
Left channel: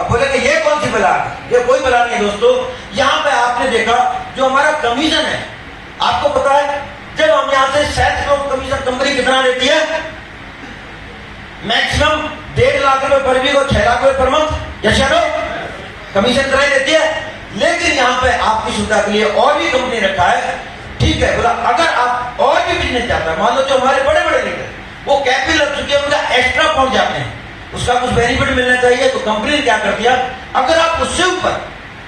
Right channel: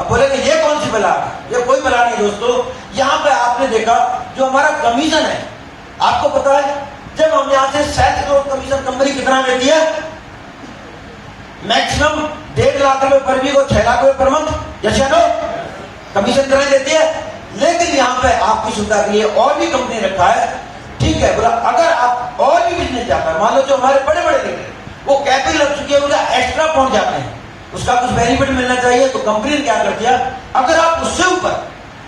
अब बोलेंगे ये कौन सी बला है? ये कोई बला नहीं दोस्तों। यहां पे आपने देखा जो हमारा कमीशन है, आपको पता है जब हम यहां से सेल्स ग्रोथ कमीशन कंपनी कितना देती है? मैक्सिमम 1.5 लाख रुपए पर वीक और 6 लाख रुपए पर मंथ। यस या नो? कमीशन कितना देती है? लेकिन यहाँ पे आपकी सुविधा के लिए और भी कंपनी रखा है। ठीक है, बोला अगर आप और भी बिजनेस चाहते हैं, मान लो जो हमारे बड़े बड़े लीडर वो कैपिटल लग चुके हैं, उनका एक्स्ट्रा पहुंच जाते हैं, उसका कुछ बेनिफिट मिलना चाहिए, तो कंपनी ने क्या कर दिया, अगर आप उससे ऊपर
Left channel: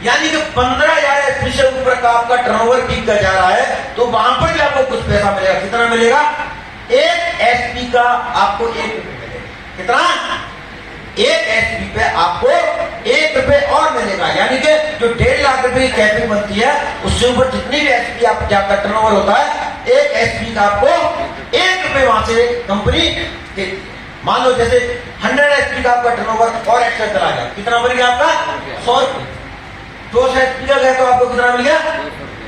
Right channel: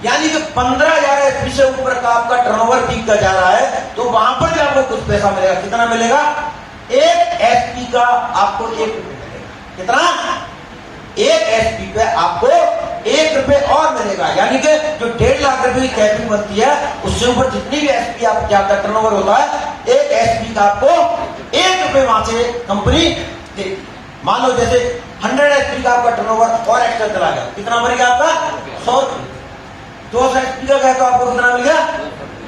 यानी कि 15,000 एसपी से ऊपर का आपका टर्नओवर पीक का जा रहा है, तो वहां पर भी आपको कुछ पैसा मिलेगा। कितना मिलेगा? 1 एसपी का आपको 1 रुपए मिलेगा। कितना? 1 एसपी पे आपको 1 रुपए और मिलेगा। यानी कि जो 1.5 लाख रुपए की कैपिटल बनती है, उससे ऊपर जितनी भी एसपी आप जाकर टर्नओवर होता है, 1 एसपी का आपको 1 रुपए वहां से कंपनी देती है। मान लो जैसे 100 एसपी का आपका टर्नओवर और एक्स्ट्रा चला गया, कितना बन गया आपका? 100 रुपए। 200 एसपी का गया तो आपको कितना मिल गया?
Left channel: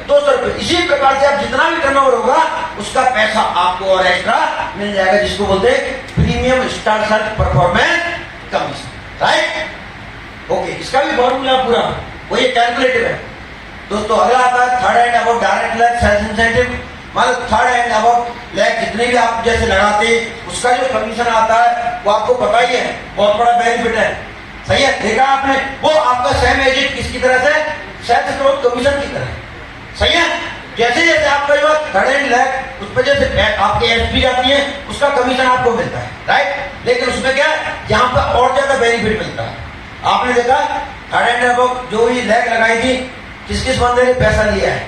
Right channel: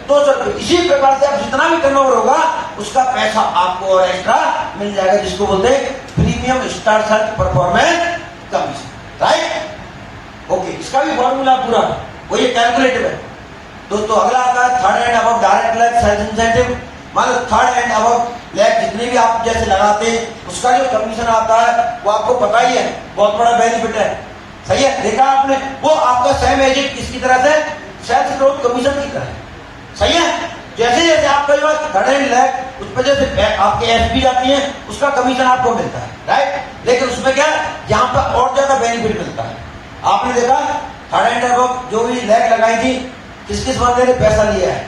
200 रुपए। इसी प्रकार से आप जितना भी टर्नओवर होगा उसका पैसा आपको और एक्स्ट्रा मिल जाएगा, जिसको बोलते हैं premium star sales performance commission. Right? Okay, इसका भी फॉर्मूला पूरा वो ये कैलकुलेटिव है दोस्तों। अगला आता है third and above direct lakh sales incentive. मान लो थर्ड एंड अबव लैक जितने भी आप जैसे लगाते हैं, उसका जो कमीशन आता है वो आपको पता ही है, बहुत बड़ा बेनिफिट है। सही है? देखा आपने? वो आपका सेम एजेंट किसकी तरह से? सेल्स ग्रोथ कमीशन की तरह। सही है? जैसे जैसे आपका जो थर्ड एंड लैक उस पर जैसे आपकी एसपी आती है, उसका कमीशन आपको मिलता है। राइट? लेकिन उसमें क्या है, यहाँ पर और ज्यादा बेनिफिट मिलता है। आपने देखा थर्ड एंड अबव जो भी लैक लगाई थी, किस किस बंदे ने पैसा लिया है?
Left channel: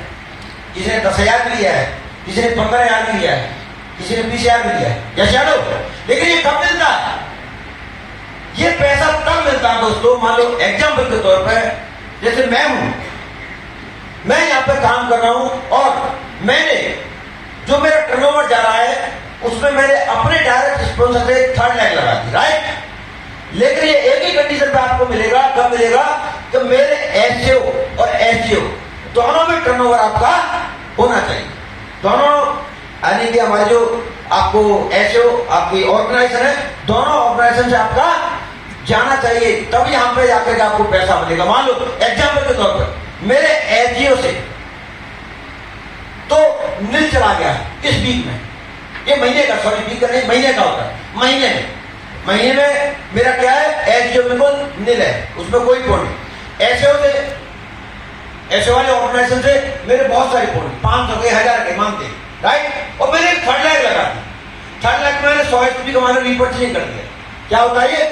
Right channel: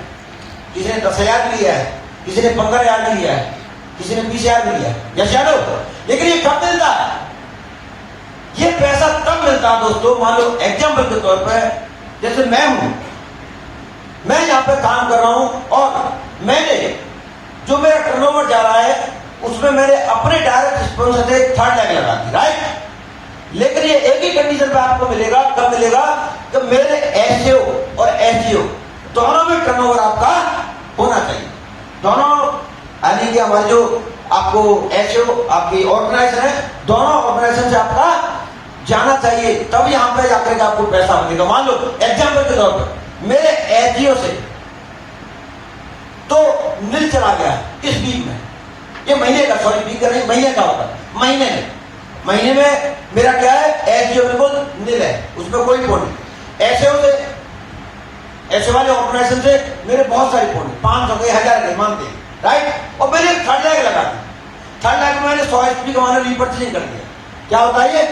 किसी ने 10,000 लिया है, किसी ने 15,000 लिया है, किसी ने 20,000 लिया है। यस या नो? लेकिन ये कब मिलता है? ये पैसा तब मिलता है दोस्तों, मान लो एग्जाम्पल के तौर पर जैसे मैं हूं, मैं यहां पर काम कर रहा हूं और मैंने जो मेरा टर्नओवर जा रहा है उसमें मैंने अपने डायरेक्ट स्पॉन्सर से 3rd लैक लगा दी। राइट? लेकिन ये एक ही कंडीशन पे आपको मिलेगा, कब मिलेगा? कि मेरे एसओ और एसजीओ दोनों में टर्नओवर आपका होना चाहिए। दोनों यानी कि हमारे जो आपको एसओ आपकी ऑर्गेनाइजेशन है, दोनों ऑर्गेनाइजेशन से आपका जाना चाहिए, तब यहां पर जाकर के आपको पैसा मिलेगा। मान लो एग्जाम्पल के तौर पर मेरे एसजीओ से तो नील चला गया इस वीक में, ये महीने का, सॉरी वीक का नहीं, महीने का होता है। महीने में मेरा क्या है? एसजीओ बिल्कुल नील है, उसमें कोई पॉइंट नहीं। एसओ वाले ऑर्गेनाइजेशन से मेरे बहुत सारे पॉइंट, 500 के 1000 के मानते। राइट? और मैंने 3rd लैक लगा दी। 3rd लैक में मैंने 100 एसपी का मैंने रीपर्चेजिंग कर दिया। क्या होता है ये?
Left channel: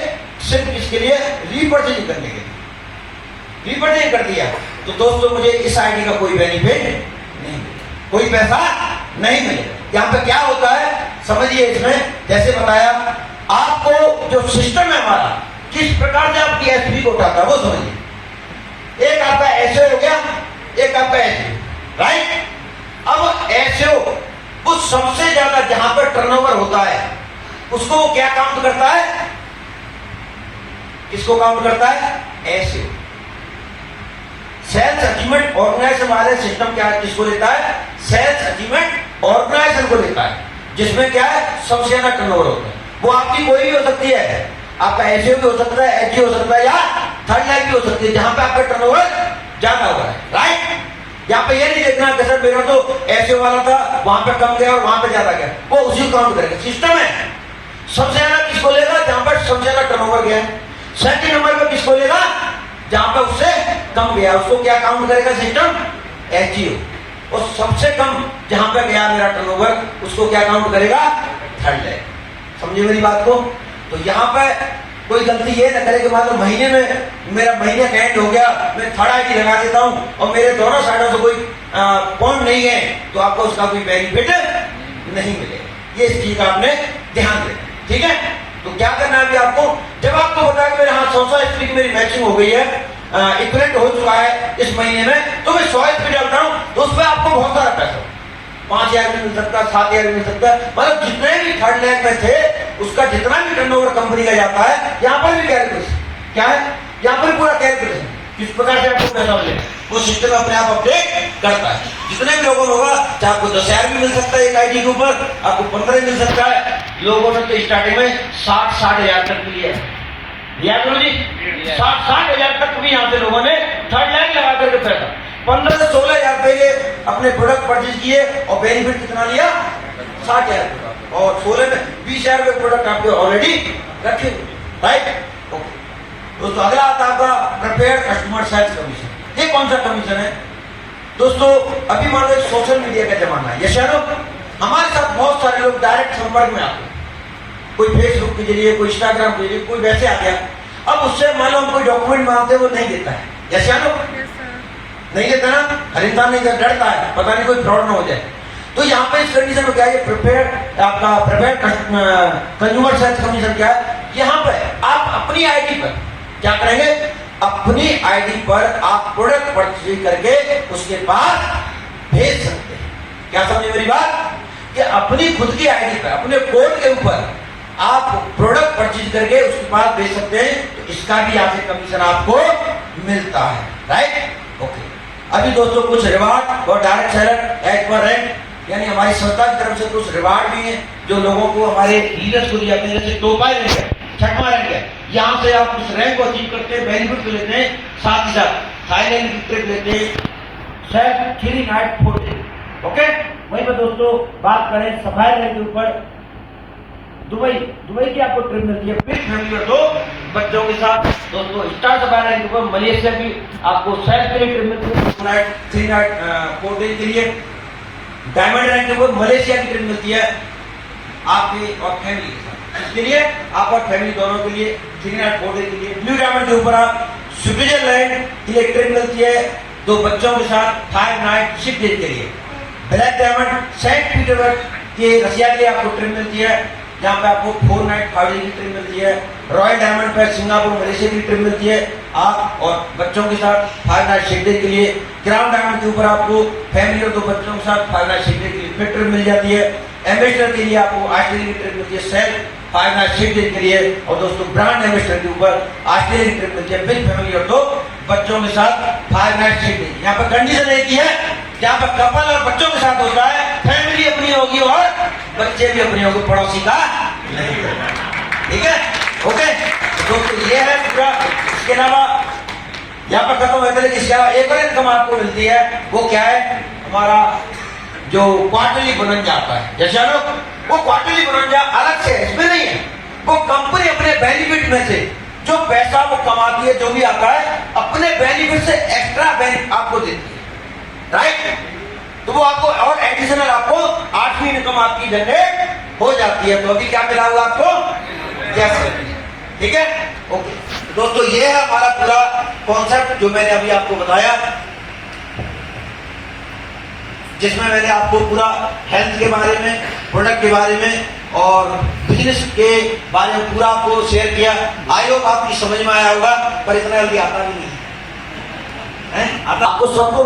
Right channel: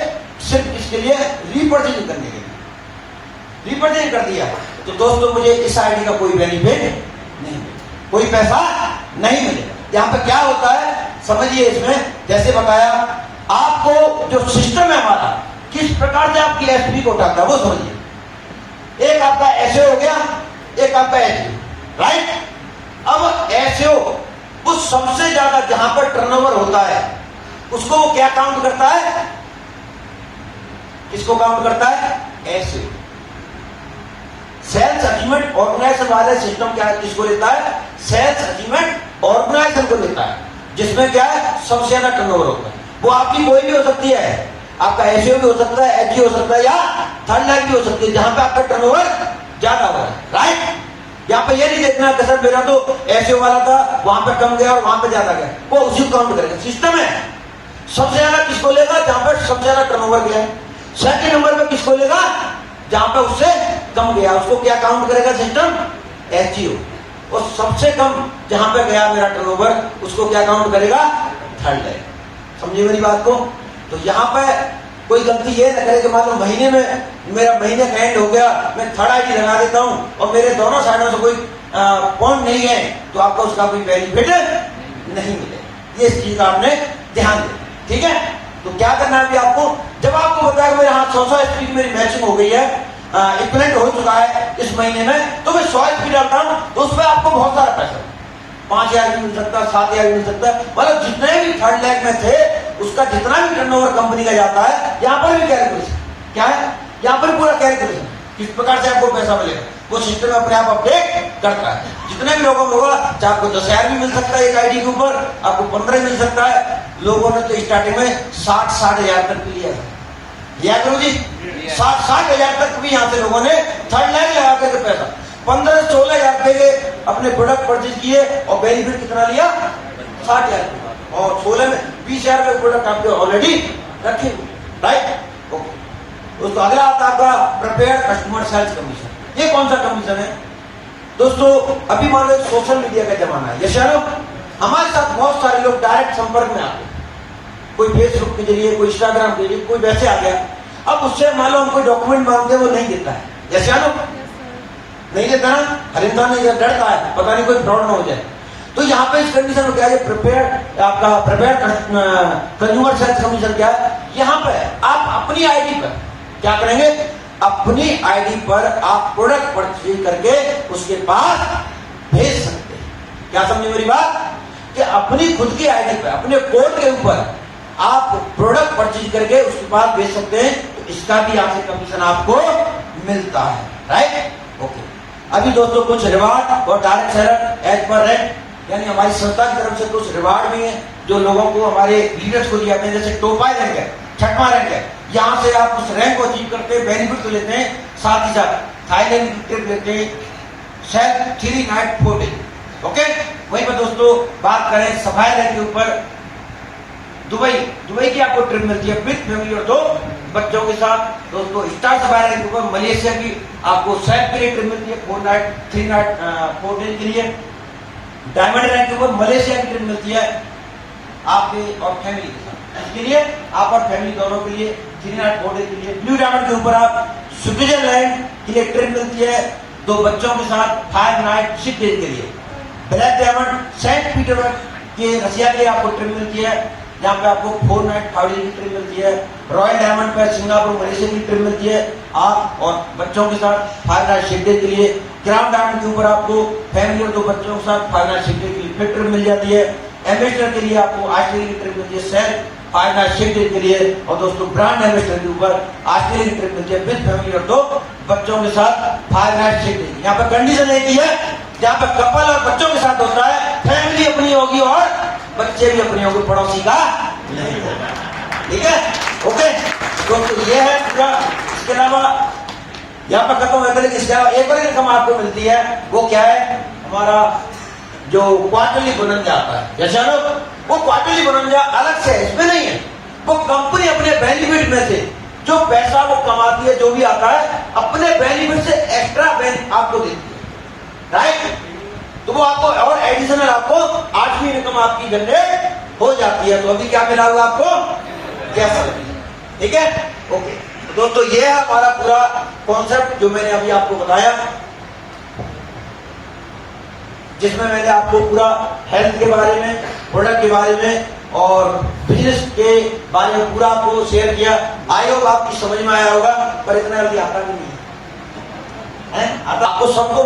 सिर्फ इसके लिए रीपर्चेजिंग करने के लिए रीपर्चेजिंग कर दिया। तो दोस्तों मुझे इस आईडी का कोई बेनिफिट नहीं, कोई पैसा नहीं मिलेगा। यहां पे क्या होता है समझिए, इसमें जैसे बताया आपको जो सिस्टम है हमारा, किस प्रकार से आपकी एसपी को उठाता है वो समझिए। एक आपका एसओ हो गया, एक आपका एसओ। राइट? अब एसओ वो सबसे ज्यादा जहां पर टर्नओवर होता है उसको वो क्या काउंट करता है? किसको काउंट करता है? एसओ। सेल्स अचीवमेंट ऑर्गेनाइजेशन वाले सिस्टम क्या है, किसको लेता है? सेल्स अचीवमेंट ऑर्गेनाइजेशन को लेता है, जिसमें क्या है सबसे ज्यादा टर्नओवर होता है। वो आपकी कोई भी हो सकती है, आपका एसओ भी हो सकता है, एचजी हो सकता है, या 3rd लैक भी हो सकती है, जहां पे आपका टर्नओवर ज्यादा होगा। राइट? यहाँ पे ये नहीं देखना कि सर मेरा तो एसओ वाला था, वहां पे कम गया और वहां पे ज्यादा गया, वो उसी काउंट करेगा। सिस्टम है सबसे ज्यादा किसको लेगा? जहां पर सबसे ज्यादा टर्नओवर गया। सेकंड नंबर पे किसको लेगा? जहां पे उससे कम गया, उसको क्या काउंट करेगा सिस्टम? एचजीओ। और सबसे कम जहां पे गया मेरा टर्नओवर, उसको क्या काउंट करेगा? 3rd lack. समझे मेरी बात को? तो यहां पे कोई गलती ये न करे कि मान लो महीने में मेरा महीने का एंड हो गया, मैं थर्ड आईडी लगा देता हूँ और मेरे दोनों साइडों से कोई पॉइंट नहीं है, तो आपको उसका कोई बेनिफिट नहीं मिलेगा। ये इस चीज का आपने ध्यान देना, ठीक है। तो क्या करना है अभी आपको, जब आपको बताया कि मेरे हाथ 100 स्त्री की मेरी मैचिंग हो गई है, इक्विवेलेंट हो चुका है इस महीने में, तो मैं 100 स्त्री डालता हूँ, तो उस पर आपको बहुत सारा पैसा 5,000 भी मिल सकता है, 7,000 भी मिल सकता है, मतलब जितने भी थर्ड लैग में थे उसका जितना भी टर्नओवर कंपनी का जाता है, यहाँ पर भी कैलकुलेशन क्या है, यहाँ पर पूरा कैलकुलेशन किस प्रकार से आपको पैसा मिलेगा वो सिस्टम अपने आप अपडेट करता है। जितने भी लोगों को होगा, चाहे आपको 10,000 भी मिल सकता है एक आईडी के ऊपर, आपको 15 मिल सकता है। लोगों ने तो स्टार्टिंग में 60,000 तक लिया है, लिया करो जी, 60,000 तक भी यहाँ से लोगों ने थर्ड लैग लगा करके पैसा 15-16,000 रुपए के अपने प्रोडक्ट परचेज किए और बेनिफिट कितना लिया 60,000 और 16 में 20,000 रुपए प्रोडक्ट आपके ऑलरेडी रखे हुए, राइट। ओके दोस्तों, अगला आता है आपका प्रिपेयर कस्टमर सेल्स कमीशन। ये कौन सा कमीशन है दोस्तों? अभी मान लो सोशल मीडिया का जमाना है, यस हमारे साथ बहुत सारे लोग डायरेक्ट संपर्क में आते हैं, कोई फेसबुक के जरिए, कोई इंस्टाग्राम के जरिए, कोई वैसे आ गया। अब उससे मान लो हम कोई डॉक्यूमेंट मांगते हैं, वो नहीं देता है, यस नहीं देता ना, हर इंसान नहीं डरता है, पता नहीं कोई फ्रॉड ना हो जाए। तो यहाँ पे इस कंडीशन में क्या है, प्रिपेयर आपका प्रिपेयर कंज्यूमर सेल्स कमीशन क्या है, यहाँ पे आप अपनी आईडी पर क्या करेंगे, अपनी आईडी पर आप प्रोडक्ट परचेज करके उसके पास भेज सकते हैं। क्या समझे मेरी बात, कि अपनी खुद की आईडी पर अपने कोड के ऊपर आप प्रोडक्ट परचेज करके उसके पास भेज सकते हैं, तो इसका भी आपसे कमीशन आपको मिलता है, राइट। ओके, अभी दोस्तों कुछ रिवार्ड और direct seller as per rank, यानी हमारी संस्था की तरफ से कुछ रिवार्ड भी है जो लोगों को हमारे लीडर्स को दिए जाते हैं, जैसे टोपाई रैंक है, छठवां रैंक है, यहाँ से आप उस रैंक को अचीव करते हैं, बेनिफिट तो लेते हैं, साथ ही साथ थाईलैंड की ट्रिप लेते हैं, शायद 3 नाइट 4 डे। ओके, वहीं पर दोस्तों बात करें सफाई रैंक के ऊपर, दुबई की आपको ट्रिप मिलती है विद फैमिली और 2 बच्चों के साथ। दोस्तों स्टार सफारी रैंक के ऊपर मलेशिया की आपको सेल्फ के लिए ट्रिप मिलती है 4 नाइट 3 नाइट 4 डे के लिए। डायमंड रैंक के ऊपर मलेशिया की ट्रिप मिलती है आपके और फैमिली के लिए, आप और फैमिली दोनों के लिए 3 नाइट 4 डे के लिए। ब्लू डायमंड के ऊपर आप स्विट्जरलैंड के लिए ट्रिप मिलती है 2 बच्चों के साथ 5 नाइट 6 डे के लिए। ब्लैक डायमंड सेंट पीटर्सबर्ग के रशिया के लिए आपको ट्रिप मिलती है, यहाँ पे आपको 4 नाइट 5 डे की ट्रिप मिलती है। रॉयल डायमंड पे सिंगापुर मलेशिया की ट्रिप मिलती है आप और बच्चों के साथ 5 नाइट 6 डे के लिए। क्राउन डायमंड के ऊपर आपको फैमिली और 2 बच्चों के साथ 5 नाइट 6 डे के लिए फिर ट्रिप मिल जाती है। एम्बेसडर के लिए आपको ऑस्ट्रेलिया की ट्रिप मिलती है सेल्फ 5 नाइट 6 डे के लिए। और दोस्तों ब्रांड एम्बेसडर के ऊपर ऑस्ट्रेलिया की ट्रिप मिलती है विद फैमिली और 2 बच्चों के साथ 5 नाइट 6 डे। यहाँ पर कंडीशन एक ही है, जहाँ पर कपल और बच्चों के साथ होता है, फैमिली अपनी होगी और बच्चे भी अपने होंगे, पड़ोसी का नहीं होगा, ठीक है। ओके दोस्तों, ये है पूरा। इसके अलावा यहाँ पर खत्म होकर इसका एक और इनकम आपको मिलती है, वो क्या है, हमारा जो क्वार्टरली बोनस आता है, जैसे लोग वो क्वार्टरली बोनस अलग से है, इसमें नहीं है, वो कंपनी अपने बेनिफिट में से जो पैसा वो कमाती है, जो भी आता है अपने बेनिफिट से एक्स्ट्रा बेनिफिट आपको देती है, राइट। तो वो आपको और एडिशनल आपको 8वीं इनकम आपकी जनरेट हो जाती है। तो अभी क्या मिला हुआ आपको, कैसे, ठीक है। ओके तो दोस्तों, ये है हमारा पूरा कॉन्सेप्ट जो मैंने अभी आपको बताया, जिसमें मैंने आपको पूरा हेल्थ के बारे में, प्रोडक्ट के बारे में और बिजनेस के बारे में पूरा आपको शेयर किया। आई होप आपकी समझ में आया होगा, पर इतना जल्दी आता भी नहीं है, आपको सबको